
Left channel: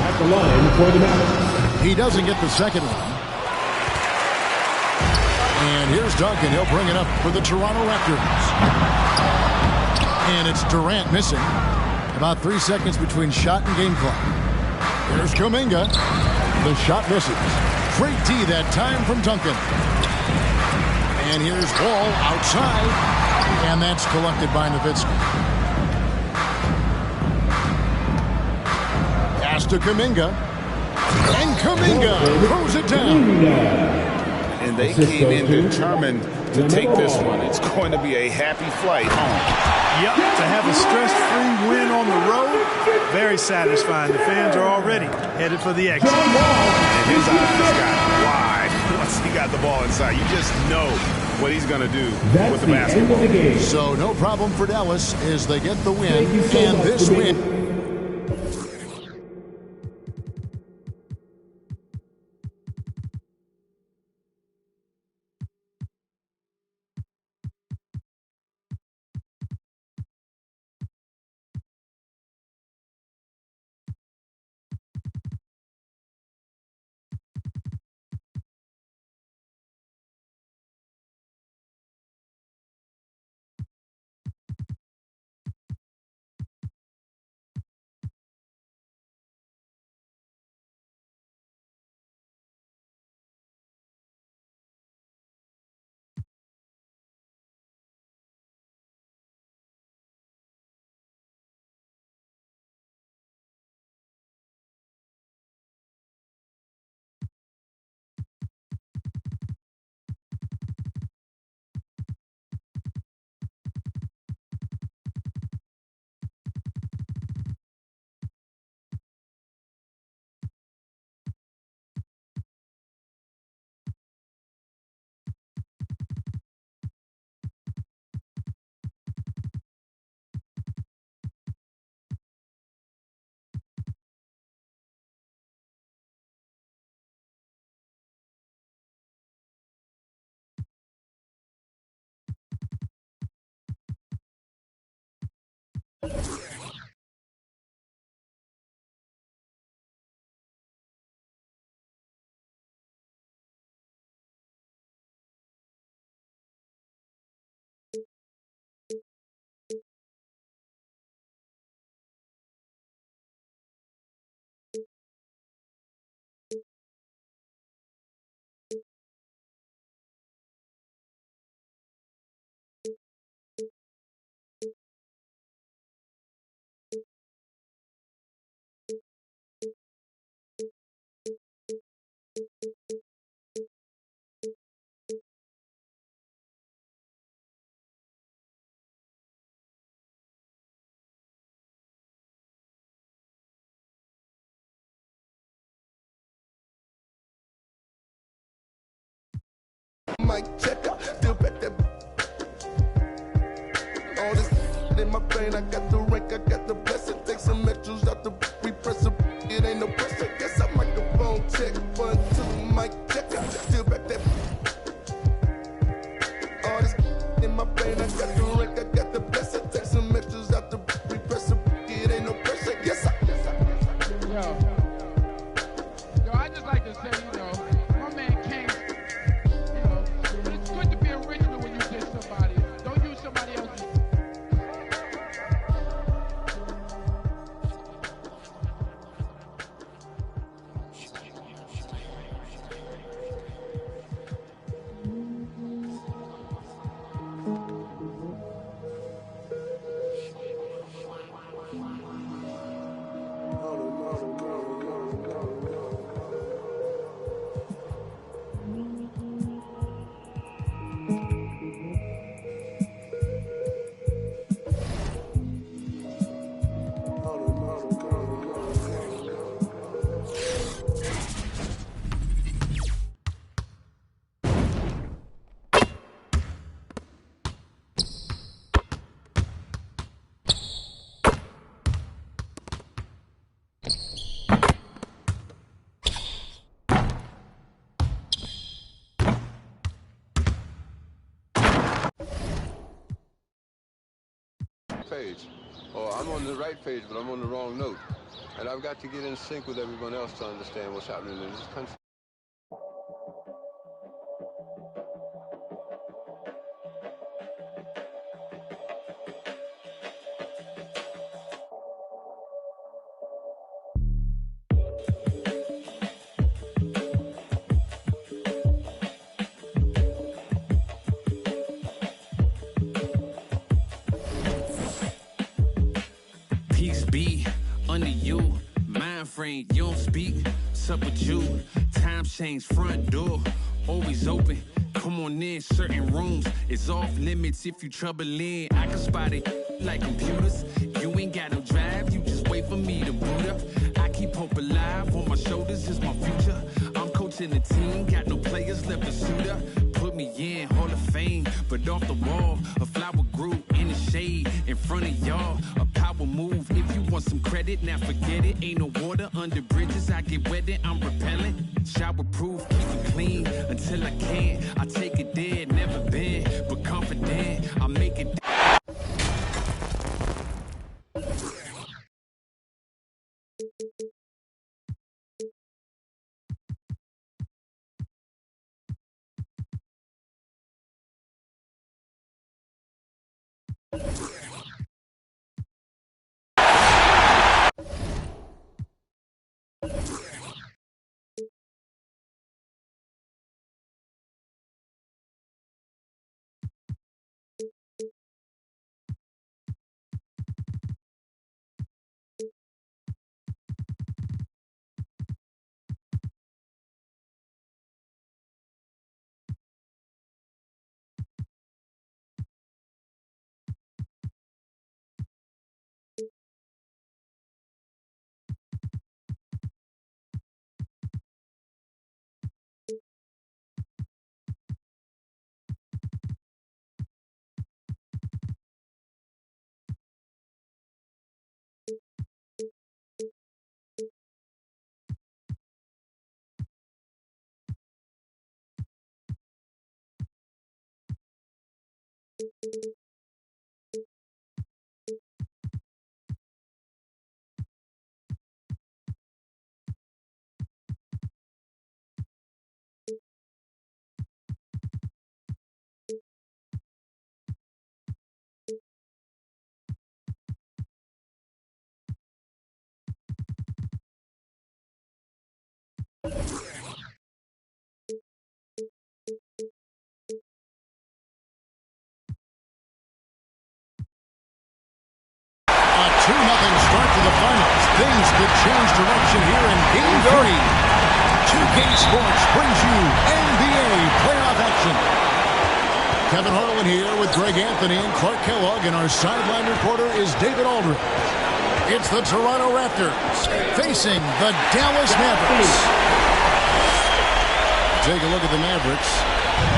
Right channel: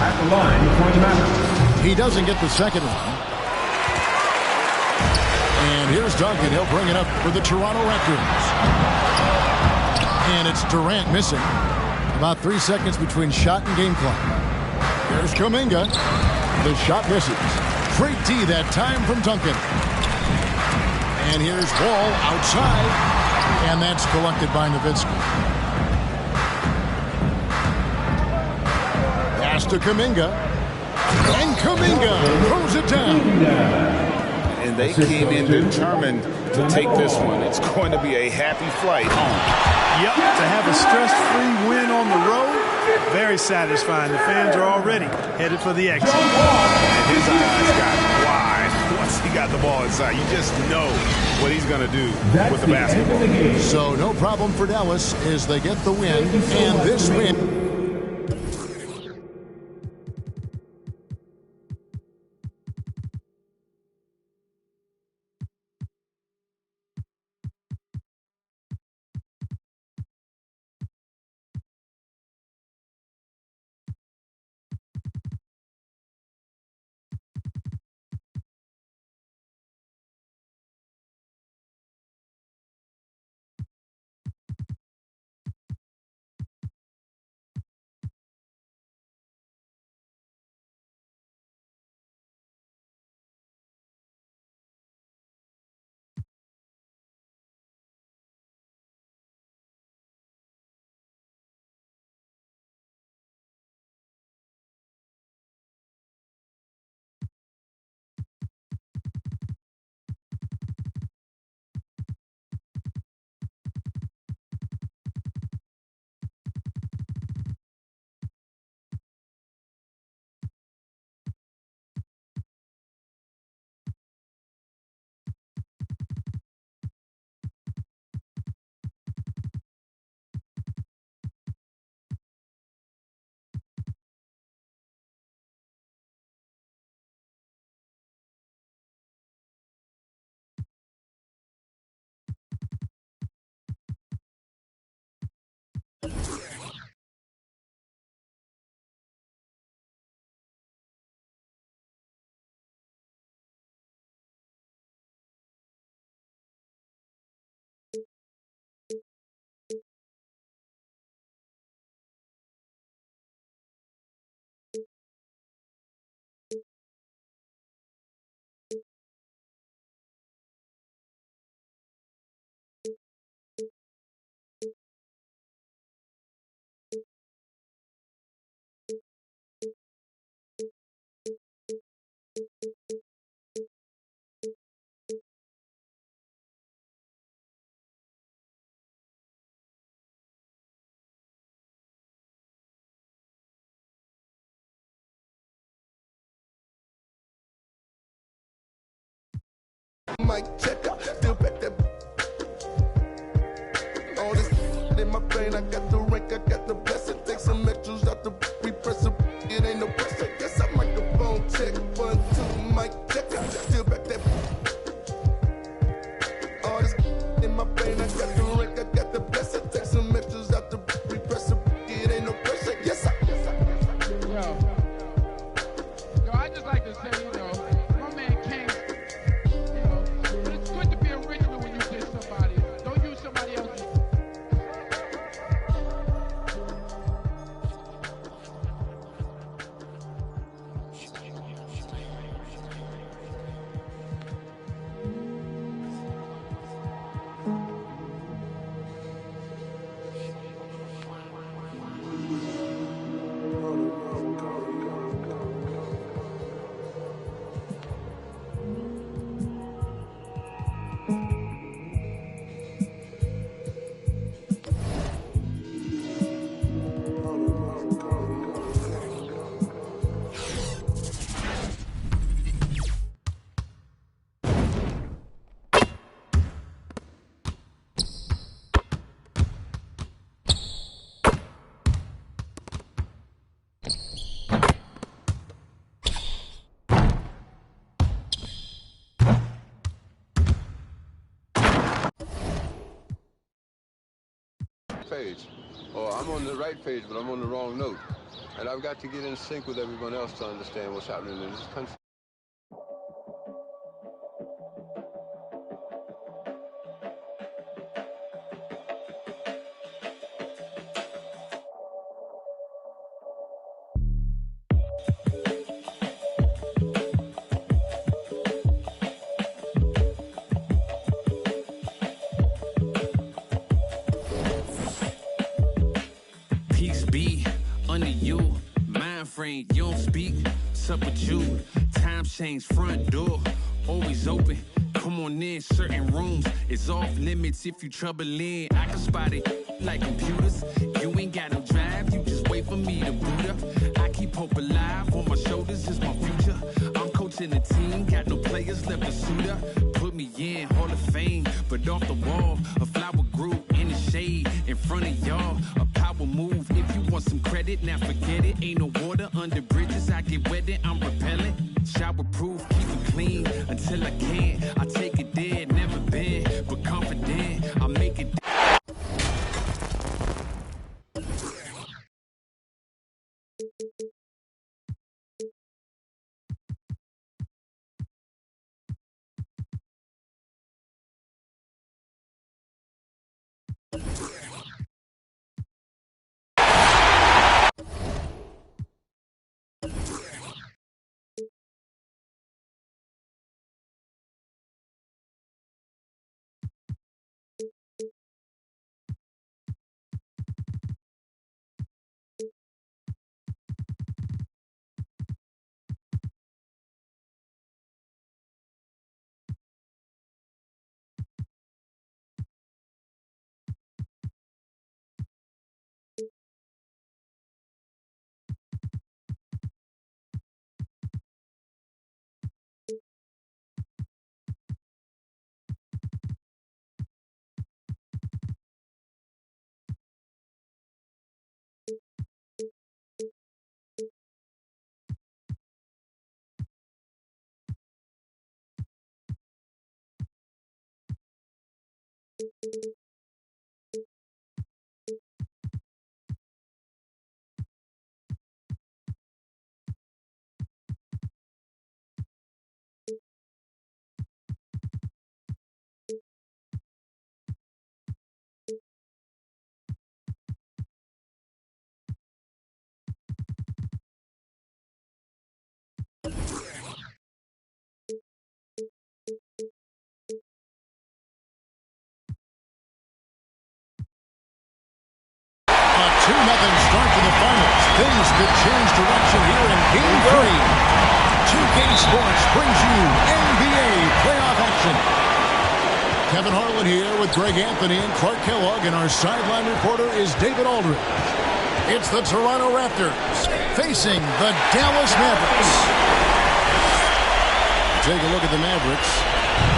At the line for the Mavericks. He doesn't get the second one. And here's Duncan. He'll bring it up for the Toronto Raptors. And it's Durant missing. About 3 seconds between shot and game clock. Here's Kuminga. The shot misses. Great D that time from Duncan. And here's Wall outside. And that's collected by Nowitzki. Pass to Kuminga. And Kuminga throws it down. And they came in determined to take this one. It's going to be a happy flight home. Yep, to have a stress-free win on the road, very satisfying. The fans are already headed for the exit. And his eyes got wide once he got the ball inside. You just know what he's going to do with the basketball. So no problem for Dallas as they get the win. And this win mic checker. Still back that. All this in my brain, I got the rank, I got the blessing. Take some extras out the repress it. It ain't no pressure. Guess I microphone check. 1, 2, mic checker. Still back that. All this in my brain, I got the rank, I got the blessing. Take some extras out the repress it. It ain't no pressure. Yes, I. Yo, I just like to say, my man Kane, but it's good to be original when you diss somebody. Don't use somebody else's. Page, or I'm on the right page, but I'm on the wrong note, and I've got to get in sync with everyone else to understand what's happening in this country. Peace be under you, mind frame, you don't speak, sup with you, time change, front door, always open, come on in, certain rooms, it's off limits if you trouble in, I can spot it like computers, you ain't got no drive, you just wait for me to boot up, I keep hope alive, on my shoulders is my future, I'm coaching the team, got no players left to suit up, put me in, Hall of Fame, but off the wall, a flower grew in the shade, in front of y'all, a power move, if you want some credit, now forget it, ain't no water under bridges, I get wetted, I'm repellent, shower proof, keep it clean, until I can't, I take it there, never been, but confident, I make it. A 2-0 start to the finals. Things could change direction here in Game 3. 2K Sports brings you NBA playoff action. Kevin Harlan here with Greg Anthony and Clark Kellogg, and our sideline reporter is David Aldridge. It's the Toronto Raptors facing the Dallas Mavericks. Take a look at the Mavericks.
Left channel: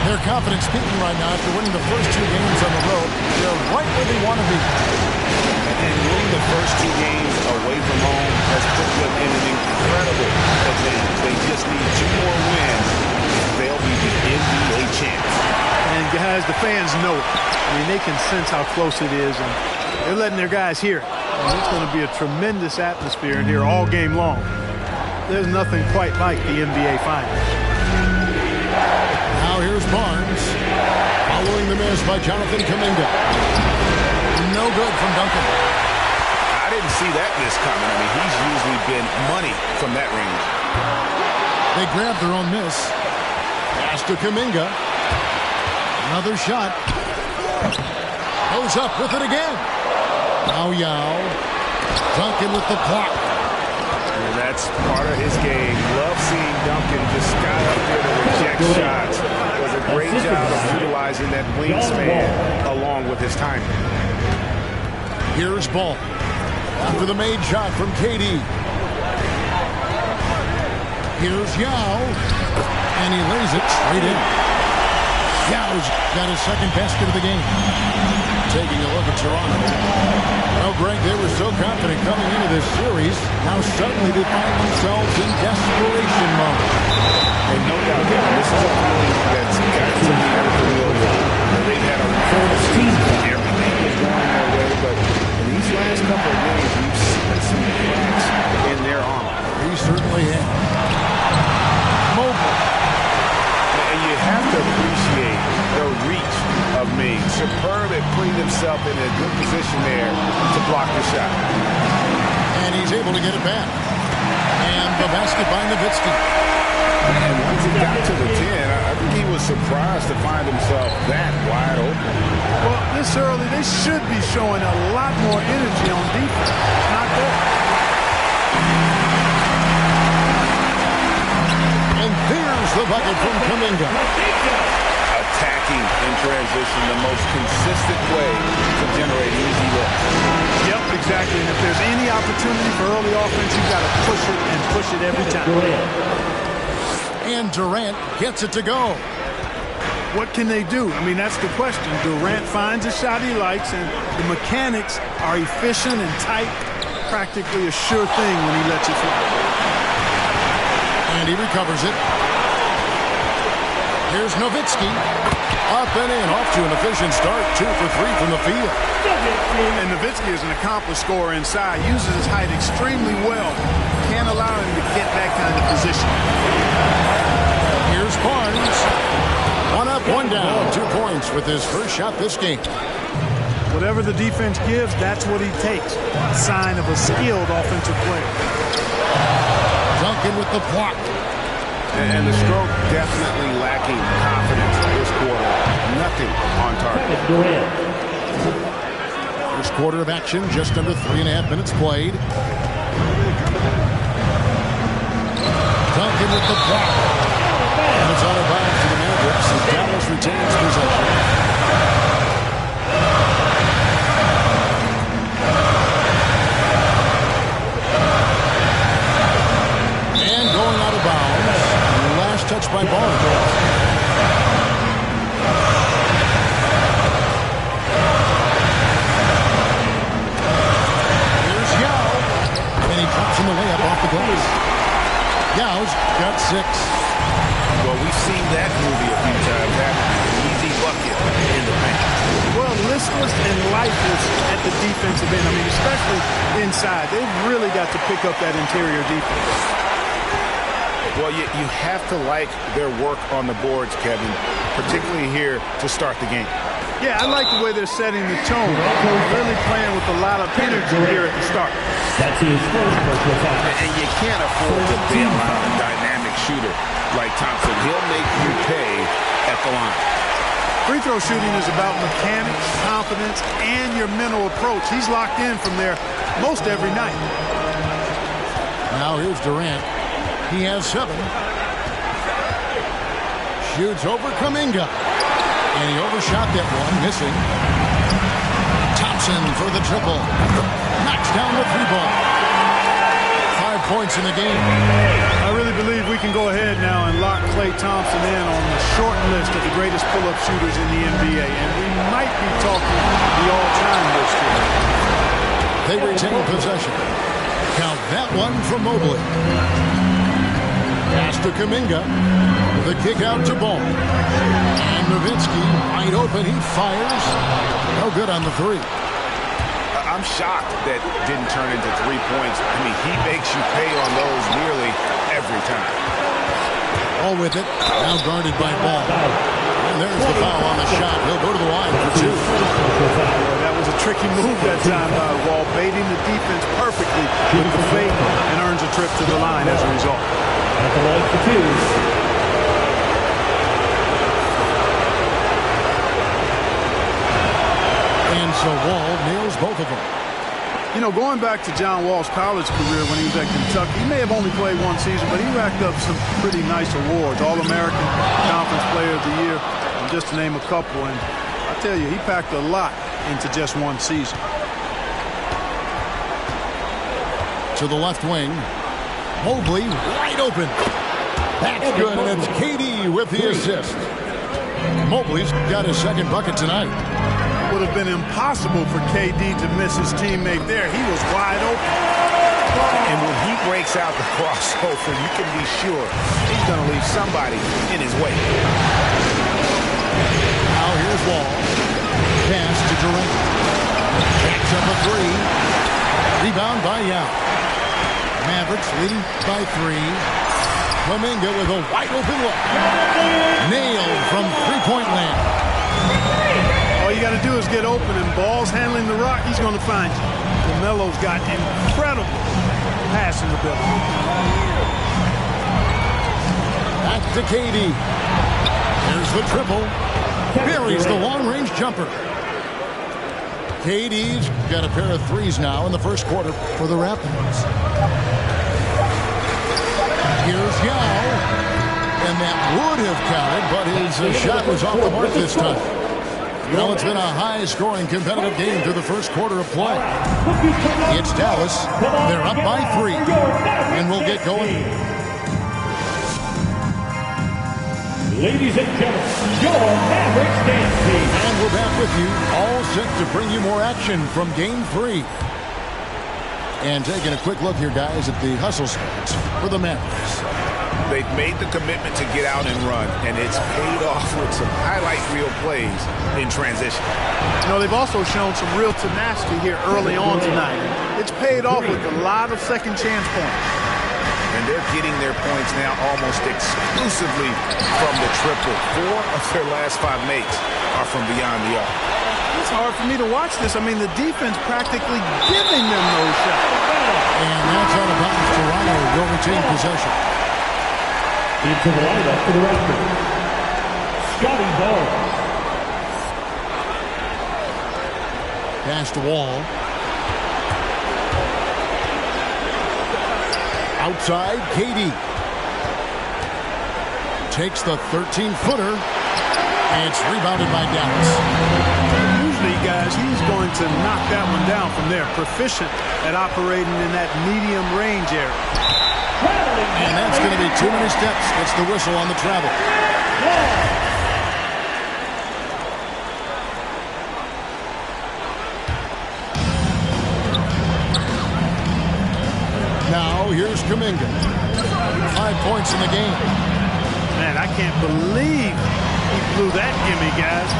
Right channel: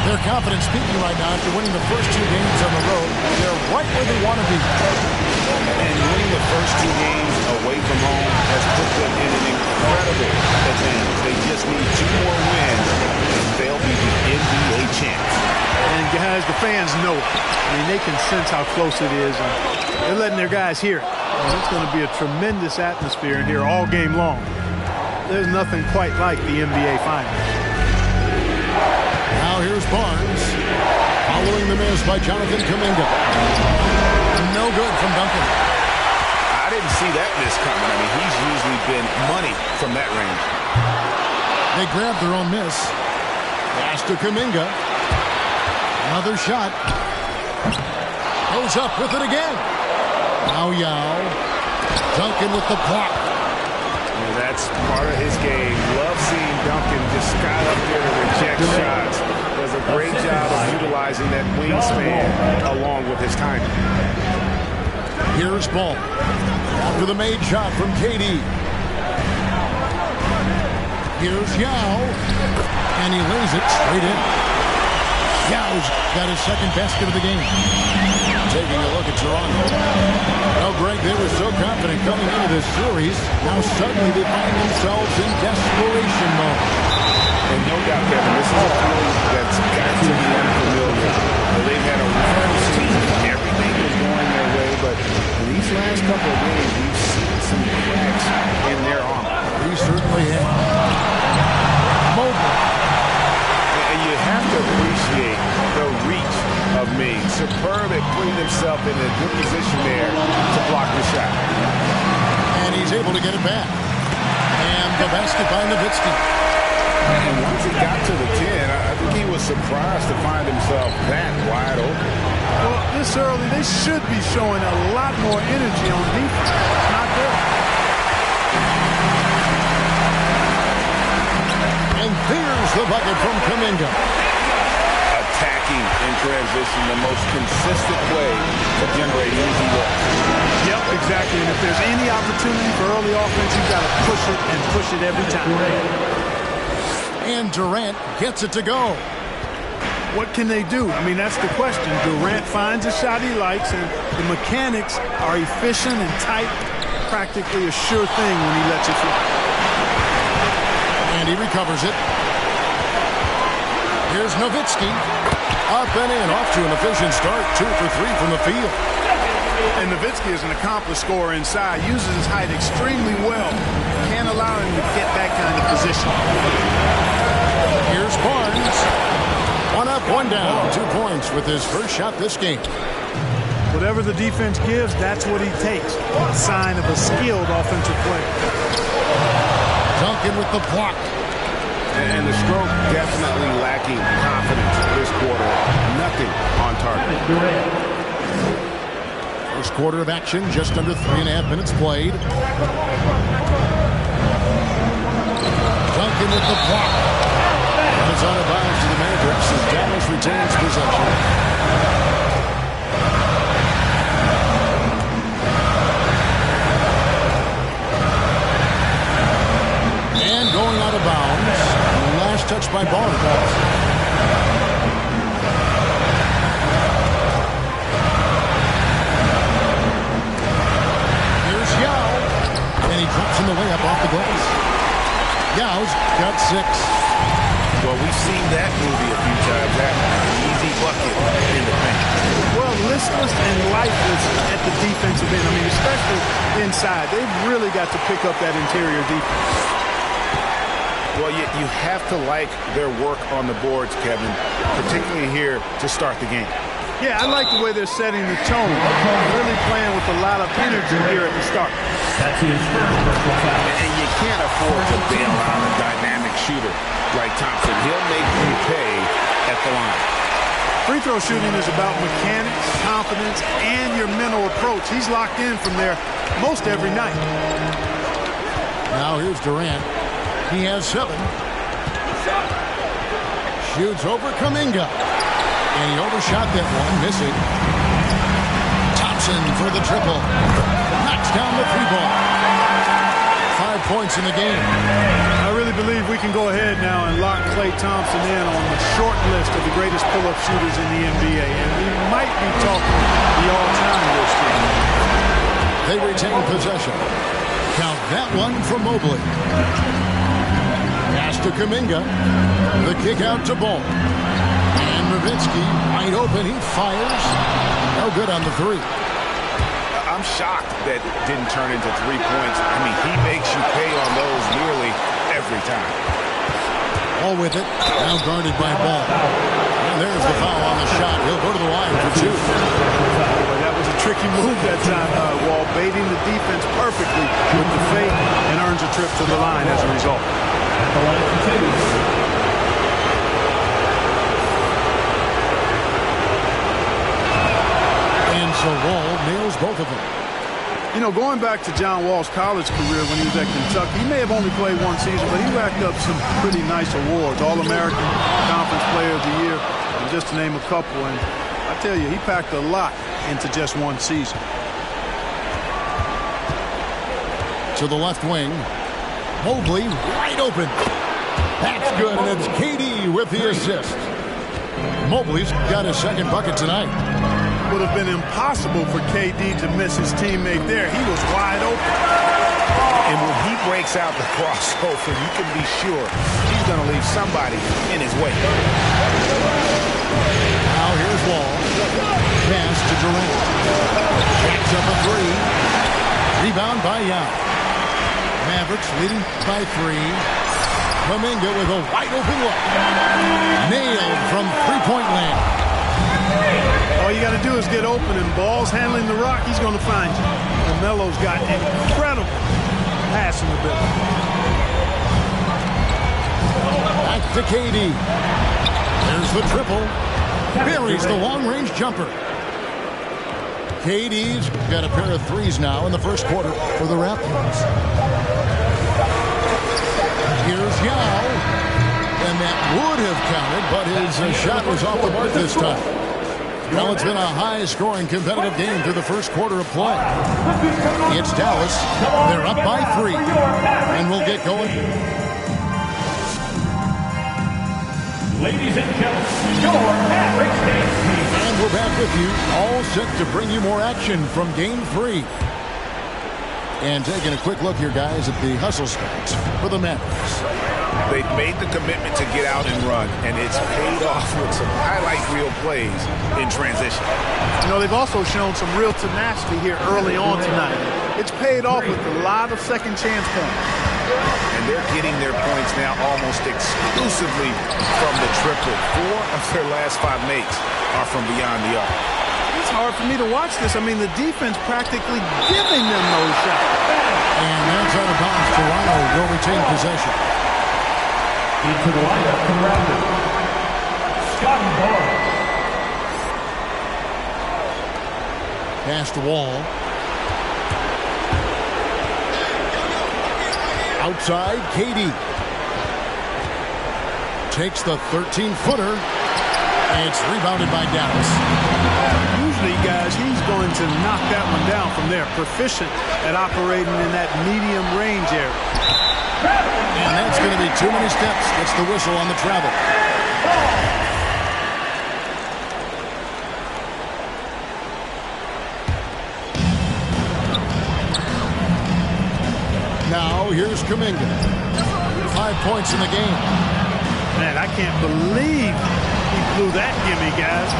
Their confidence speaking right now after winning the first 2 games on the road. They're right where they want to be. And winning the first 2 games away from home has put them in an incredible advantage. They just need 2 more wins, and they'll be the NBA champs. And guys, the fans know it. I mean, they can sense how close it is, and they're letting their guys hear it. And it's going to be a tremendous atmosphere in here all game long. There's nothing quite like the NBA Finals. Now here's Barnes. Following the miss by Jonathan Kuminga. No good from Duncan. I didn't see that miss coming. I mean, he's usually been money from that range. They grabbed their own miss. Pass to Kuminga. Another shot. Goes up with it again. Now Yao. Duncan with the block. And that's part of his game. Love seeing Duncan just sky up there to reject shots. Does a great job of utilizing that wingspan along with his timing. Here's Ball. After the made shot from KD. Here's Yao. And he lays it straight in. Yao's got his second basket of the game. Taking a look at Toronto. Well, Greg, they were so confident coming into this series. Now suddenly they find themselves in desperation mode. And no doubt, Kevin, this is a feeling that's got to be unfamiliar. They've had a wonderful season. Everything was going their way, but in these last couple of games, we've seen some cracks in their armor. He certainly has. Mobile. And you have to appreciate the reach of Ming. Superb at putting himself in a good position there to block the shot. And he's able to get it back. And the basket by Nowitzki. And once he got to the 10, I think he was surprised to find himself that wide open. Well, this early, they should be showing a lot more energy on defense. It's not there. And there's the bucket from Kuminga. Attacking in transition, the most consistent way to generate easy looks. Yep, exactly. And if there's any opportunity for early offense, you've got to push it and push it every time. And Durant gets it to go. What can they do? I mean, that's the question. Durant finds a shot he likes, and the mechanics are efficient and tight. Practically a sure thing when he lets it fly. And he recovers it. Here's Nowitzki. Up and in, off to an efficient start. 2 for 3 from the field. And Nowitzki is an accomplished scorer inside. Uses his height extremely well. Can't allow him to get that kind of position. Here's Barnes. 1 up, 1 down. 2 points with his first shot this game. Whatever the defense gives, that's what he takes. A sign of a skilled offensive player. Duncan with the block. And the stroke definitely lacking confidence this quarter. Nothing on target. First quarter of action, just under 3.5 minutes played. Duncan with the block. And it's out of bounds to the Mavericks as Dallas retains possession. And going out of bounds. Last touch by Barnes. Here's Yao. And he drops in the layup off the glass. Yao's got 6. Well, we've seen that movie a few times, haven't we? An easy bucket in the paint. Well, listless and lifeless at the defensive end. I mean, especially inside. They've really got to pick up that interior defense. Well, you have to like their work on the boards, Kevin, particularly here to start the game. Yeah, I like the way they're setting the tone. Really playing with a lot of energy here at the start. That's his first personal foul. And you can't afford to bail out a dynamic shooter like Thompson. He'll make you pay at the line. Free throw shooting is about mechanics, confidence, and your mental approach. He's locked in from there most every night. Now here's Durant. He has 7. Shoots over Kuminga. And he overshot that one, missing. Thompson for the triple. Knocks down the 3 ball. 5 points in the game. I really believe we can go ahead now and lock Klay Thompson in on the short list of the greatest pull-up shooters in the NBA, and we might be talking the all-time list here. They retain possession. Count that one from Mobley. Pass to Kuminga. The kick out to Ball. And Nowitzki wide open. He fires. No good on the three. I'm shocked that didn't turn into 3 points. I mean, he makes you pay on those nearly every time. Ball with it. Now guarded by Ball. And there's the foul on the shot. He'll go to the line for 2. Boy, that was a tricky move that time by Wall, baiting the defense perfectly with the fake, and earns a trip to the line as a result. At the line for 2. And so Wall nails both of them. You know, going back to John Wall's college career when he was at Kentucky, he may have only played 1 season, but he racked up some pretty nice awards. All-American, Conference Player of the Year, and just to name a couple. And I tell you, he packed a lot into just 1 season. To the left wing. Mobley wide open. That's good, and it's KD with the assist. Mobley's got his second bucket tonight. Would have been impossible for KD to miss his teammate there. He was wide open. And when he breaks out the crossover, you can be sure he's going to leave somebody in his way. Now here's Wall. Pass to Durant. Jacks up a 3. Rebound by Yao. Mavericks leading by 3. Kuminga with a wide open look. Nailed from three-point land. All you got to do is get open, and Ball's handling the rock. He's going to find you. LaMelo's got incredible passing ability. Back to KD. There's the triple. Buries the long-range jumper. KD's got a pair of 3s now in the first quarter for the Raptors. Here's Yao. And that would have counted, but his shot was off the mark this time. Well, it's been a high-scoring competitive game through the first quarter of play. It's Dallas. They're up by 3. And we'll get going. Ladies and gentlemen, your Mavericks dance team. And we're back with you, all set to bring you more action from Game 3. And taking a quick look here, guys, at the hustle stats for the Mavericks. They've made the commitment to get out and run, and it's paid off with some highlight reel plays in transition. You know, they've also shown some real tenacity here early on tonight. It's paid off with a lot of second chance points. And they're getting their points now almost exclusively from the triple. 4 of their last 5 makes are from beyond the arc. It's hard for me to watch this. I mean, the defense practically giving them those shots. And that's out of bounds. Toronto will retain possession. Into the lineup for the Raptors, Scotty Barnes. Pass to Wall. Outside, KD. Takes the 13-footer. And it's rebounded by Dallas. Usually, guys, he's going to knock that one down from there. Proficient at operating in that medium range area. And that's going to be too many steps. Gets the whistle on the travel. Now, here's Kuminga. 5 points in the game. Man, I can't believe he blew that gimme, guys.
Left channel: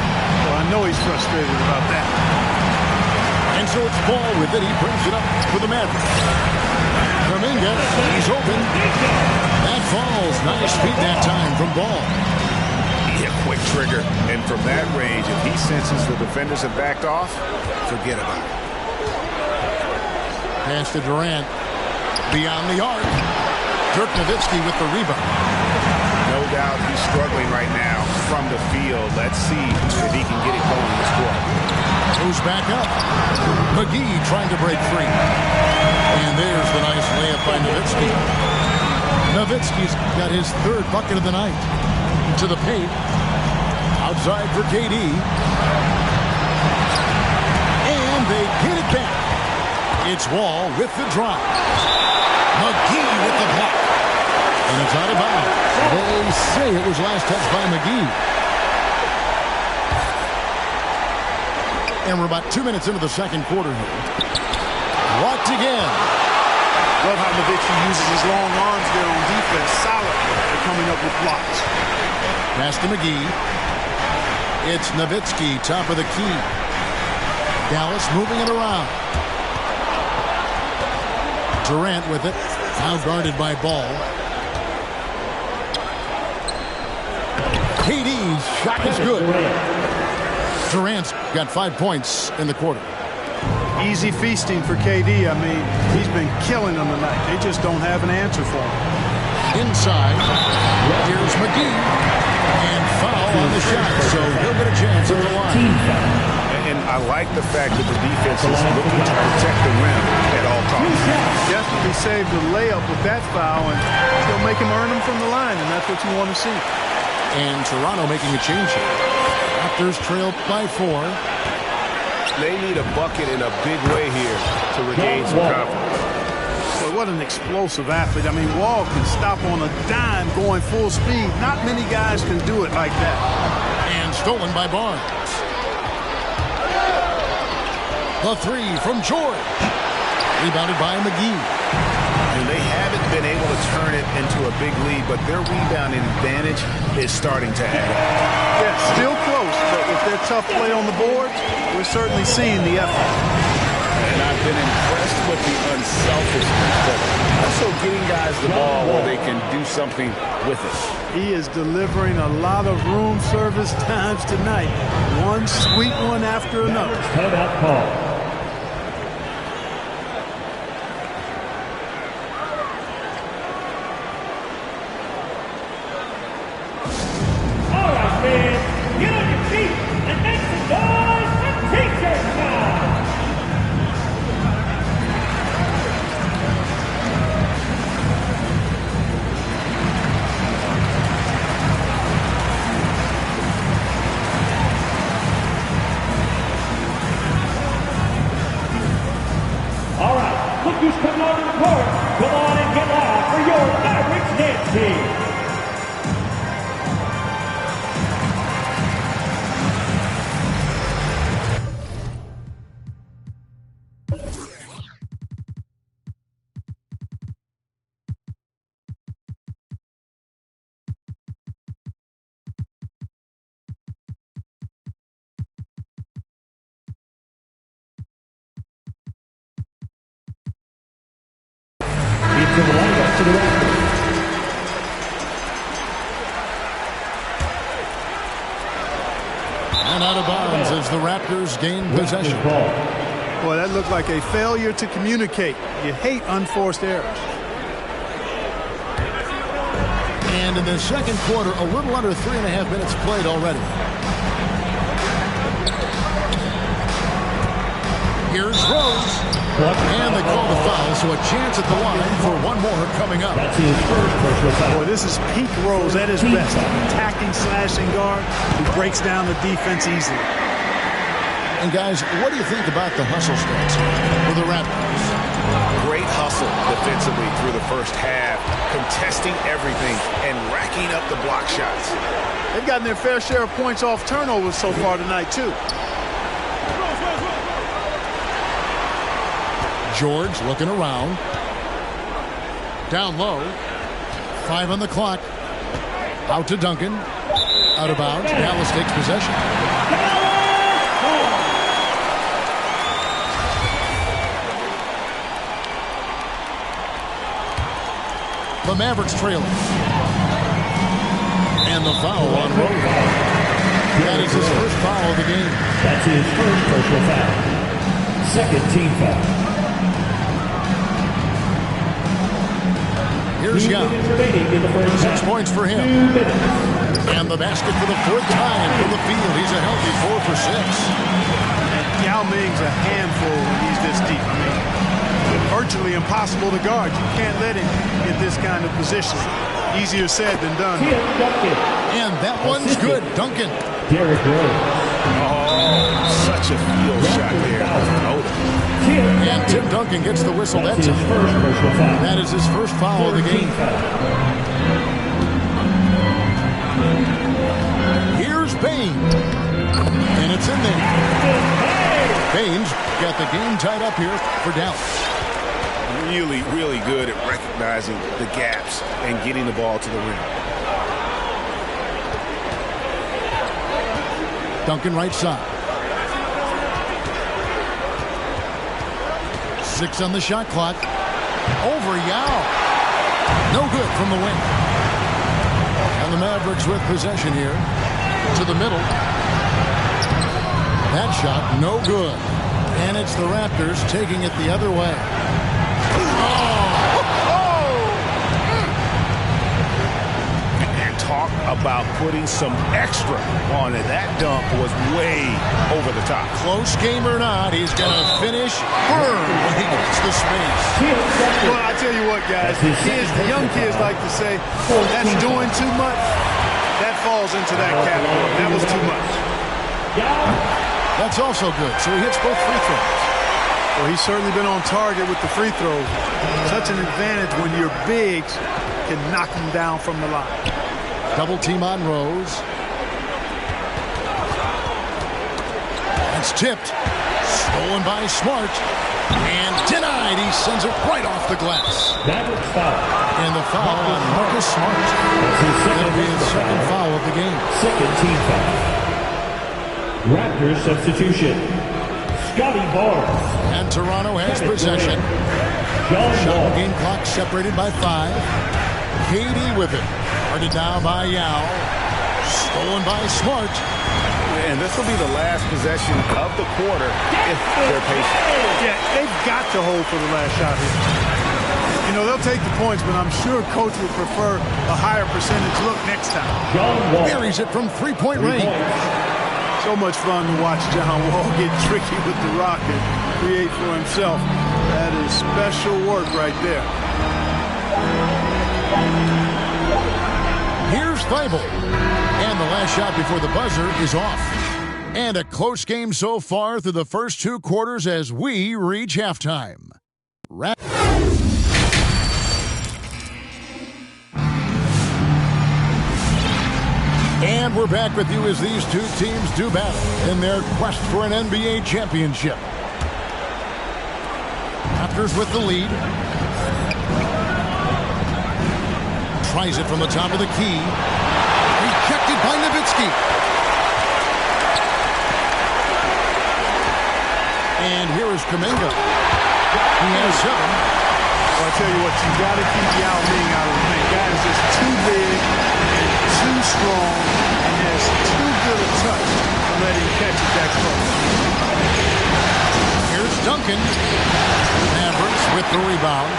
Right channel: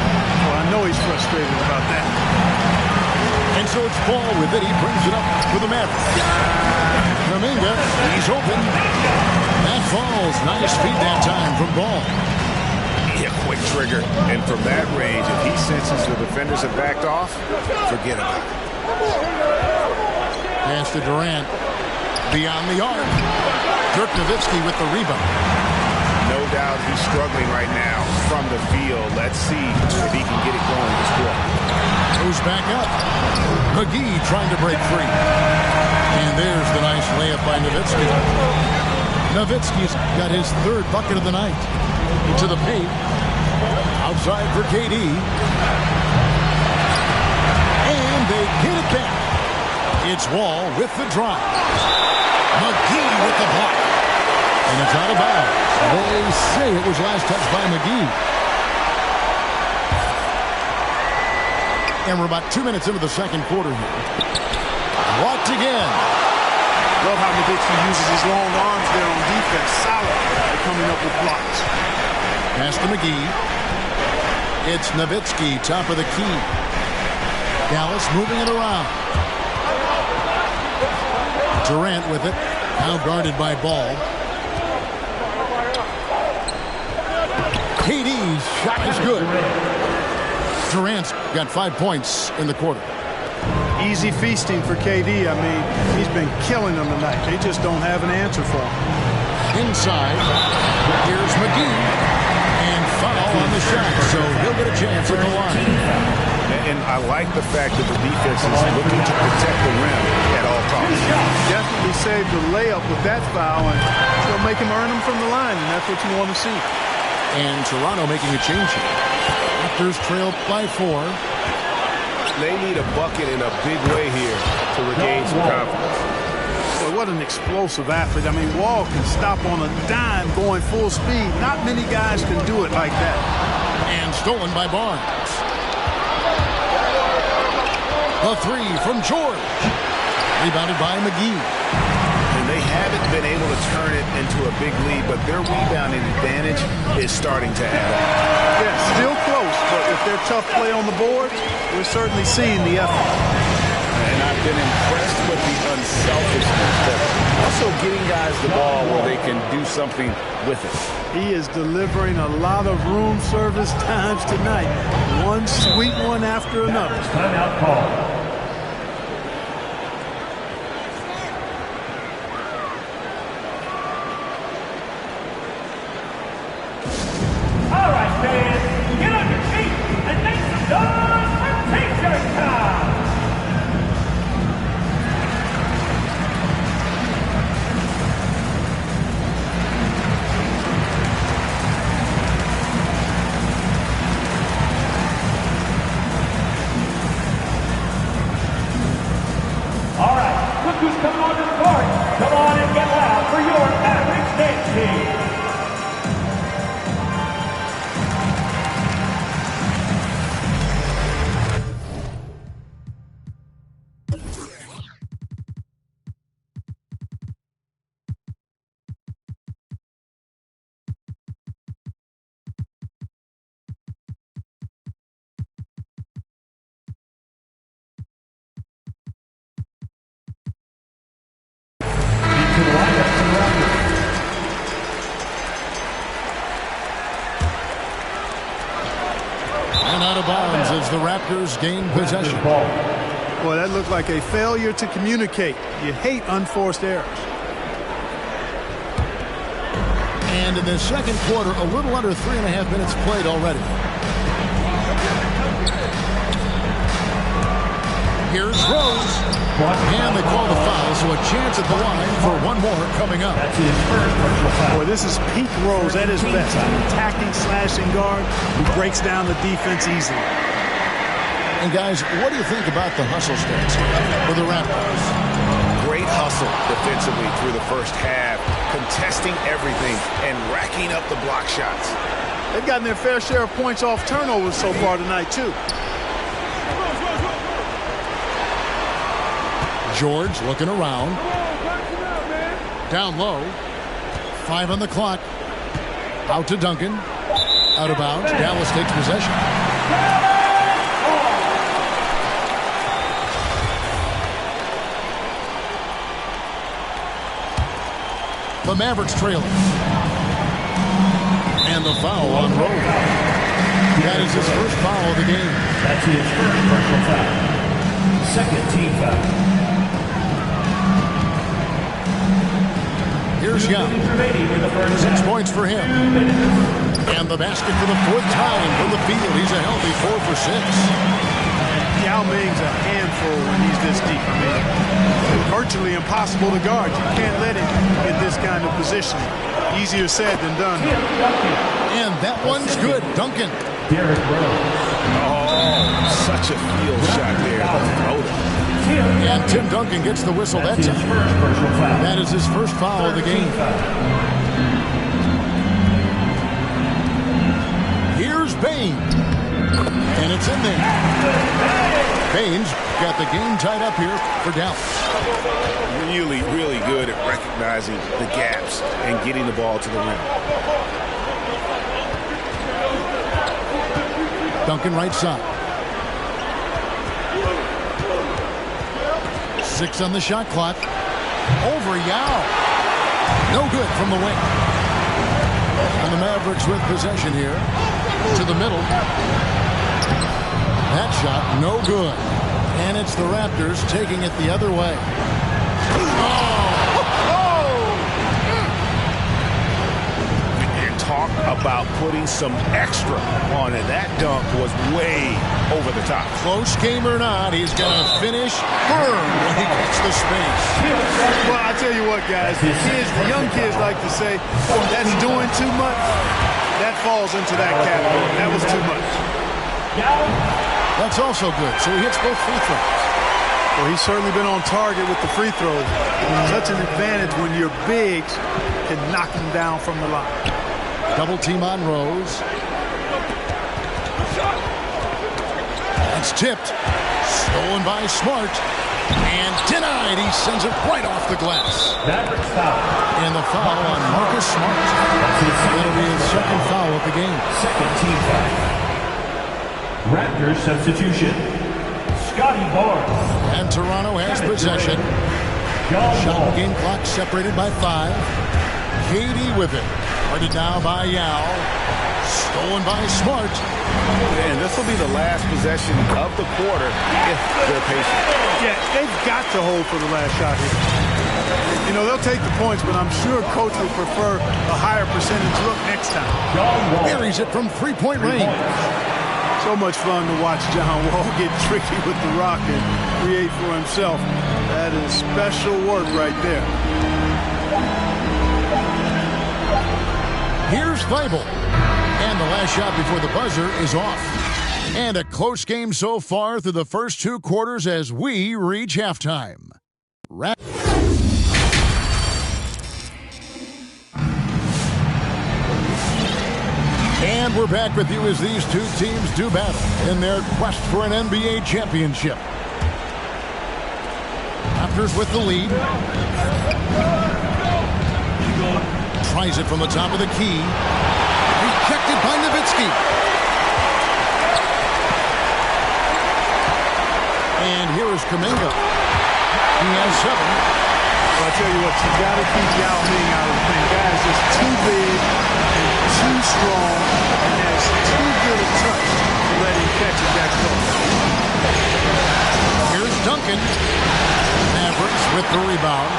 Well, I know he's frustrated about that. And so it's Ball with it. He brings it up for the Mavericks. Kuminga, he's open. That falls. Nice feed that time from Ball. Yeah, quick trigger. And from that range, if he senses the defenders have backed off, forget about it. Pass to Durant. Beyond the arc. Dirk Nowitzki with the rebound. No doubt he's struggling right now from the field. Let's see if he can get it going this quarter. Goes back up. McGee trying to break free. And there's the nice layup by Nowitzki. Nowitzki's got his 3rd bucket of the night. To the paint. Outside for KD. And they get it back. It's Wall with the drive. McGee with the block. And it's out of bounds. They say it was last touched by McGee. And we're about 2 minutes into the second quarter here. Blocked again. Love how Nowitzki uses his long arms there on defense. Solid at coming up with blocks. Pass to McGee. It's Nowitzki, top of the key. Dallas moving it around. Durant with it. Now guarded by Ball. KD's shot is good. Durant's got 5 points in the quarter. Easy feasting for KD. I mean, he's been killing them tonight. They just don't have an answer for him. Inside. Here's McGee. And foul on the shot, so he'll get a chance at the line. And I like the fact that the defense is looking to protect the rim at all costs. Definitely saved the layup with that foul, and they'll make him earn them from the line, and that's what you want to see. And Toronto making a change here. Raptors trail by 4. They need a bucket in a big way here to regain some confidence. Boy, what an explosive athlete. I mean, Wall can stop on a dime going full speed. Not many guys can do it like that. And stolen by Barnes. The three from George. Rebounded by McGee. And they haven't been able to turn it into a big lead, but their rebounding advantage is starting to add up. Yeah, still close, but with their tough play on the boards, we're certainly seeing the effort. And I've been impressed with the unselfishness, but also getting guys the ball where they can do something with it. He is delivering a lot of room service times tonight. One sweet one after another. Timeout call. Who's coming onto the court? Come on and get loud for your Mavericks dance team. To the lineup for the Raptors. And out of bounds as the Raptors gain possession. Boy, that looked like a failure to communicate. You hate unforced errors. And in the second quarter, a little under 3.5 minutes played already. Here's Rose. And they call the foul, so a chance at the line for one more coming up. That's his first personal foul. Boy, this is peak Rose at his best. An attacking, slashing guard who breaks down the defense easily. And guys, what do you think about the hustle stats for the Raptors? Great hustle defensively through the first half, contesting everything and racking up the block shots. They've gotten their fair share of points off turnovers so far tonight, too. George looking around. Down low. 5 on the clock. Out to Duncan. Out of bounds. Dallas takes possession. The Mavericks trailing. And the foul on Rose. That is his first foul of the game. That's his first personal foul. Second team foul. Here's Young. 6 points for him. And the basket for the 4th time from the field. He's a healthy 4 for 6. And Yao Ming's a handful when he's this deep. I mean, virtually impossible to guard. You can't let him get this kind of positioning. Easier said than done. And that one's good. Duncan. Derrick Rose. Oh, such a field shot there. The floater. And Tim Duncan gets the whistle that time. That is his first foul of the game. Here's Bain. And it's in there. Bain's got the game tied up here for Dallas. Really, really good at recognizing the gaps and getting the ball to the rim. Duncan right side. 6 on the shot clock. Over Yao. No good from the wing. And the Mavericks with possession here. To the middle. That shot no good. And it's the Raptors taking it the other way. And talk about putting some extra on it. That dunk was way over the top. Close game or not, he's going to finish firm when he gets the space. Well, I tell you what, guys, the young kids like to say, that's doing too much. That falls into that category. That was too much. That's also good, so he hits both free throws. Well, he's certainly been on target with the free throws. Such an advantage when your bigs can knock him down from the line. Double team on Rose. That's tipped. Stolen by Smart. And denied. He sends it right off the glass. Mavericks foul. And the foul on Marcus Smart. That'll be his second foul of the game. Second team foul. Raptors substitution. Scotty Barnes. And Toronto has possession. Shot and game clock separated by 5. KD with it. Guarded now by Yao. Stolen by Smart. And this will be the last possession of the quarter if they're patient. Yeah, they've got to hold for the last shot here. You know, they'll take the points, but I'm sure coach would prefer a higher percentage look next time. Buries it from 3-point range. So much fun to watch John Wall get tricky with the rock and create for himself. That is special work right there. Here's Thibault. And the last shot before the buzzer is off. And a close game so far through the first 2 quarters as we reach halftime. And we're back with you as these two teams do battle in their quest for an NBA championship. Raptors with the lead. Tries it from the top of the key. Rejected by Nowitzki. And here is Kuminga. He has 7. Well, I tell you what, you got to keep Yao Ming out of the thing. Guy is just too big and too strong and has too good a touch to let him catch it that close. Here's Duncan. Mavericks with the rebound.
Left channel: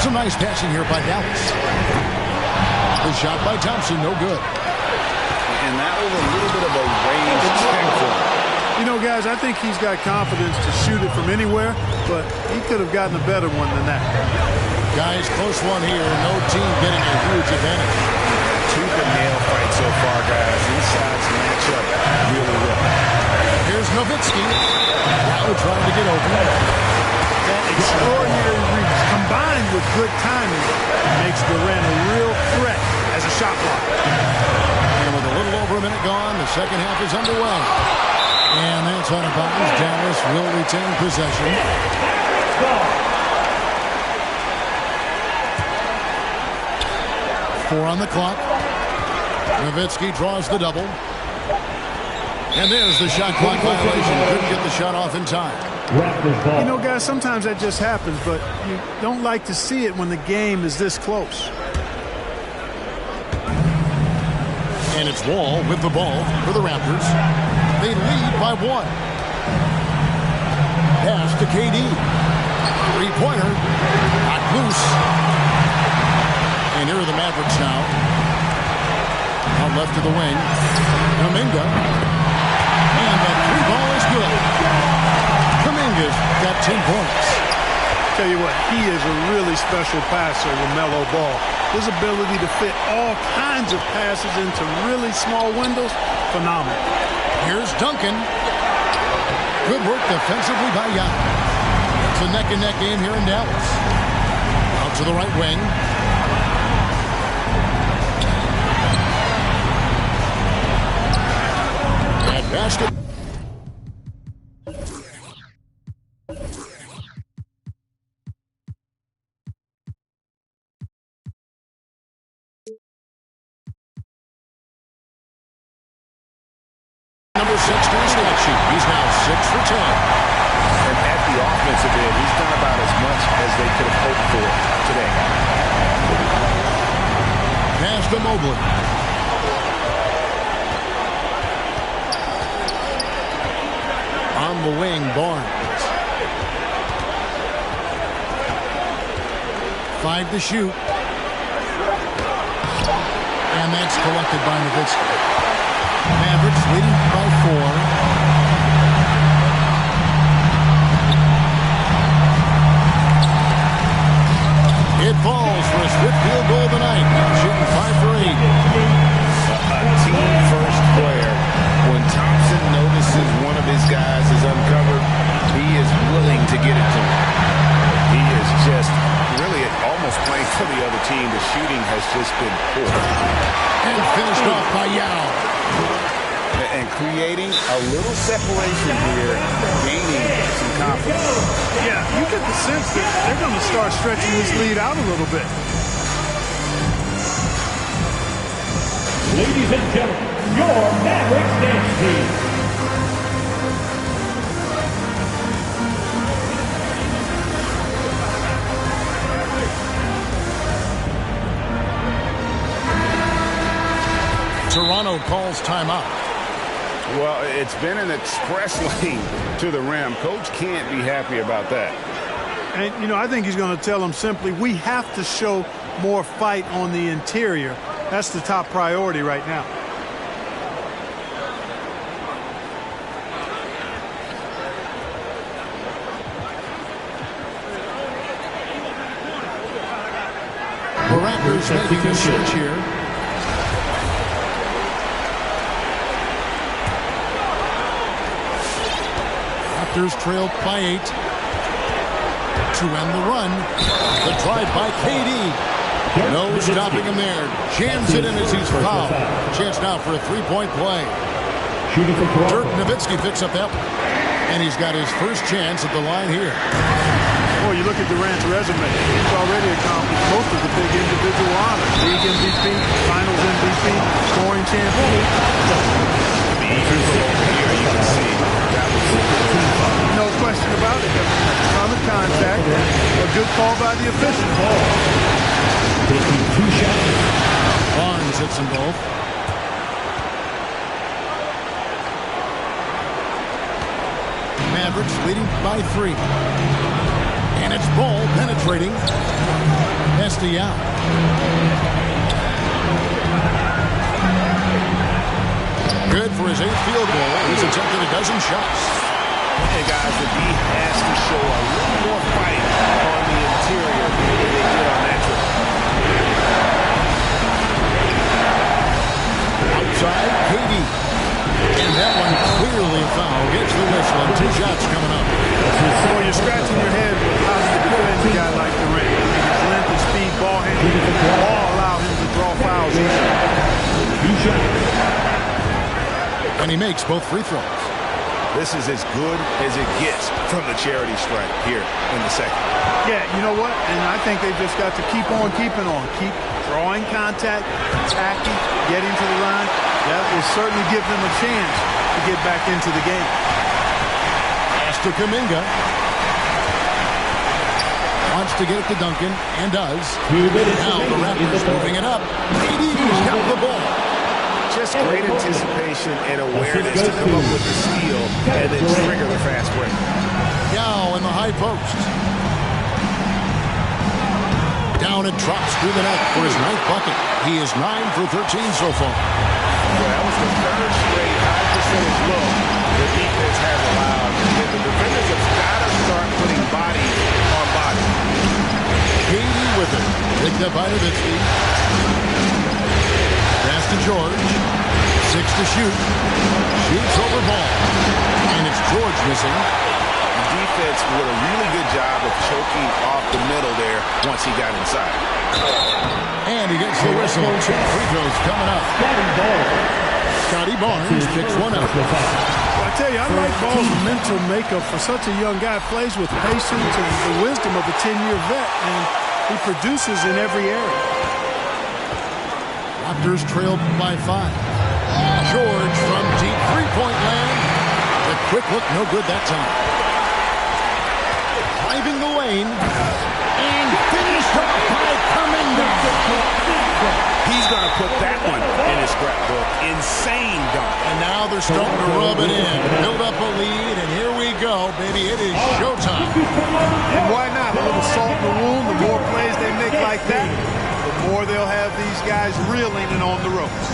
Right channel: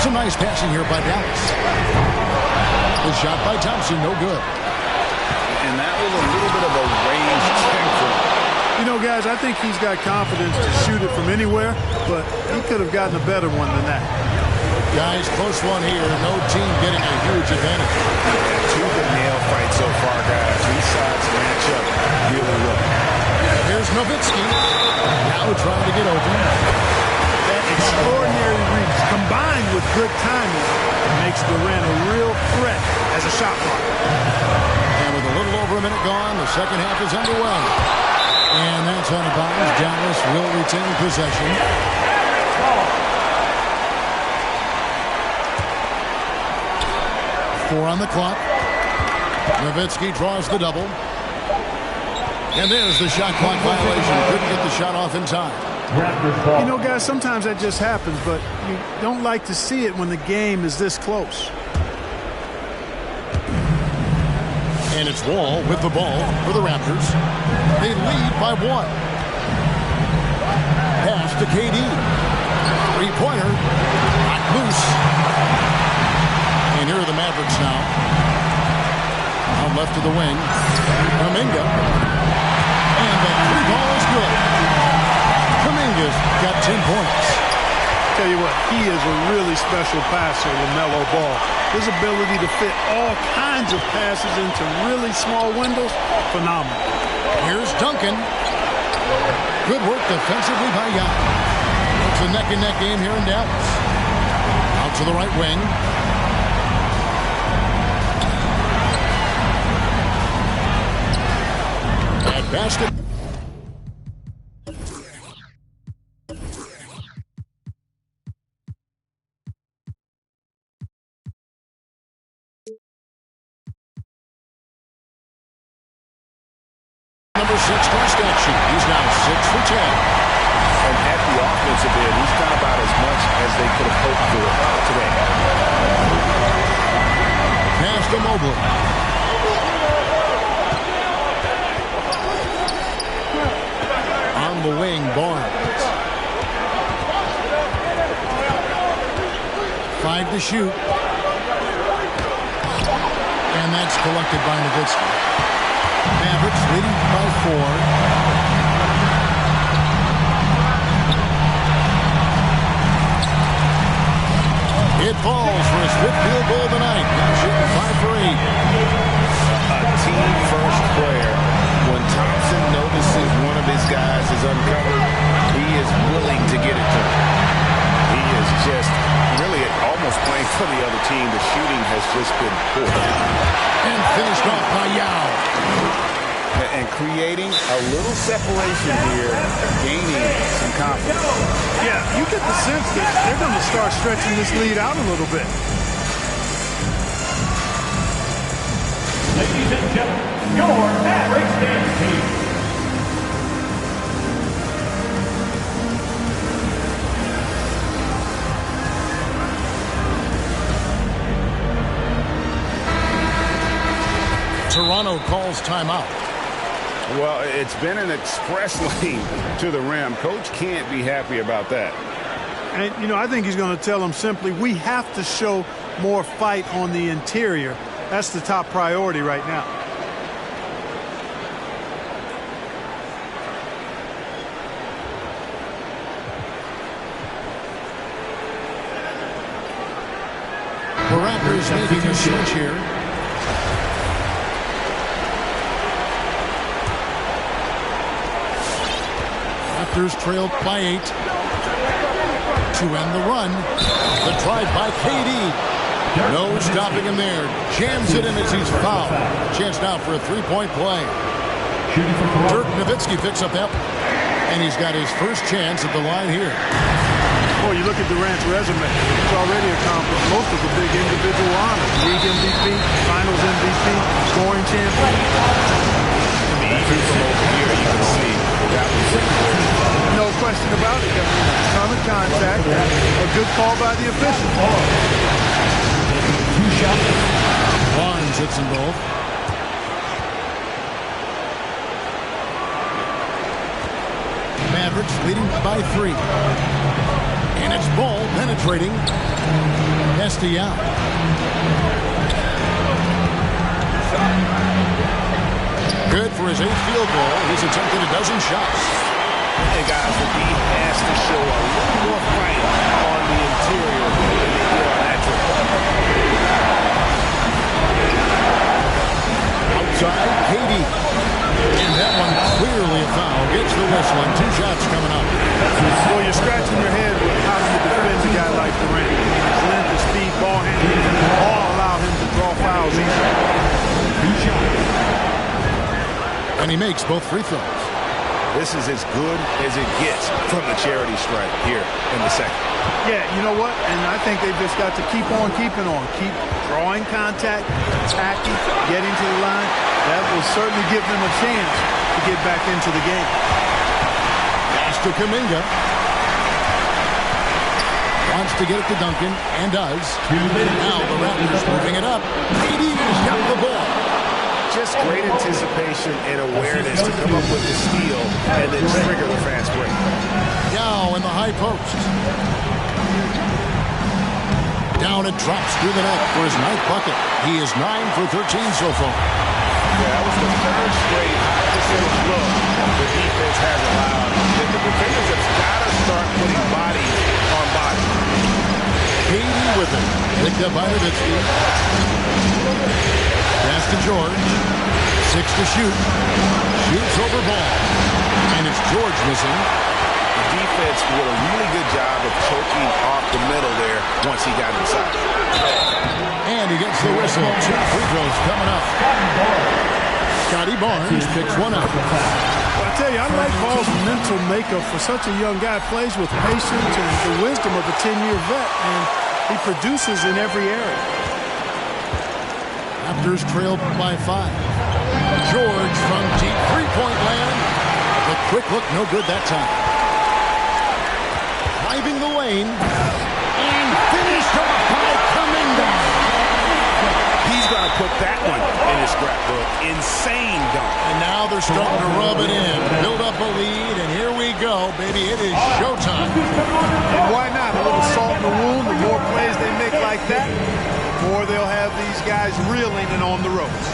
Some nice passing here by Dallas. The shot by Thompson, no good. And that was a little bit of a range check for him. You know, guys, I think he's got confidence to shoot it from anywhere, but he could have gotten a better one than that. Guys, close one here. No team getting a huge advantage. Yeah, tooth and nail fight so far, guys. These sides match up really well. Here's Nowitzki. Now trying to get open. That extraordinary reach combined with good timing makes Durant a real threat as a shot blocker. And with a little over a minute gone, the second half is underway. And that's out of bounds. Dallas will retain possession. 4 on the clock. Nowitzki draws the double. And there's the shot clock violation. Couldn't get the shot off in time. You know, guys, sometimes that just happens, but you don't like to see it when the game is this close. And it's Wall with the ball for the Raptors. They lead by 1. Pass to KD. 3-pointer. Not loose. And here are the Mavericks now. Out left to the wing. Kuminga. And the 3-ball is good. Kuminga's got 10 points. Tell you what, he is a really special passer, LaMelo Ball. His ability to fit all kinds of passes into really small windows, phenomenal. Here's Duncan. Good work defensively by Yao. It's a neck-and-neck game here in Dallas. Out to the right wing. At basket. Number 6 to his stat sheet. He's now 6 for 10. And at the offensive end, he's done about as much as they could have hoped for today. Pass to Mobley. On the wing, Barnes. 5 to shoot. And that's collected by Nowitzki. Mavericks leading by 4. It falls for his 5th field goal tonight. Now shooting 5 for 8. A team-first player. When Thompson notices one of his guys is uncovered, he is willing to get it to him. He is just really almost playing for the other team. The shooting has just been poor. And finished off by Yao. And creating a little separation here, gaining some confidence. Yeah, you get the sense that they're going to start stretching this lead out a little bit. Ladies and gentlemen, your Mavericks dance team. Toronto calls timeout. Well, it's been an express lane to the rim. Coach can't be happy about that. And, you know, I think he's going to tell them simply, we have to show more fight on the interior. That's the top priority right now. The Raptors making a switch here. Raptors trailed by 8 to end the run. The drive by KD. No stopping him there. Jams it in as he's fouled. Chance now for a three-point play. Dirk Nowitzki picks up that. And he's got his first chance at the line here. Well, you look at Durant's resume. He's already accomplished most of the big individual honors. League MVP, Finals MVP, scoring champion. Even from over here, you can see that was no question about it. I mean, a ton of contact. A good call by the official. Barnes hits them both. Mavericks leading by 3. And it's Ball penetrating. Yao. Good for his 8th field goal. He's attempted a dozen shots. And guys, the D has to show a little more fight on the interior than they did on that trip. Outside, KD. And that one clearly a foul. Gets the whistle and 2 shots coming up. Well, you're scratching your head with how do you defend a guy like Durant. I mean, his length, his speed, ball handling, all allow him to draw fouls easily. And he makes both free throws. This is as good as it gets from the charity stripe here in the second. Yeah, you know what? And I think they've just got to keep on keeping on. Keep drawing contact, attacking, getting to the line. That will certainly give them a chance to get back into the game. Pass to Kuminga. Wants to get it to Duncan, and does. Now the Raptors moving it up. KD's got the ball. Just great anticipation and awareness to come up with the steal and then trigger the fast break. Yao in the high post. Down and drops through the net for his 9th bucket. He is 9 for 13 so far. Yeah, that was the 3rd straight high percentage look the defense has allowed. The defenders have got to start putting body on body. KD with it. Picked up by Nowitzki. Pass to George. 6 to shoot. Shoots over Ball. And it's George missing. The defense did a really good job of choking off the middle there once he got inside. And he gets the whistle. 2 free throws coming up. Scotty Barnes picks one up. Well, I tell you, I like Ball's mental makeup for such a young guy. Plays with patience and the wisdom of a 10-year vet, and he produces in every area. Raptors trailed by 5. George from deep three-point land. The quick look, no good that time. Driving the lane. And finished off by Kuminga. He's going to put that one in his scrapbook. Insane dunk. And now they're starting to rub it in. Build up a lead, and here we go, baby. It is showtime. And why not? A little salt in the wound. The more plays they make like that, the more they'll have these guys reeling and on the ropes.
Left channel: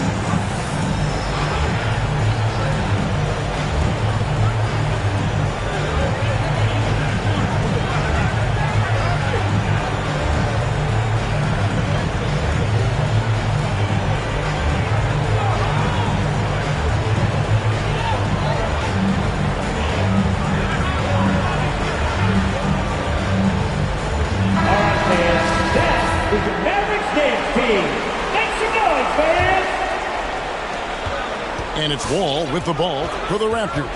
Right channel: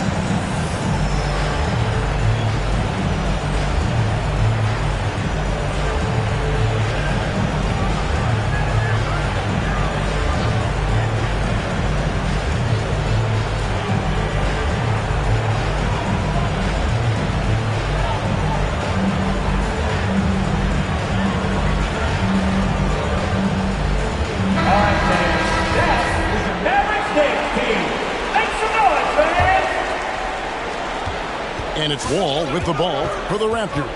And it's Wall with the ball for the Raptors.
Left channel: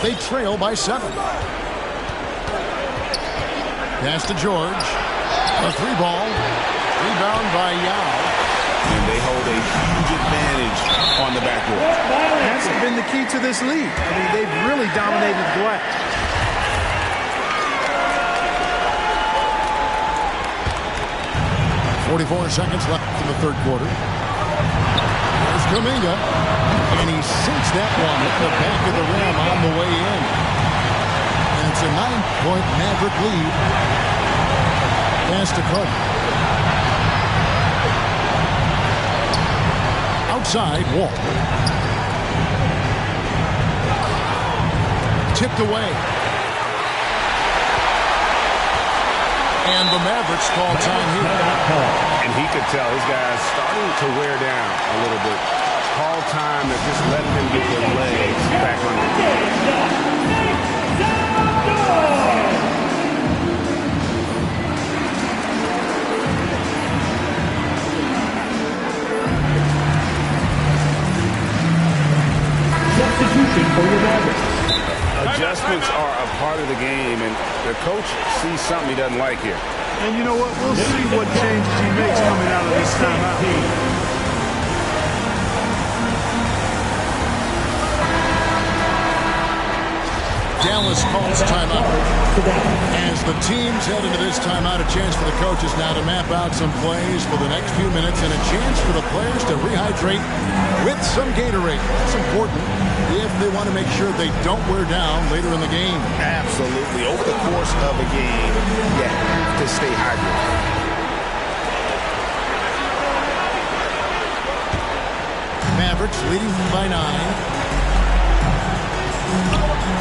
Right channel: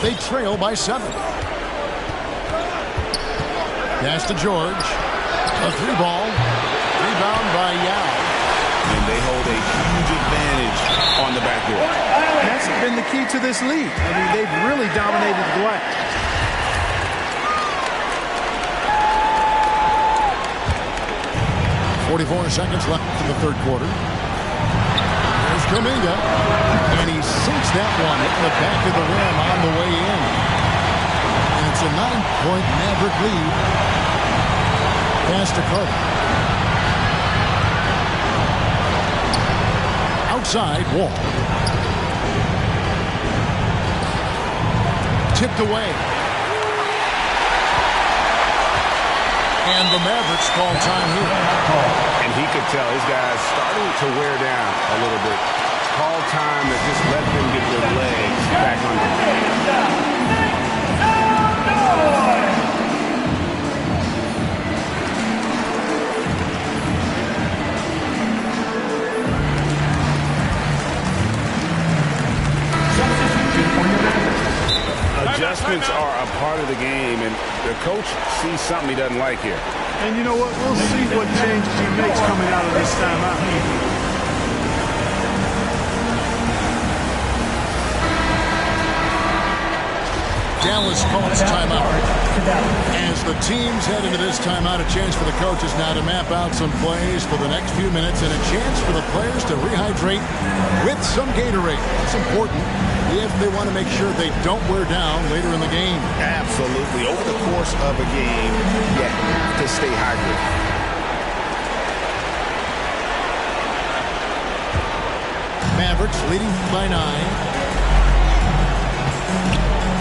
They trail by 7. Pass to George. A 3-ball. Rebound by Yao. And they hold a huge advantage on the backboard. That's been the key to this league. I mean, they've really dominated the glass. .44 seconds left in the third quarter. There's Kuminga. And he sinks that one, hitting the back of the rim on the way in. And it's a 9-point Maverick lead. Pass to Carter. Outside, Wall. Tipped away. And the Mavericks call time here. And he could tell his guys starting to wear down a little bit. Call time that just let them get their legs back on the Substitution for your Mavericks. Adjustments are a part of the game, and the coach sees something he doesn't like here. And you know what? We'll see what changes he makes coming out of this timeout. Dallas calls timeout. As the teams head into this timeout, a chance for the coaches now to map out some plays for the next few minutes and a chance for the players to rehydrate with some Gatorade. That's important if they want to make sure they don't wear down later in the game. Absolutely. Over the course of a game, you have to stay hydrated. Mavericks leading by 9.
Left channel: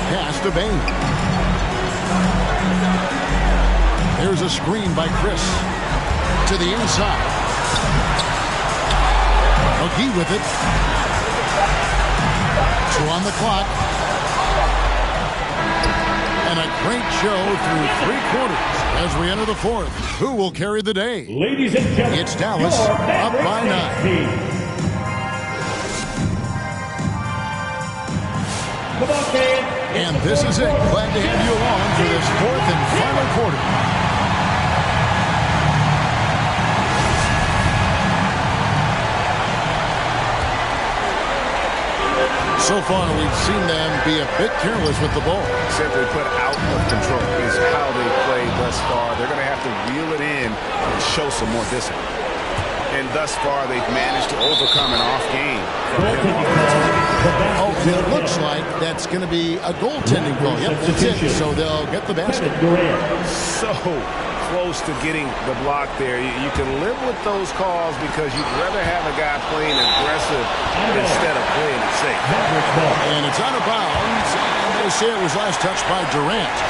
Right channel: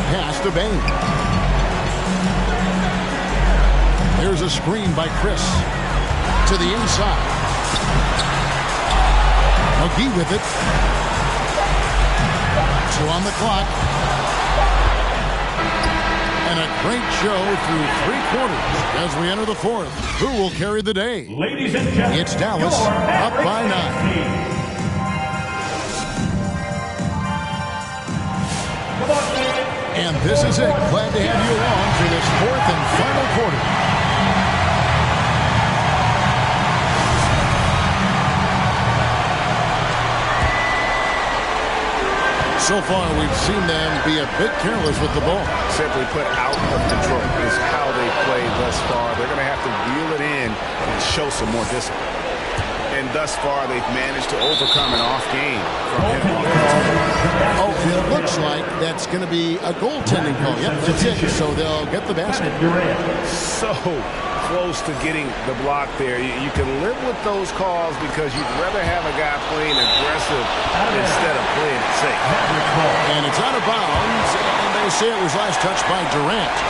Pass to Bane. There's a screen by Chris. To the inside. McGee with it. 2 on the clock. And a great show through 3 quarters as we enter the 4th. Who will carry the day? Ladies and gentlemen, it's Dallas up by 9. Come on, man. And this is it. Glad to have you along for this 4th and final quarter. So far, we've seen them be a bit careless with the ball. Simply put, out of control is how they played thus far. They're going to have to reel it in and show some more discipline. And thus far, they've managed to overcome an off game from him offensively. Oh, it looks like that's going to be a goaltending call. Yep, that's it. So they'll get the basket. So close to getting the block there. You can live with those calls because you'd rather have a guy playing aggressive instead of playing it safe. And it's out of bounds, and they say it was last touched by Durant.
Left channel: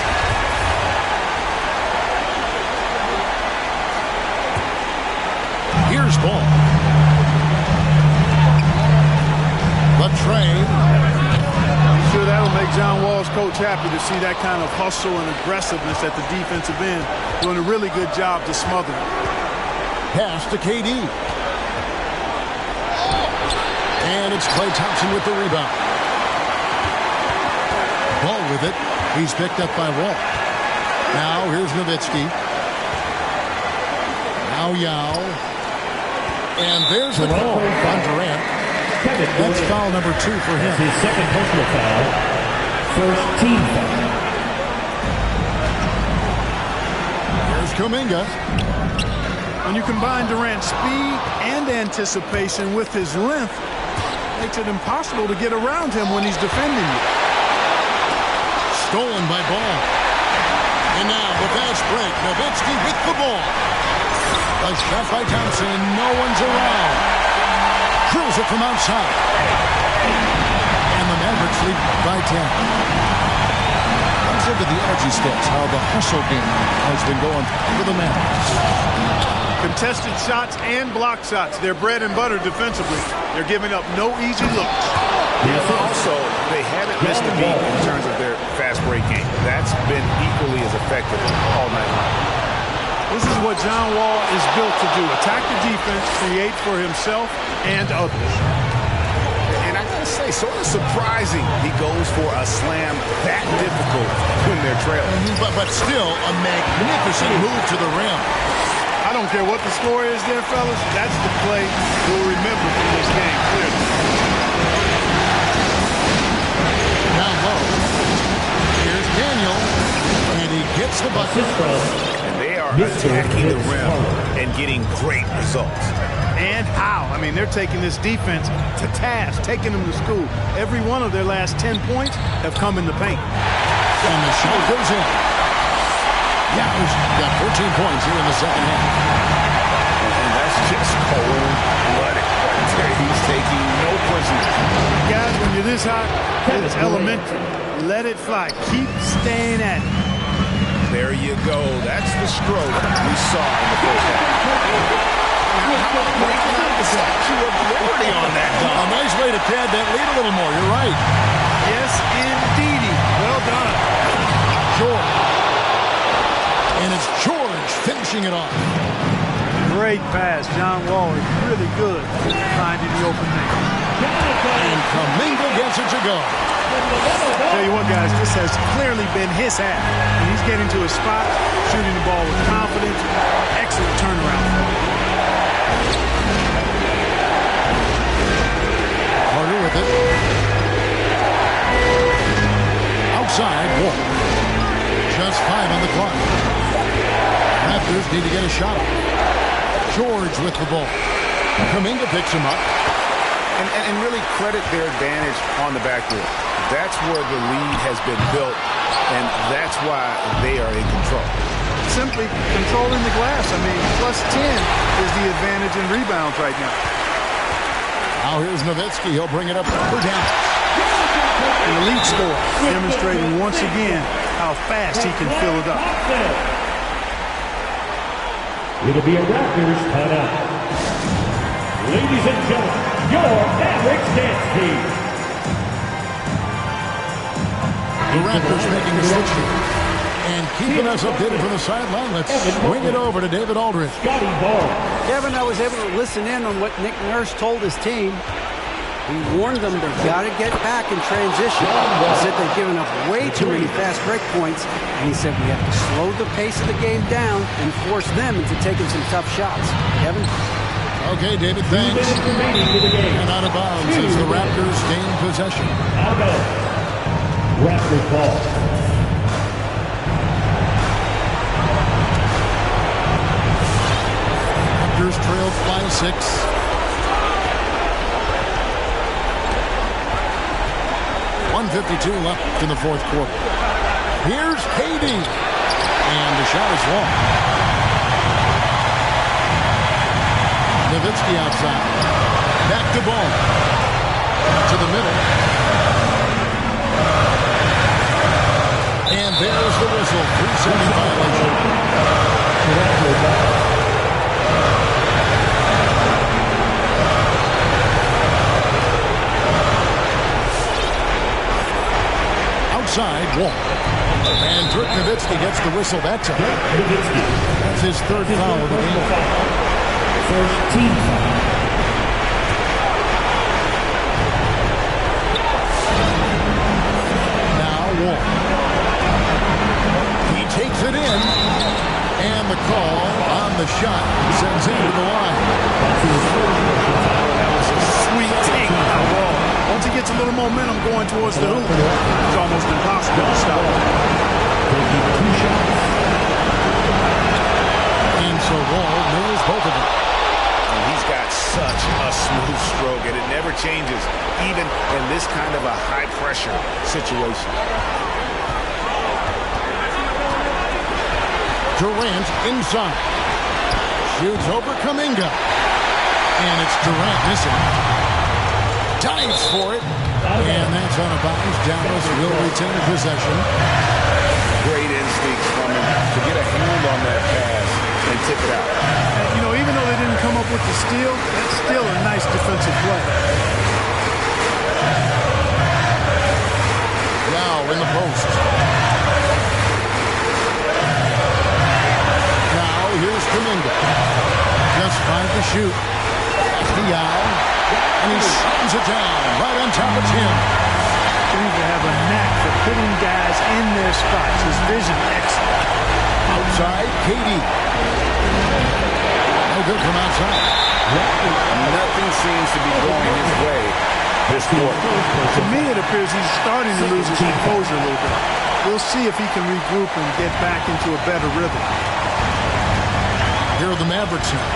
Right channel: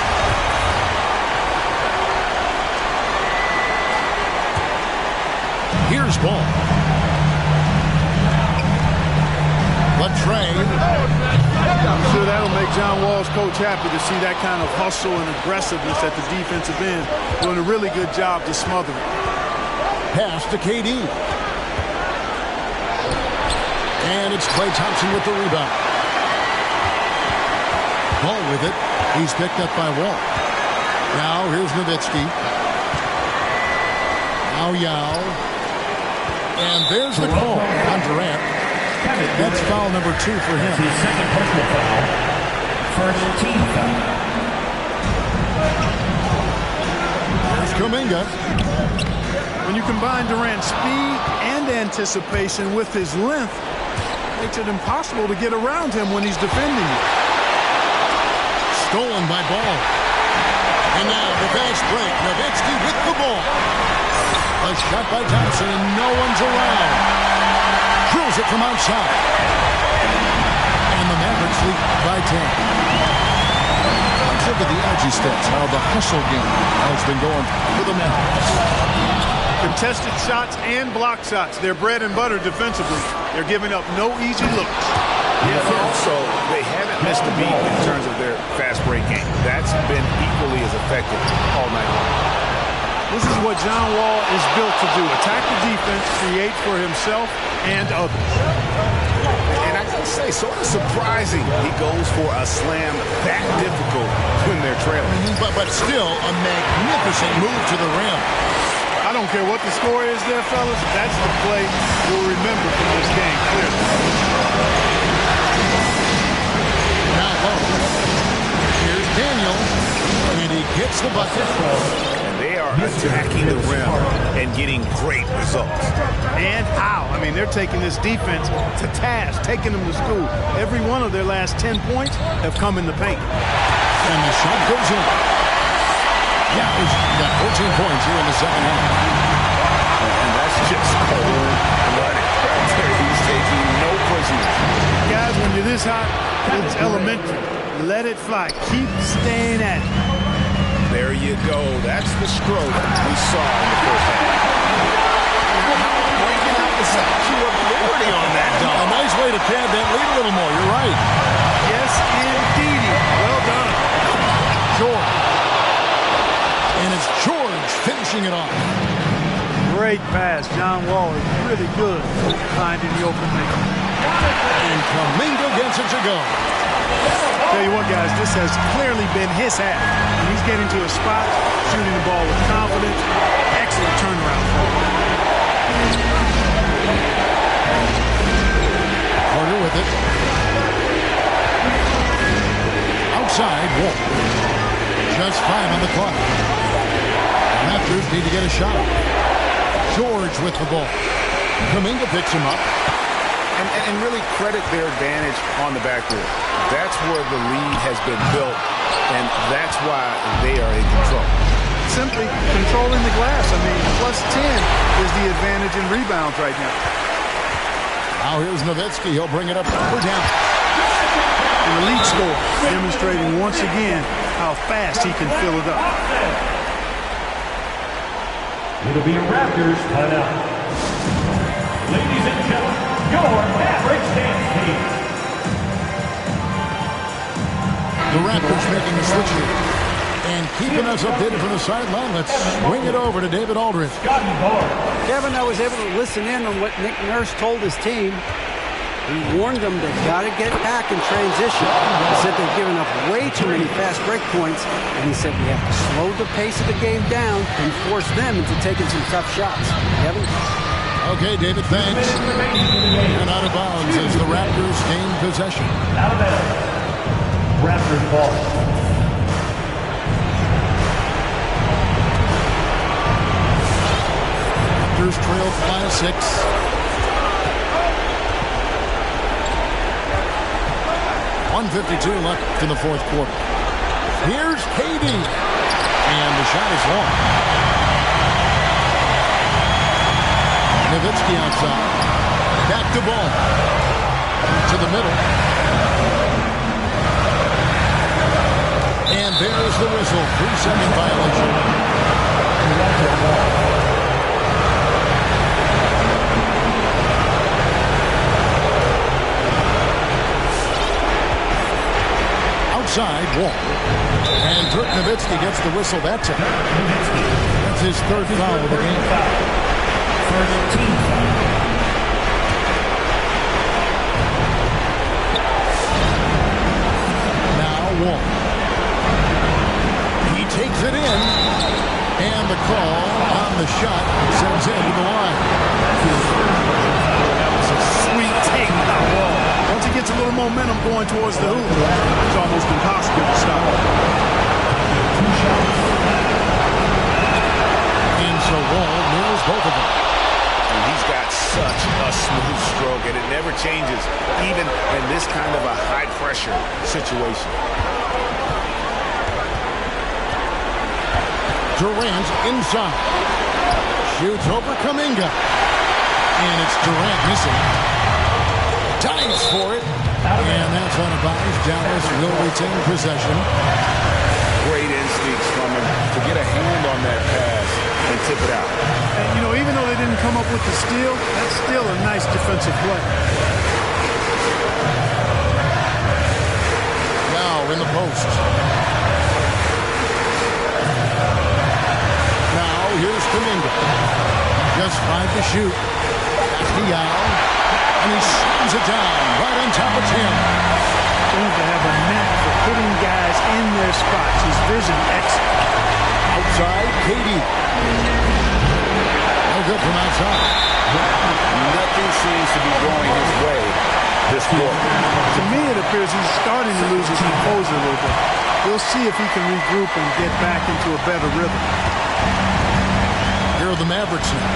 Here's ball. The Trey. I'm sure that'll make John Wall's coach happy to see that kind of hustle and aggressiveness at the defensive end, doing a really good job to smother it. Pass to KD. And it's Klay Thompson with the rebound. Ball with it. He's picked up by Wall. Now here's Nowitzki. Now Yao. And there's the call on Durant. That's foul number 2 for him. That's his second personal foul. First team foul. Here's Kuminga. When you combine Durant's speed and anticipation with his length, it makes it impossible to get around him when he's defending you. Stolen by Ball. And now the fast break. Nowitzki with the ball. A shot by Thompson and no one's around. Drills it from outside. And the Mavericks lead by 10. Let's look at the energy stats, how the hustle game has been going for the Mavericks. Contested shots and block shots. They're bread and butter defensively. They're giving up no easy looks. Yeah, but also, they haven't missed a beat in terms of their fast break game. That's been equally as effective all night long. This is what John Wall is built to do. Attack the defense, create for himself and others. And I gotta say, sort of surprising he goes for a slam that difficult when they're trailing. But still, a magnificent move to the rim. I don't care what the score is there, fellas. That's the play we'll remember from this game, clearly. Now low. Here's Daniel. And he gets the bucket. And they are attacking the rim and getting great results. And how? I mean, they're taking this defense to task, taking them to school. Every one of their last 10 points have come in the paint. And the shot goes in. Yow's got 14 points here in the second half. And that's just cold-blooded right there. He's taking no prisoners. Guys, when you're this hot, it's elementary. Let it fly. Keep staying at it. There you go. That's the stroke we saw in the first half. Now, how about breaking out the Statue of Liberty on that dunk? A nice way to pad that lead a little more. You're right. Yes, indeedy. Well done. George. And it's George finishing it off. Great pass. John Wall is really good at finding the open man. And Kuminga gets it to go. Tell you what, guys, this has clearly been his half. And he's getting to a spot, shooting the ball with confidence. Excellent turnaround for him. Carter with it. Outside, Wall. Just 5 on the clock. Raptors need to get a shot off. George with the ball. Kuminga picks him up. And really credit their advantage on the backboard. That's where the lead has been built, and that's why they are in control. Simply controlling the glass. I mean, plus 10 is the advantage in rebounds right now. Now here's Nowitzki. He'll bring it up for Dallas. An elite score, demonstrating once again how fast he can fill it up. It'll be a Raptors timeout. Ladies and gentlemen, your Mavericks dance team. The Raptors making the switch here. And keeping us updated from the sideline, let's swing it over to David Aldridge. Kevin, I was able to listen in on what Nick Nurse told his team. He warned them they've got to get back in transition. He said they've given up way too many fast break points, and he said we have to slow the pace of the game down and force them into taking some tough shots. Kevin? Okay, David, thanks. And out of bounds as the Raptors gain possession. Out of bounds. Raptors ball. Raptors trailed by 6. .152 left in the fourth quarter. Here's KD. And the shot is long. Nowitzki outside. Back to ball. To the middle. And there's the whistle. 3-second violation. inside Wall. And Dirk Nowitzki gets the whistle that time. That's his third foul of the game. First team foul. Now Wall. He takes it in. And the call on the shot sends him to the line. That was a sweet take by Wall. Once he gets a little momentum going towards the hoop, it's almost impossible to stop him. And so Wall nails both of them. And he's got such a smooth stroke, and it never changes, even in this kind of a high-pressure situation. Durant inside. Shoots over Kuminga. And it's Durant missing. Dives for it. And that's on a bounce. Dallas will retain possession. Great instincts from him to get a hand on that pass and tip it out. And, you know, even though they didn't come up with the steal, that's still a nice defensive play. Now in the post. Now here's Kuminga. Just 5 to shoot. That's Diaw. And he slams it down right on top of Tim. Seems to have a knack for hitting guys in their spots. His vision excellent. Outside, KD. No good from outside. Nothing seems to be going his way this quarter. To me, it appears he's starting to lose his composure a little bit. We'll see if he can regroup and get back into a better rhythm. Here are the Mavericks now.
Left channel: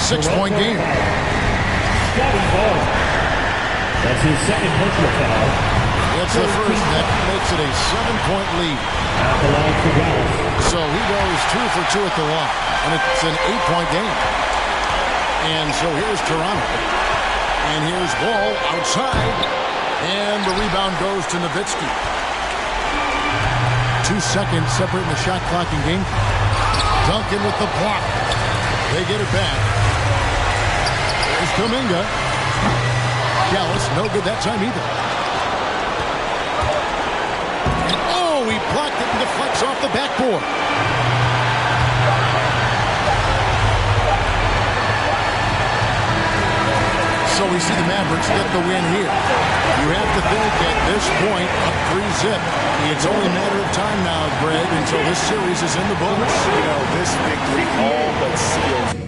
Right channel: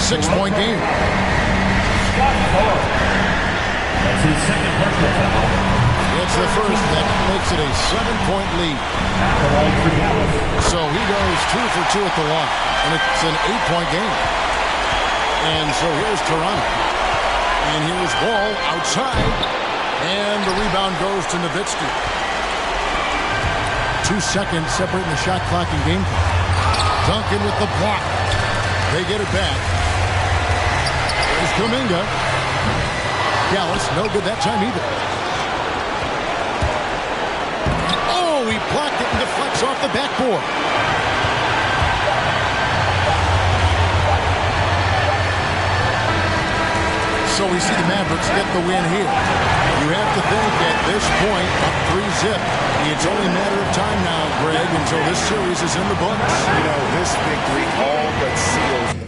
6-point game. Scotty Barnes. That's his second personal foul. It's the first that makes it a 7-point lead. At the line for Dallas. So he goes 2 for 2 at the line. And it's an 8-point game. And so here's Toronto. And here's Wall outside. And the rebound goes to Nowitzki. 2 seconds separating the shot clock and game clock. Duncan with the block. They get it back. There's Kuminga. Dallas, no good that time either. Oh, he blocked it and deflects off the backboard. So we see the Mavericks get the win here. You have to think at this point, up 3-0. It's only a matter of time now, Greg, until this series is in the books. You know, this victory all but seals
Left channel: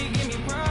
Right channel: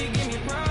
really give me problems.